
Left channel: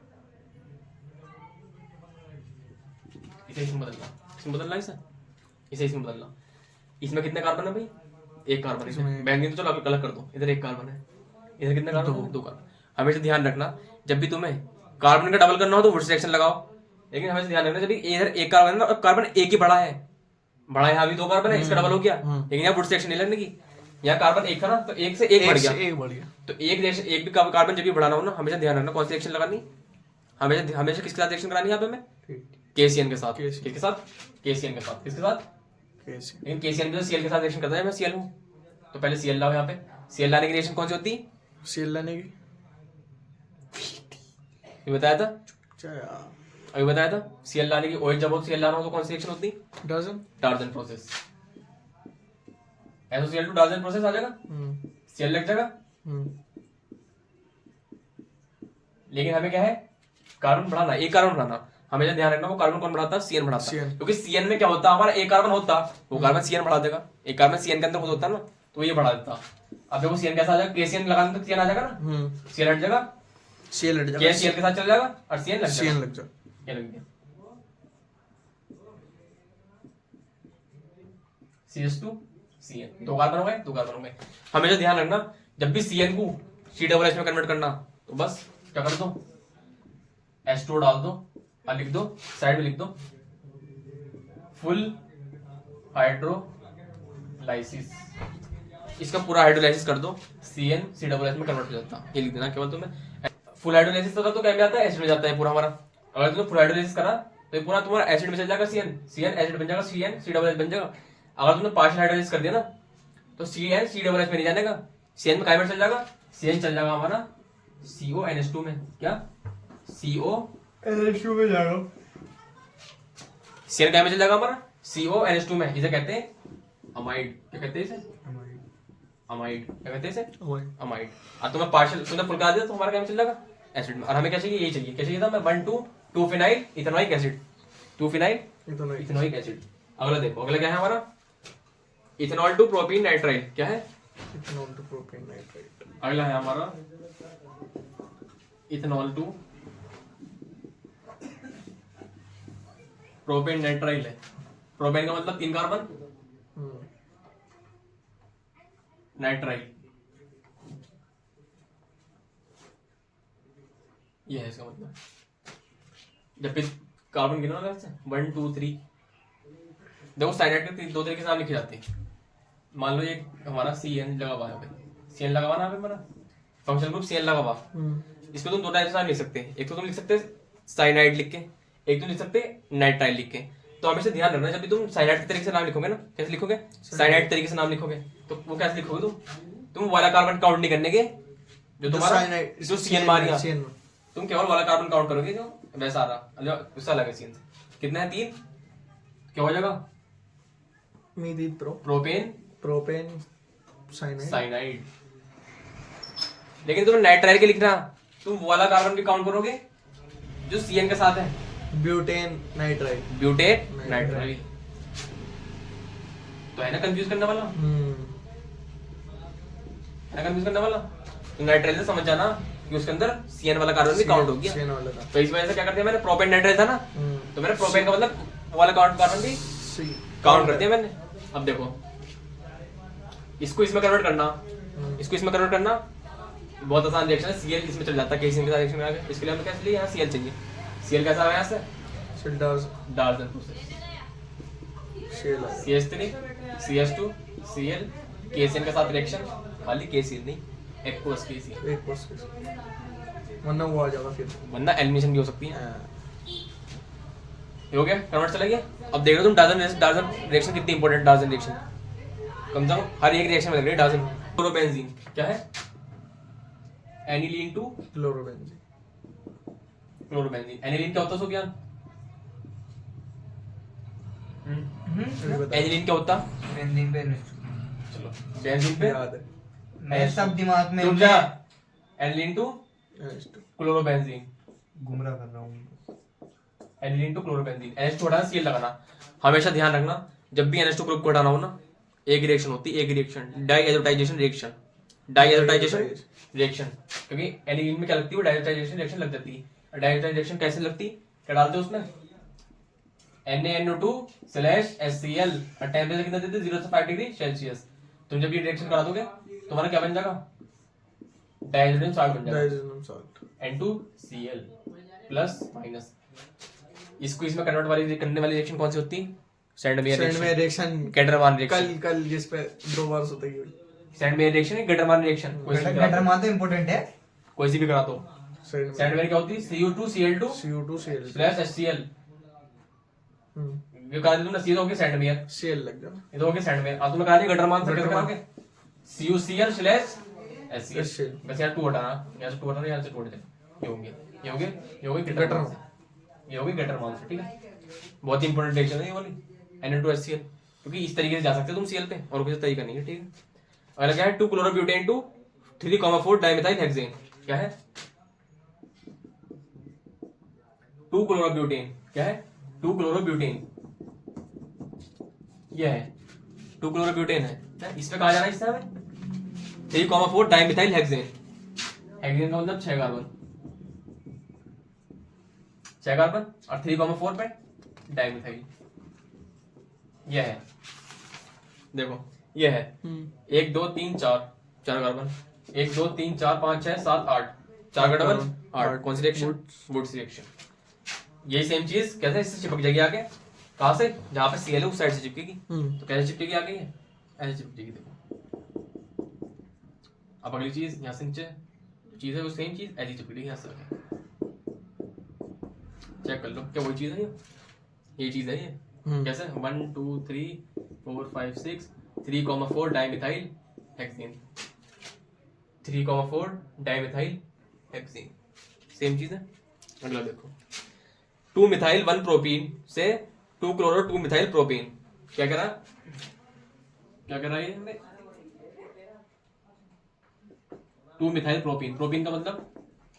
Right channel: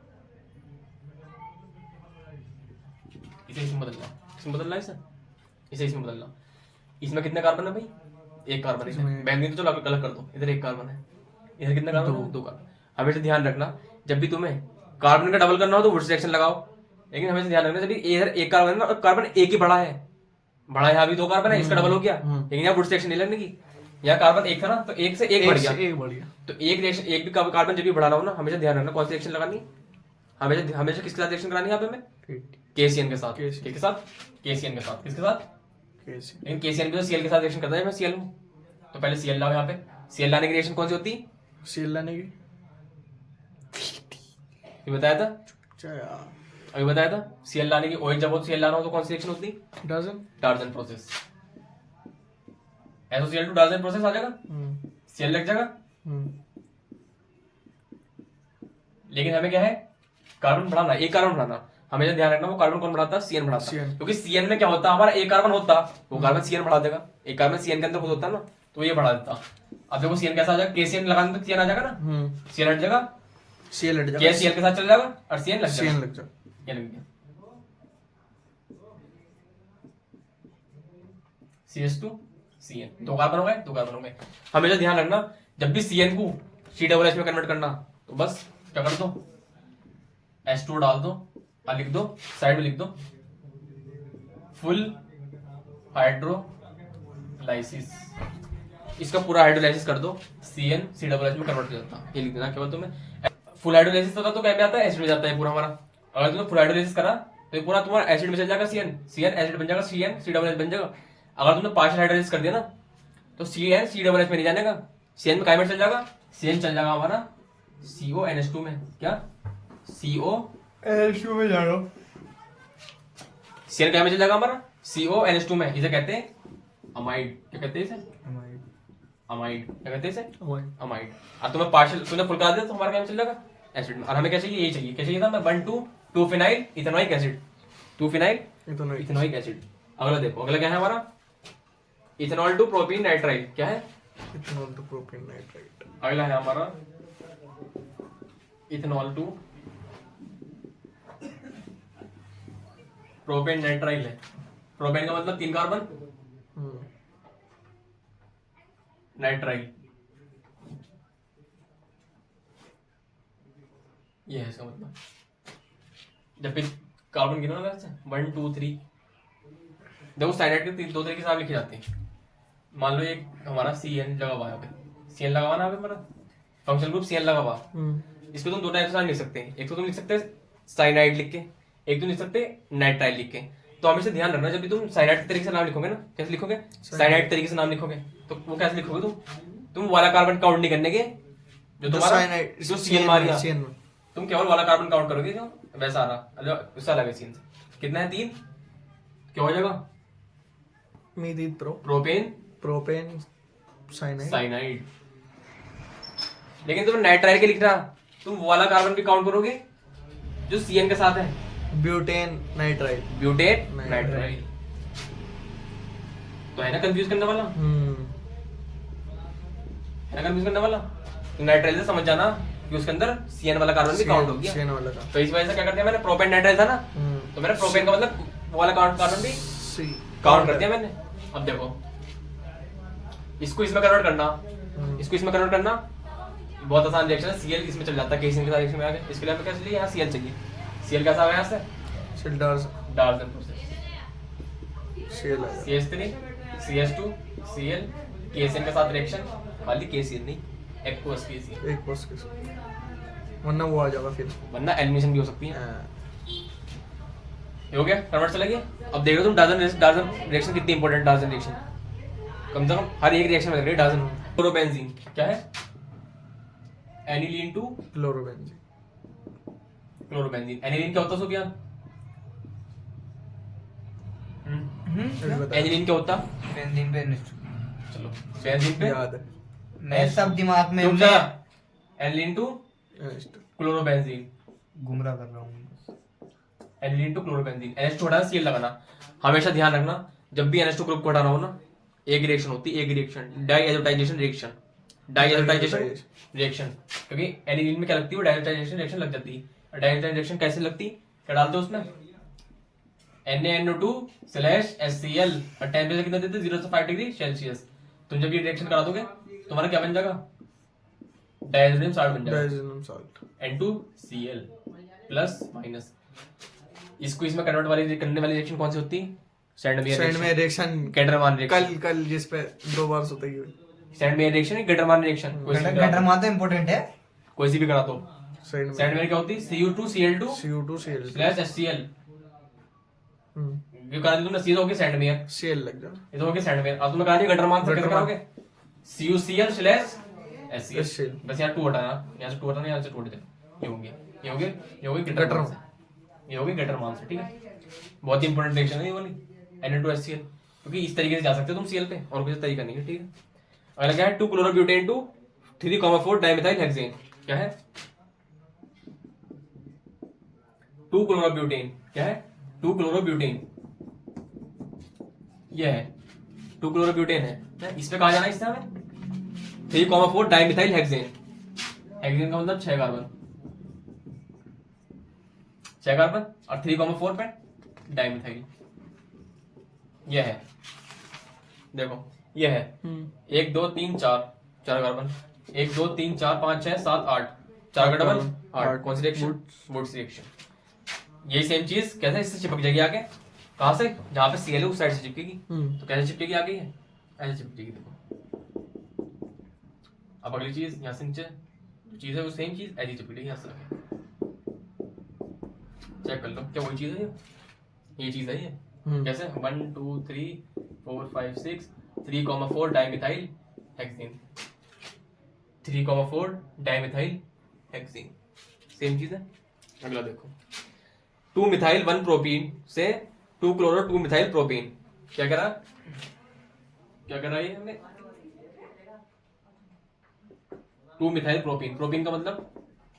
इसे इसमें बदलना, इसमें बदलना, इसे इसमें बदलना। इसमें कितने कार्बन है भाई, एक कार्बन है। बेंजीन तो चलो आप अलग कर दो, इधर एक कार्बन है, इधर कितने कार्बन है, 2 कार्बन। हमेशा ध्यान रखना जब भी तुम्हें कार्बन का डबल करना हो तो वुड रिएक्शन लगाओ, लेकिन हमेशा ध्यान रखना जब भी इधर एक कार्बन है ना, और कार्बन एक ही बड़ा है, बड़ा यहाँ भी 2 कार्बन है, इसका डबल हो गया, लेकिन यहाँ वुड रिएक्शन नहीं लगने की। यहाँ कार्बन एक था ना, तो एक से एक बढ़ गया, तो एक रिएक्शन, एक भी कार्बन जब भी बढ़ाना हो ना, हमेशा ध्यान रखना कौन सी रिएक्शन लगानी, हमेशा हमेशा किसके साथ रिएक्शन करानी है यहाँ पे हमें, KCN के साथ, किसके साथ, KCN के साथ, किसके साथ, लेकिन KCN भी तो Cl के साथ रिएक्शन करता है, मैं Cl हूँ, तो पहले Cl लाओ। यहाँ पे Cl लाने की रिएक्शन कौन सी होती है, Cl लाने की, ये बताया था, क्या अभी बताया था। Cl लाने की, OH जब हो Cl लाना हो तो कौन सी रिएक्शन होती है, डार्जन प्रोसेस, SOCl2 डार्जन प्रोसेस आ जाएगा, Cl लग जाएगा। लेकिन हमें क्या है, कार्बन बढ़ाना, एक कार्बन बढ़ाना, हमेशा ध्यान रखना वो कार्बन कौन बढ़ाता है, CN बढ़ाता है, क्योंकि CN में क्या होता है, हमारा एक कार्बन होता, वो कार्बन CN बढ़ा देगा, एक कार्बन CN के अंदर खुद होता है ना, तो ये बढ़ा देता। अब देखो CN कैसा आ जाएगा, KCN लगाने तो CN आ जाएगा ना, CN हट जाएगा, Cl के साथ चल जाएगा और CN लग जाएगा, ये लग गया, CH2 CN, 2 कार्बन हो गए, 2 कार्बन हो गए। हमेशा ध्यान रखना जब भी CN को COOH में कन्वर्ट करना, तो बस क्या कर दो, H2 डाल दो और लिख दो, साइड में लिख दो फुल हाइड्रोलाइसिस, इसका पूरा हाइड्रोलाइसिस कर दो, CN COOH में कन्वर्ट हो जाता है, ये लिख देना केवल तुम्हें। फुल हाइड्रोलाइसिस होता तो क्या में आता है, एसिड में जाता है पूरा हमारा। अगर तुमने फुल हाइड्रोलाइसिस करा तो ये पूरा तुम्हारा एसिड में चल जाएगा, CN एसिड बन जाएगा, CN COOH बन जाएगा। अगर तुमने पार्शियल हाइड्रोलाइसिस कर दिया ना, तो CN COOH में नहीं जानेगा, CN में काय में चल जाएगा, CN चल जाएगा हमारा CONH2 में, क्या CONH2 में जा रहा हूं, CN काय में चल जाएगा हमारा CONH2 में, इसे कहते हैं अमाइड, क्या कहते हैं इसे, अमाइड, क्या कहते हैं इसे, अमाइड। और तुम्हें पार्शियल, तुमने फुल करा दिया तो हमारा क्या में चल जाएगा, एसिड में। और हमें क्या चाहिए, यही चाहिए, क्या चाहिए था, मैं 2 phenyl ethanoic acid, 2 phenyl ethanoic acid. अगला देखो, अगला क्या है हमारा, इथेनॉल टू प्रोपेन नाइट्राइल, क्या है, इथेनॉल टू प्रोपेन नाइट्राइल। अगला है हमारा इथेनॉल टू प्रोपेन नाइट्राइल है। प्रोपेन का मतलब 3 कार्बन, नाइट्राइल ये है इसका मतलब। जब भी कार्बन गिनो ना, 1 2 3, देखो साइनाइड के 2 तरीके से आप लिखे जाते हैं। मान लो ये हमारा CN लगा हुआ है, CN लगा हुआ ना हमारा फंक्शनल ग्रुप CN लगा हुआ, इसको तुम 2 टाइप से लिख सकते हैं, एक तो तुम लिख सकते हैं साइनाइड लिख के, एक तुम लिख सकते हैं नाइट्राइल लिख के। तो हमेशा ध्यान रखना जब भी तुम साइनाइड के तरीके से नाम लिखोगे ना, कैसे लिखोगे, साइनाइड तरीके से नाम लिखोगे तो वो कैसे लिखोगे, तुम वाला कार्बन काउंट नहीं करने के, जो तुम्हारा जो CN मारेगा, तुम केवल वाला कार्बन काउंट करोगे जो वैसा आ रहा, उससे अलग है CN से। कितना है 3, क्या हो जाएगा, प्रोपेन साइनाइड। लेकिन तुम नाइट्राइल के लिखना, तुम वो वाला कार्बन भी काउंट करोगे जो CN के साथ है, ब्यूटेन नाइट्राइल, तो है ना कंफ्यूज करने वाला, है ना कंफ्यूज करने वाला। तो नाइट्राइल से समझ जाना कि उसके अंदर CN वाला कार्बन भी काउंट हो गया, तो इस वजह से क्या करते हैं, मैंने प्रोपेन नाइट्राइल था ना, तो मैंने प्रोपेन का मतलब वो वाला कार्बन भी काउंट कर दिया मैंने। अब देखो इसको इसमें कन्वर्ट करना, इसको इसमें कन्वर्ट करना बहुत आसान रिएक्शन है, Cl इसमें चल जाता है, KCN के साथ रिएक्शन में आ गया। इसके लिए हमें क्या चाहिए, यहाँ Cl चाहिए, Cl कैसा आया यहाँ से, डार्जन process, CH3 CH2 Cl, KCN के साथ रिएक्शन, खाली KCN नहीं, एक्वस KCN, वरना वो आ जाएगा, फिर वरना एलिमिनेशन भी हो सकती है। ये हो गया, कन्वर्ट चला गया। अब देख रहे हो तुम डार्जन रिएक्शन कितनी इंपॉर्टेंट, डार्जन रिएक्शन कम से कम हर एक रिएक्शन में लग रही है डार्जन। क्लोरोबेंजीन क्या है, aniline to chlorobenzene. Chlorobenzene. Aniline क्या होता है सुफियान? एनिलीन क्या होता? बेंजीन पे चलो बेंजीन पे याद है। मैं सब दिमाग में तुम क्या, एनिलीन टू Next. क्लोरोबेंजीन, गुमराह कर रहा हूँ। Aniline to chlorobenzene. NH2 हटाना, Cl लगाना। हमेशा ध्यान रखना जब भी NH2 ग्रुप को हटाना हो ना, एक रिएक्शन होती है, एक reaction, diazotisation reaction, diazotisation reaction. क्योंकि एनिलीन में क्या लगती है, वो डाइएजोटाइजेशन रिएक्शन लग जाती है। डाइएजोटाइजेशन रिएक्शन कैसे लगती है, क्या डालते हो उसमें, NaNO2/HCl और टेम्परेचर कितना देते हैं, 0 से 5 डिग्री सेल्सियस। तुम जब ये रिएक्शन करा दोगे तुम्हारा क्या बन जाएगा, डाइहाइड्रोजन सॉल्ट बन जाएगा, digestion salt. N2Cl plus minus. इसको इसमें कन्वर्ट वाली करने वाली रिएक्शन कौन सी होती है, सैंडमेयर सेंड में रिएक्शन गैटरमान रिएक्शन। कल जिस पे 2 बार होता है। सैंडमेयर रिएक्शन है, गैटरमान रिएक्शन, कोई सी भी करा दो, गैटरमान तो इम्पोर्टेंट है। कोई सी भी करा दो। सेंड में सैंडमेयर क्या होती है, Cu2Cl2 CO2 स्लैश HCl। हम्म ये करा दी तुमने, सीधा हो गया सैंडमेयर, Cl लग जाए। ये तो हो गया सैंडमेयर। अब तुमने कहा दिया गैटरमान से कैसे करोगे, CuCl स्लैश HCl। बस यार 2 हटाना, यहाँ से 2 हटाना, यहाँ से 2 हटाना, ये हो गया, ये हो गया, ये हो गया गैटरमान से, ये हो गया गैटरमान से। ठीक है, बहुत ही इंपॉर्टेंट रिएक्शन है ये वाली, Na2HCl। क्योंकि इस तरीके से जा सकते हो तुम Cl पे, और किसी तरीका नहीं है। ठीक है, अगला क्या है, 2 क्लोरोब्यूटेन टू 3,4 डाइमेथाइल हेक्सेन। क्या है, 2 क्लोरोब्यूटेन, क्या है, 2 क्लोरोब्यूटेन, ये है 2 क्लोरोब्यूटेन है। इस पे कहा जाना है, इससे हमें 3,4 डाइमेथाइल हेक्सेन। हेक्सेन का मतलब 6 कार्बन, 6 कार्बन, और 3,4 पे डाइमेथाइल। ये है, देखो ये है 1 2 3 4 कार्बन, 1 2 3 4 5 6 7 8 4 कार्बन 8। कौन सी रिएक्शन, वुड्स रिएक्शन। यही सेम चीज कैसे इससे चिपक जाएगी आगे, कहां से, जहां पे Cl है उस साइड से चिपकेगी। तो कैसे चिपकेगी आगे, है ऐसे चिपकेगी। देखो अब अगली चीज, यहाँ से नीचे चीज है वो सेम चीज ऐसी चिपकेगी, यहाँ से चेक कर लो, क्या वही चीज है ये चीज है ये। कैसे, 1 2 3 4 5 6 3,4 dimethyl hexane, 3,4 dimethyl hexane, same चीज है। अगला देखो, 2 मिथाइल 1 प्रोपीन से 2 क्लोरो 2 मिथाइल प्रोपीन। क्या करा, क्या करा ये हमने, 2 मिथाइल प्रोपीन। प्रोपीन का मतलब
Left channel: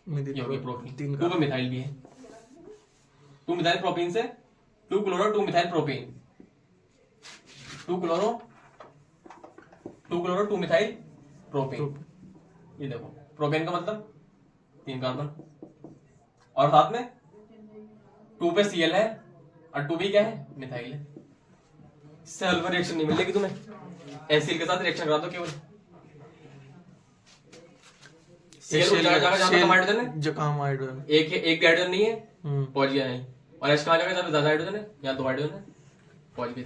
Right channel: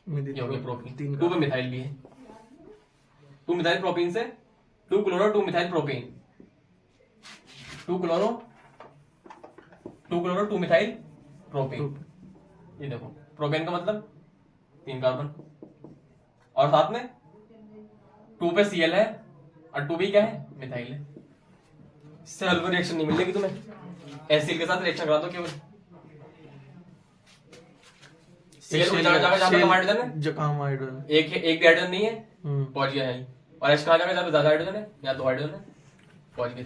ये हो गया प्रोपीन, 2 में मिथाइल भी है। 2 मिथाइल प्रोपीन से 2 chloro 2 methyl propene, 2 chloro 2 methyl propene. ये देखो प्रोपेन का मतलब 3 कार्बन, और साथ में 2 पे Cl है और 2 भी क्या है, मिथाइल है। सल्फर रिएक्शन नहीं मिलेगी तुम्हें, एसिड के साथ रिएक्शन करा दो केवल। Cl उड़ जाएगा जहां पे कम हाइड्रोजन है, जो कम हाइड्रोजन, एक भी हाइड्रोजन नहीं है, पहुंच गया है। और H कहां जाएगा जहां पे ज्यादा हाइड्रोजन है, यहाँ 2 हाइड्रोजन है, पहुंच गया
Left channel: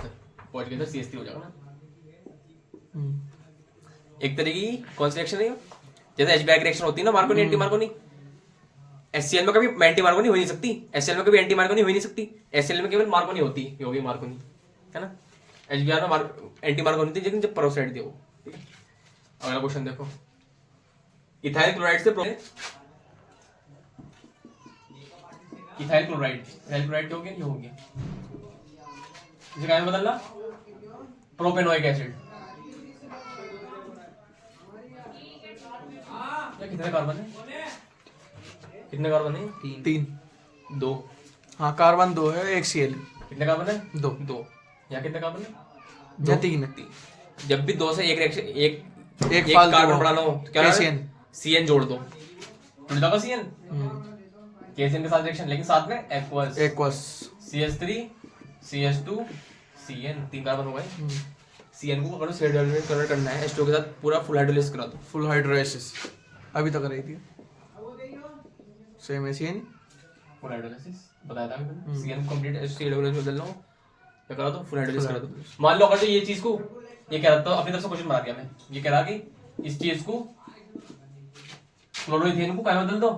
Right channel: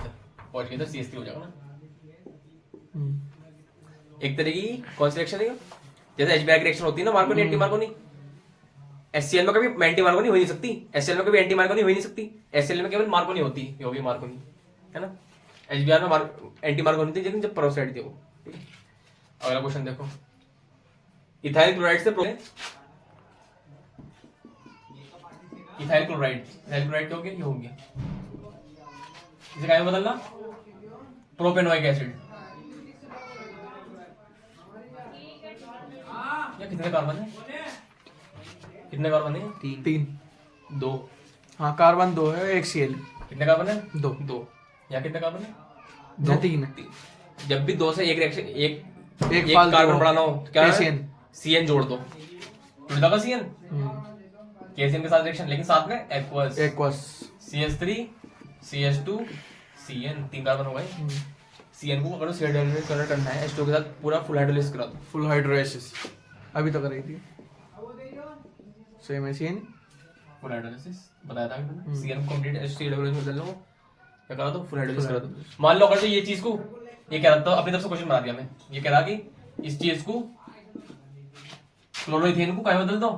था CH3 हो जाएगा ना। एक तरीके की कौन सी रिएक्शन है, जैसे H-बैक रिएक्शन होती है ना, मार्कोनी एंटी मार्कोनी। HCl में कभी एंटी मार्कोनी हो ही नहीं सकती, HCl में कभी एंटी मार्कोनी हो ही नहीं सकती, HCl में केवल मार्कोनी होती है, ये होगी मार्कोनी, है ना। HBr में एंटी मार्कोनी होती है, लेकिन जब पेरोक्साइड थी वो। ठीक है, अगला क्वेश्चन देखो, इथाइल क्लोराइड से इथाइल क्लोराइड क्या हो गया, ये हो गया। इसे क्या में बदलना, प्रोपेनोइक एसिड। ये कितने कार्बन है, कितने कार्बन है, 3 2। हाँ कार्बन 2 है, एक Cl कितने कार्बन है, 2 यहाँ कितने कार्बन है, 3 है। जब भी 2 से एक रिएक्शन एक फालतू कार्बन हो, बढ़ाना हो तो क्या है, CN जोड़ दो, जुड़ जाएगा CN, KCN के साथ रिएक्शन, लेकिन साथ में aqueous, CH3 CH2 CN, 3 carbon हो गए। CN को अगर हाइड्रोलाइज करना है H2 के साथ, पूरा फुल हाइड्रोलाइज करा दो, फुल हाइड्रोलाइसिस अभी तो कर रही थी, सेम HCN फुल हाइड्रोलाइसिस बताया था मैंने। CN को कंप्लीट H3 हाइड्रोलाइज में बदल लो, क्या करा दो, फुल हाइड्रोलाइज करा दो। मान लो अगर तो ये चीज को, ये कह रहा था अपनी तरफ से क्वेश्चन बना दिया मैं, ये कह रहा कि इस चीज को क्लोरोइथेन को क्या बदल दो,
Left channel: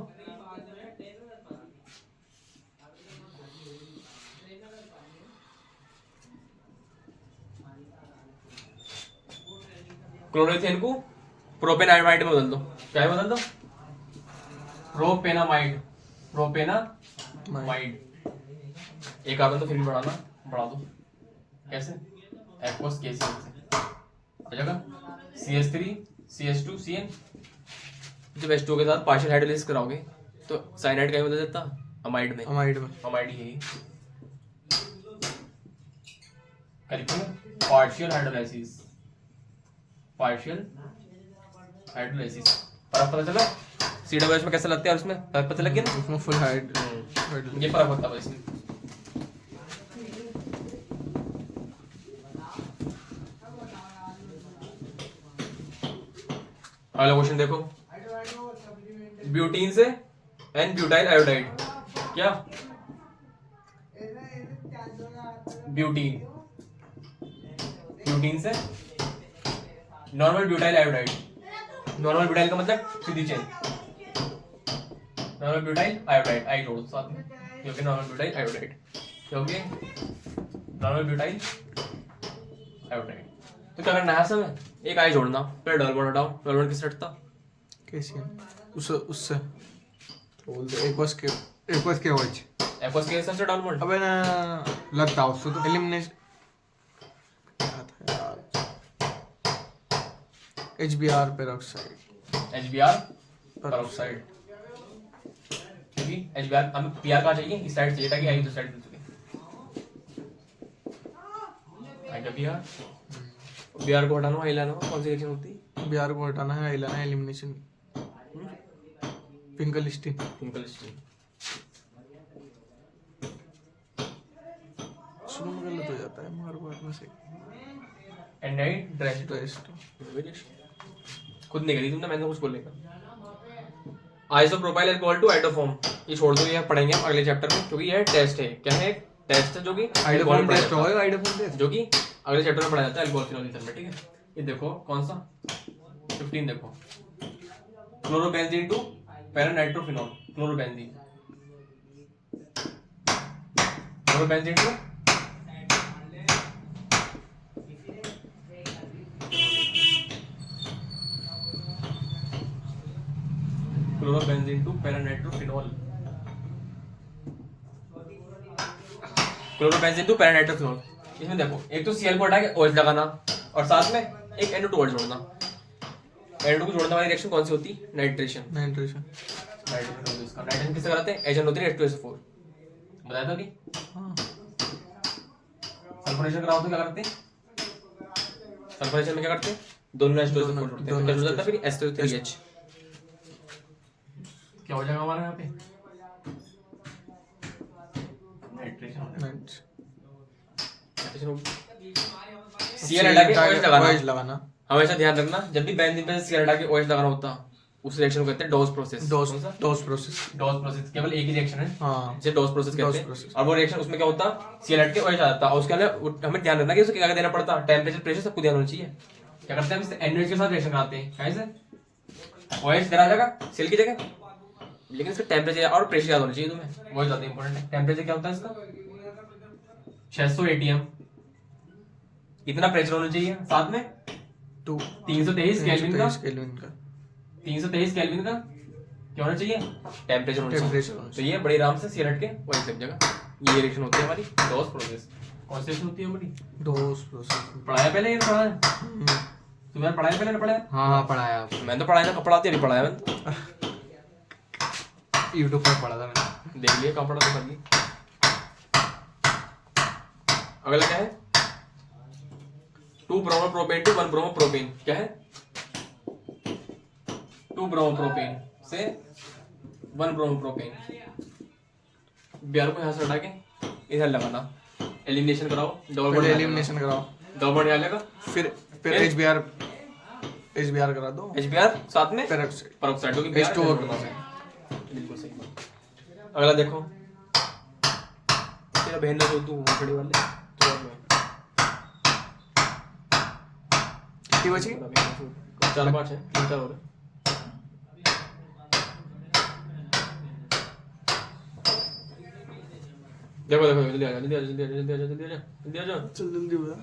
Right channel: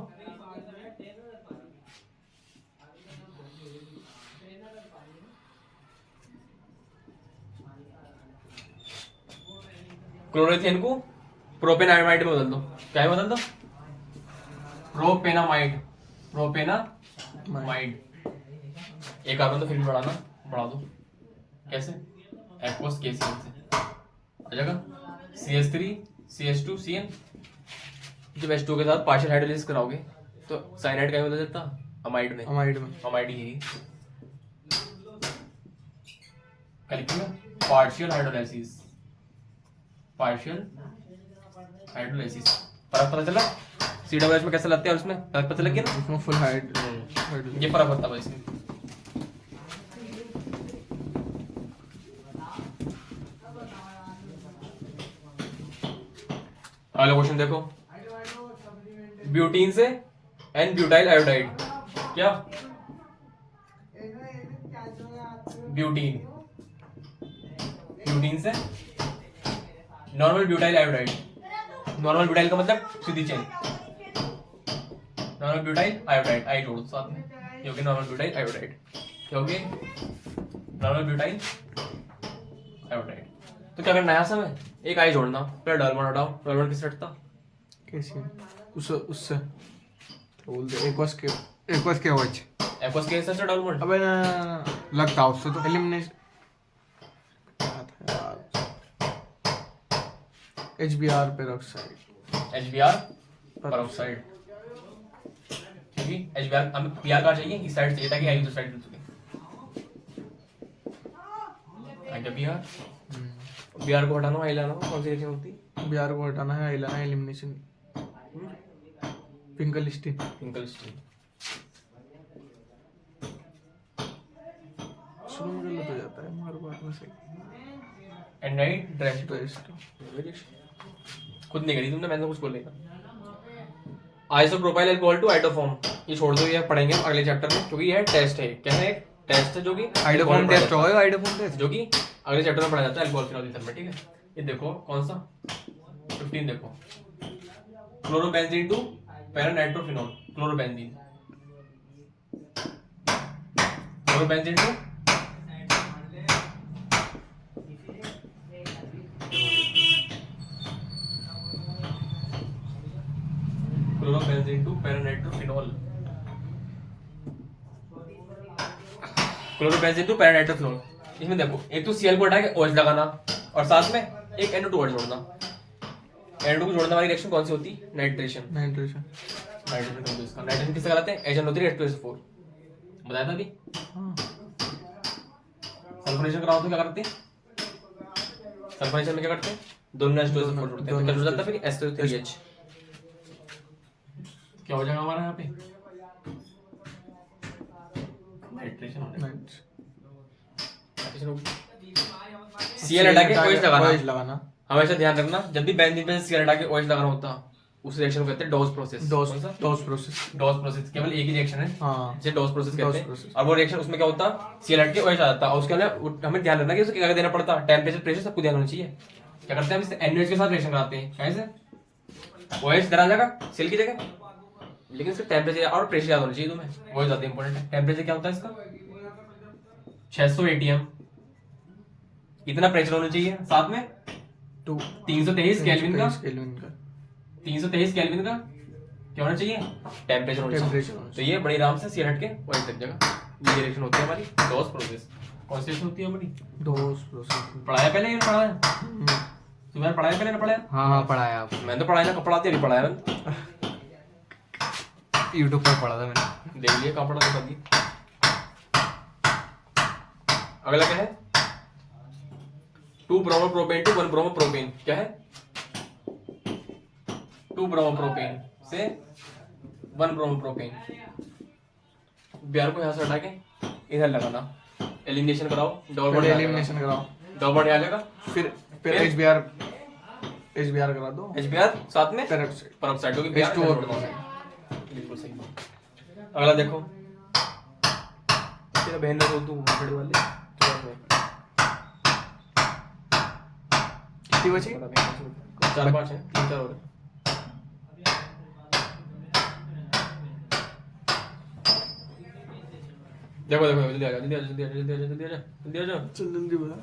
क्लोरोइथेन को प्रोपेनामाइड में बदल दो। क्या में बदल दो? प्रोपेनामाइड, प्रोपेनामाइड। एक कार्बन तो फिर भी बढ़ा दो। कैसे? एक्वस KCl से आ जाएगा CH3 CH2 CN। जब H2O के साथ पार्शियल हाइड्रोलाइसिस कराओगे तो साइनाइड का बदल जाता अमाइड में। अमाइड ही क्या लिखेंगे? Partial hydrolysis. फर्क पता चला CWH में कैसे लगते हैं? उसमें फर्क पता लग गया ना? उसमें फुल हाइड ये फर्क होता है इसमें। अगला क्वेश्चन देखो, ब्यूटीन से एन ब्यूटाइल आयोडाइड। क्या? ब्यूटीन से normal butyl iodide. Normal butyl का मतलब सीधी चेन, नॉर्मल ब्यूटाइल आयोडाइड, आई जोड़ दो साथ में, क्योंकि नॉर्मल ब्यूटाइल आयोडाइड, क्योंकि नॉर्मल ब्यूटाइल आयोडाइड। तो क्या करना है सब है? एक आई जोड़ना, फिर डबल बॉन्ड हटाओ। डबल बॉन्ड किससे हटता? KCl उससे बोल दे एक्वस के एक्वस के OH एक्वस के सबसे डबल बॉन्ड। अबे ना लगता उससे तो एलिमिनेशन क्या था यार, HBr पेरोक्साइड। HBr पेरोक्साइड, क्योंकि HBr हमें PR का चाहिए, इस साइड चाहिए ताकि आई दूसरी साइड मिल सके। आगे BR को हटाना, आई लाना, कौन सी रिएक्शन होती है? Br को हटाना है, लाना है, एलिमिनेशन फिंकलिस्टीन। शुरू में गलत हो जाता है मगर बाद में सही। एंडाइड खुद नहीं करी तुमने, मैंने कुछ बोलेगा। आइसोप्रोपाइल अल्कोहल टू आइडोफॉर्म, ये छोड़ दो, ये पढ़ेंगे हम अगले चैप्टर में, क्योंकि ये टेस्ट है। क्या है? एक टेस्ट है जो कि आइडोफॉर्म टेस्ट होगा। आइडोफॉर्म टेस्ट जो कि अगले चैप्टर में पढ़ा जाता है अल्कोहल फिनॉल ईथर में। ठीक है, ये देखो कौन सा 15 देखो, chlorobenzene to paranitrophenol. Chlorobenzene to chlorobenzene to paranitrophenol. Chlorobenzene to paranitrophenol. इसमें देखो, एक तो Cl को हटा के OH लगाना और साथ में एक NO2 जोड़ना। NO2 को जोड़ने वाली रिएक्शन कौन सी होती? नाइट्रेशन किससे कराते हैं? HNO3H2SO4 बताया था अभी। सल्फोनेशन कराओ तो क्या करते हैं? सल्फोनेशन में क्या करते हैं? दोनों H2SO4 जोड़ते हैं, तो जुड़ जाता है फिर SO3H। क्या हो जाएगा हमारा यहाँ पे? नाइट्रेशन Cl हटा के OH लगाना। हमेशा ध्यान रखना, जब भी बेंजीन पे Cl हटा के OH लगाना होता उस रिएक्शन को कहते हैं डोज प्रोसेस। डोज प्रोसेस केवल एक ही रिएक्शन है, जिसे डोज प्रोसेस कहते हैं। और वो रिएक्शन उसमें क्या होता? Cl हट के OH आ जाता और उसके अंदर हमें ध्यान रखना कि उसे क्या देना पड़ता? टेम्परेचर, प्रेशर सबको ध्यान होना चाहिए। क्या करते हैं? हम NaOH के साथ रिएक्शन कराते हैं। कैसे? OH इधर आ जाएगा Cl की जगह, लेकिन इसका टेम्परेचर और प्रेशर याद होना चाहिए तुम्हें, वो ज्यादा इंपॉर्टेंट है। टेम्परेचर क्या होता है इसका? 600 ATM इतना प्रेशर होना चाहिए, साथ में 323 केल्विन का 323 केल्विन का क्या होना चाहिए? टेम्परेचर होना चाहिए। तो ये बड़ी आराम से Cl हट के वही लग जाएगा। ये रिएक्शन होती है हमारी डोज प्रोसेस। कौन सी रिएक्शन होती है हमारी? Dose process. पढ़ाया पहले? ये पढ़ाया तुम्हें? पढ़ाया पहले? पढ़ाया? हाँ पढ़ाया आपने। मैंने तो पढ़ाया था, पढ़ाते अभी पढ़ाया मैंने, यूट्यूब पे पढ़ा था मैंने, देख लिया कहाँ पढ़ा था भाई। अगला क्या है? 2 ब्रोमोप्रोपेन टू 1 ब्रोमोप्रोपेन। क्या है? 2 ब्रोमोप्रोपेन से 1 ब्रोमोप्रोपेन। Br को यहाँ से हटा के इधर लगाना, एलिमिनेशन कराओ, डबल बॉन्ड एलिमिनेशन कराओ, डबल बॉन्ड यहाँ लेगा, फिर HBr करा दो, HBr साथ में पेरोक्साइड होगी, H2O। बिल्कुल सही। अगला देखो, तेरा बहन ने बोल दूं बड़े वाले कितनी बची? 4-5 है, 3-4 और है। देखो जल्दी आ जा, जल्दी आ जा। जल्दी बता।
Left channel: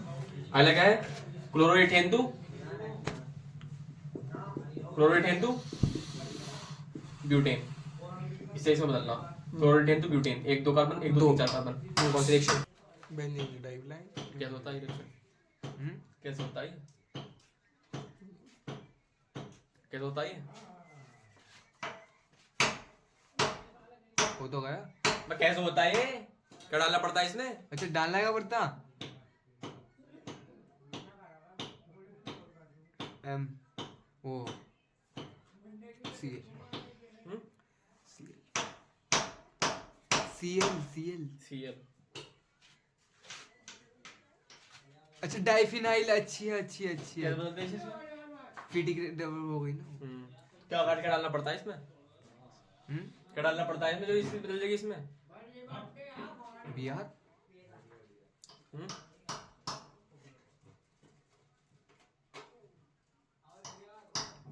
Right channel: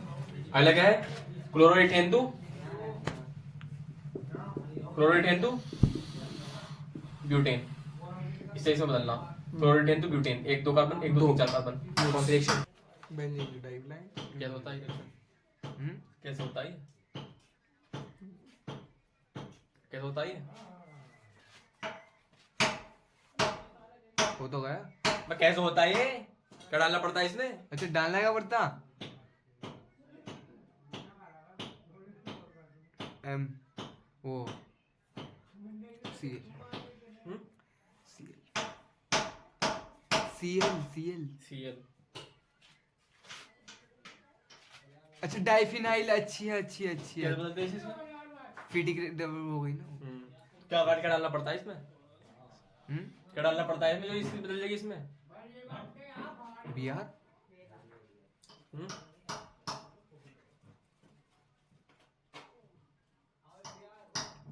अगला क्या है? Chloroethane to chloroethane to butane, इससे इसमें बदलना, chloroethane to butane, 1 2 carbon 1 2 3 4 carbon, कौन सी रिएक्शन? बेंजीन डाइब्लाइन। कैसे होता है रिएक्शन? कैसे होता है? कैसे होता है? हो तो गया। मैं कैसे होता है? क्या डालना पड़ता है इसमें? अच्छा डालना क्या पड़ता? एम ओ सी सी एल Cl। अच्छा डाइफिनाइल। अच्छी है। कैसे बदलते हैं इसमें? फीटिक डबल हो गई ना। क्या डालना पड़ता है इसमें? क्या डालना पड़ता है इसमें जो इसमें बदल जाएगी इसमें? बिहार।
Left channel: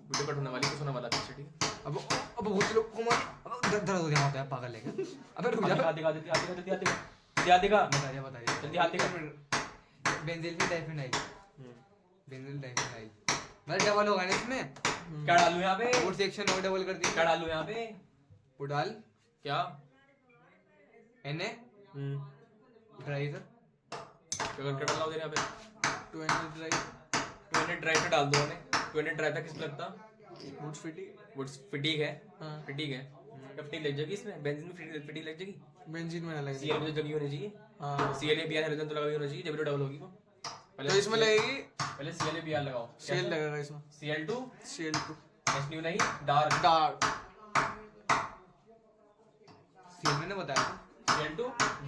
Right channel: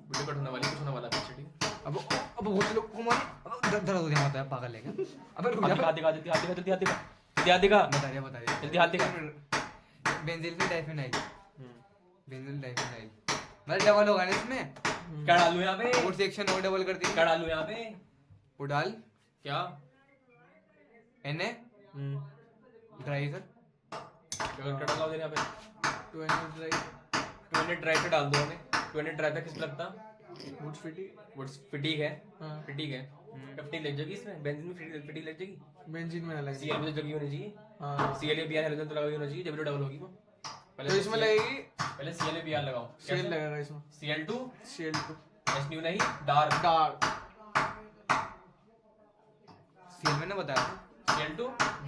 वीडियो कट होने वाली, कुछ होने वाला पीछे, ठीक है? अब बहुत लोग को मारे। अब दर्द हो गया होता है, पागल है क्या? अबे रुक जा। हाथ दिखा जल्दी, हाथ दिखा बता दे जल्दी, हाथ दिखा। बेंजीन में डाइफिनाइल। बेंजीन डाइफिनाइल मतलब डबल होगा ना इसमें। क्या डालूं यहाँ पे? और सेक्शन और डबल कर दी। क्या डालूं यहाँ पे? वो डाल क्या? Na ड्राई कर। क्या डाला उधर यहाँ पे? 20 ड्राई पे डाल दो उन्हें। 20 ड्राई पे किस पे लगता? वुड्स फिटी। वुड्स फटीग है। हाँ। फटीग है। फटीग लग जाएगी इसमें, बेंजीन में फटीग लग जाएगी। बेंजीन में अलग। Cl में जगह होनी चाहिए। हाँ Cl या Br हाइड्रोजन तो लगा होना चाहिए, जब भी डबल होगी वो। तो इसमें लगेगी पहले Cl या Br लगाओ। शेल लगेगा इसमें। Cl2 Cl2 SNU नहीं, डार्क डार्क। सीएल मैंने बताया। Cl2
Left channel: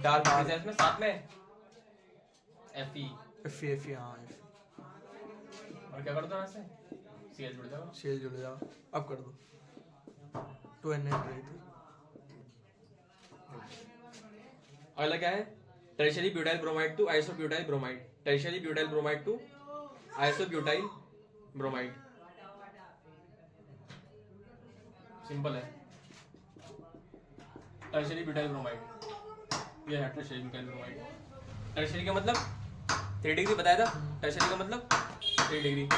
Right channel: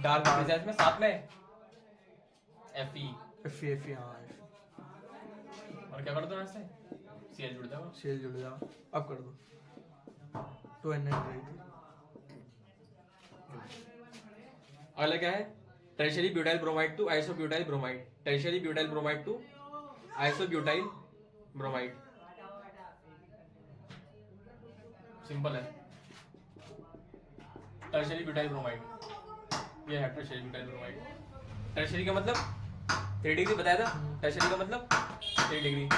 डार्क प्रेजेंस में साथ में Fe। Fe हाँ और क्या कर दो ऐसे? Cl जुड़ जाएगा। शेल जुड़ जाओ। अब कर दो 2 अगला क्या है? Tertiary butyl bromide to isobutyl bromide. Tertiary butyl bromide to isobutyl bromide. Simple है। टर्शियरी ब्यूटाइल ब्रोमाइड, ये है टर्शियरी ब्यूटाइल ब्रोमाइड। टर्शियरी का मतलब 3 डिग्री बताया था। टर्शियरी का मतलब 3 डिग्री।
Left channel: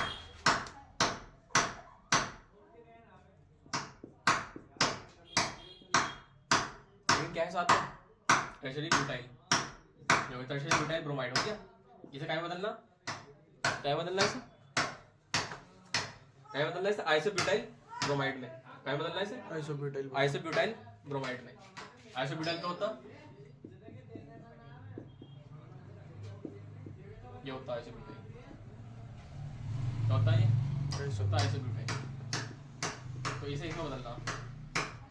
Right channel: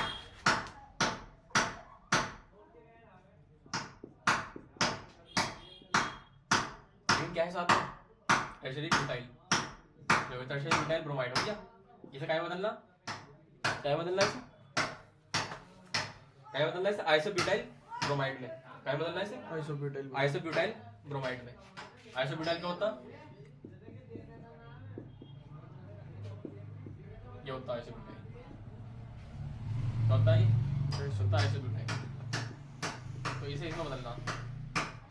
क्या है साथ में? टर्शियरी ब्यूटाइल, जो टर्शियरी ब्यूटाइल ब्रोमाइड हो गया। इसे क्या बदलना? क्या बदलना इसे? क्या बदलना इसे? आइसोब्यूटाइल ब्रोमाइड में। क्या बदलना इसे? आइसोब्यूटाइल। आइसोब्यूटाइल ब्रोमाइड में। आइसोब्यूटाइल क्या होता? ये होता है आइसोब्यूटाइल। क्या होता है ये? होता है आइसोब्यूटाइल। तो इसे इसमें बदलना।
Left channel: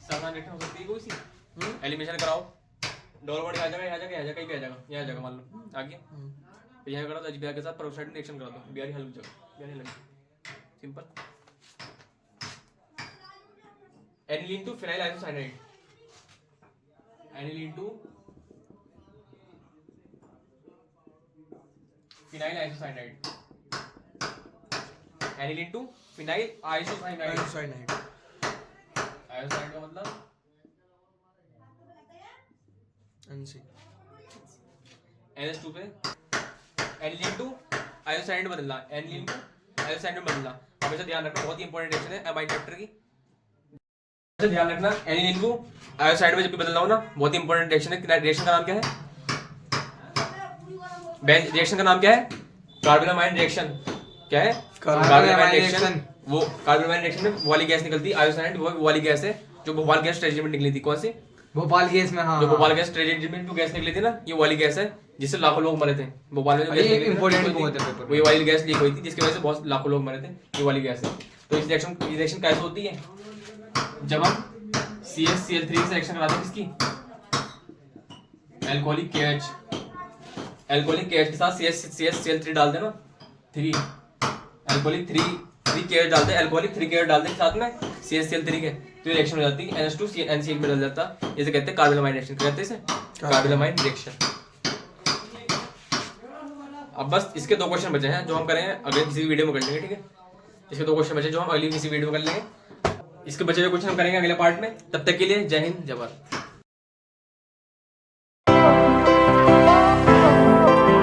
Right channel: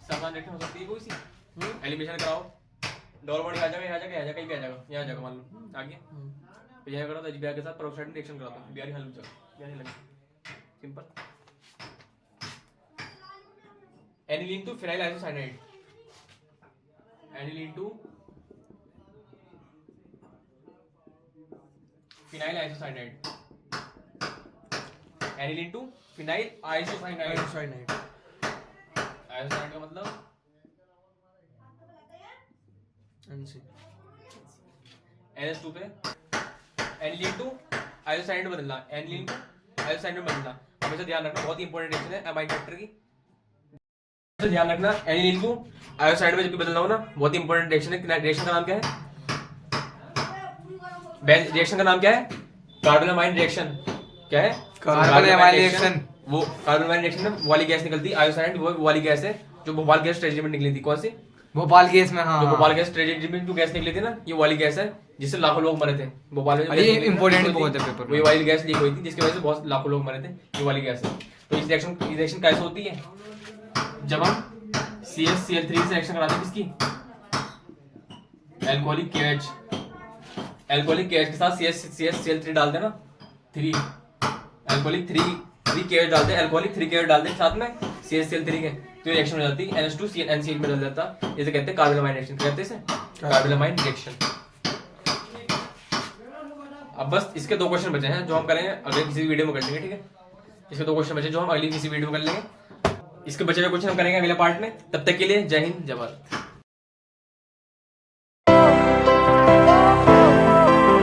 समान रेखा हो सकती है कोई सी? एलिमिनेशन कराओ। डबल बॉन्ड आ जाएगा, यहाँ जाएगा, यहाँ जाएगा, कहीं आ जाएगा, यहाँ जाएगा, मान लो आ गया। तो यहाँ करा तो HBr के साथ पेरोक्साइड में रिएक्शन कराता हूँ, Br हल हो जाएगा, Br लग simple. Aniline to phenyl isocyanide. Aniline to phenyl isocyanide. Aniline to phenyl isocyanide. Isocyanide. Isocyanide का मतलब NC NH2 पे एनिलीन टू आइसोसाइनाइड बदलना, एनिलीन टू आइसोसाइनाइड बदलना। हमेशा ध्यान रखना, बहुत ही इंपॉर्टेंट रिएक्शन है अमाइन फैक्टर की। ध्यान रखना, एनिलीन को आयोसाइड में जब भी बदलना हो ना, बहुत ही इंपॉर्टेंट रिएक्शन है। रिएक्शन का नाम क्या है? रिएक्शन का नाम क्या है? कार्बोनामाइन रिएक्शन। क्या है? कार्बोनामाइन रिएक्शन। वो कार्बोनामाइन रिएक्शन में वो वाली गैस निकलती है आयोसाइड, वो वाली गैस है जो भोपाल गैस ट्रेजेडी में निकली थी। कौन सी? भोपाल गैस में। हाँ जो भोपाल गैस ट्रेजेडी में जो गैस निकली थी ना, ये वाली गैस है जिससे लाखों लोग मरे थे। भोपाल में ये इंपॉर्टेंट बहुत है पेपर में। वही वाली गैस लीक हुई थी जिसकी वजह से बहुत लाखों लोग मरे थे। ये वाली गैस है। तो इस रिएक्शन कैसे होती है? जब हम CH3 से रिएक्शन कराते हैं किसकी? Alcoholic KH। एल्कोहलिक KH के साथ CH3 डाल देना, 3 एल्कोहलिक 3 KH डालते हैं, एल्कोहलिक 3 KH डालते हैं साथ में CH3 के, तो रिएक्शन हो जाती है NH2 NCl में बदल जाता है। इसे कहते हैं कार्बोनामाइन रिएक्शन। क्या कहते हैं इसे? कार्बोनामाइन रिएक्शन। अब बस इसके 2 क्वेश्चन बचे हैं जो हम करेंगे अगले किसी वीडियो में कर लेंगे, ठीक है? इसके 2 क्वेश्चन बचे जो हम अगली किसी वीडियो में कर लेंगे। इसके बचे हुए क्वेश्चन हम करेंगे अगले पार्ट में। तब तक के लिए जय हिंद, जय भारत।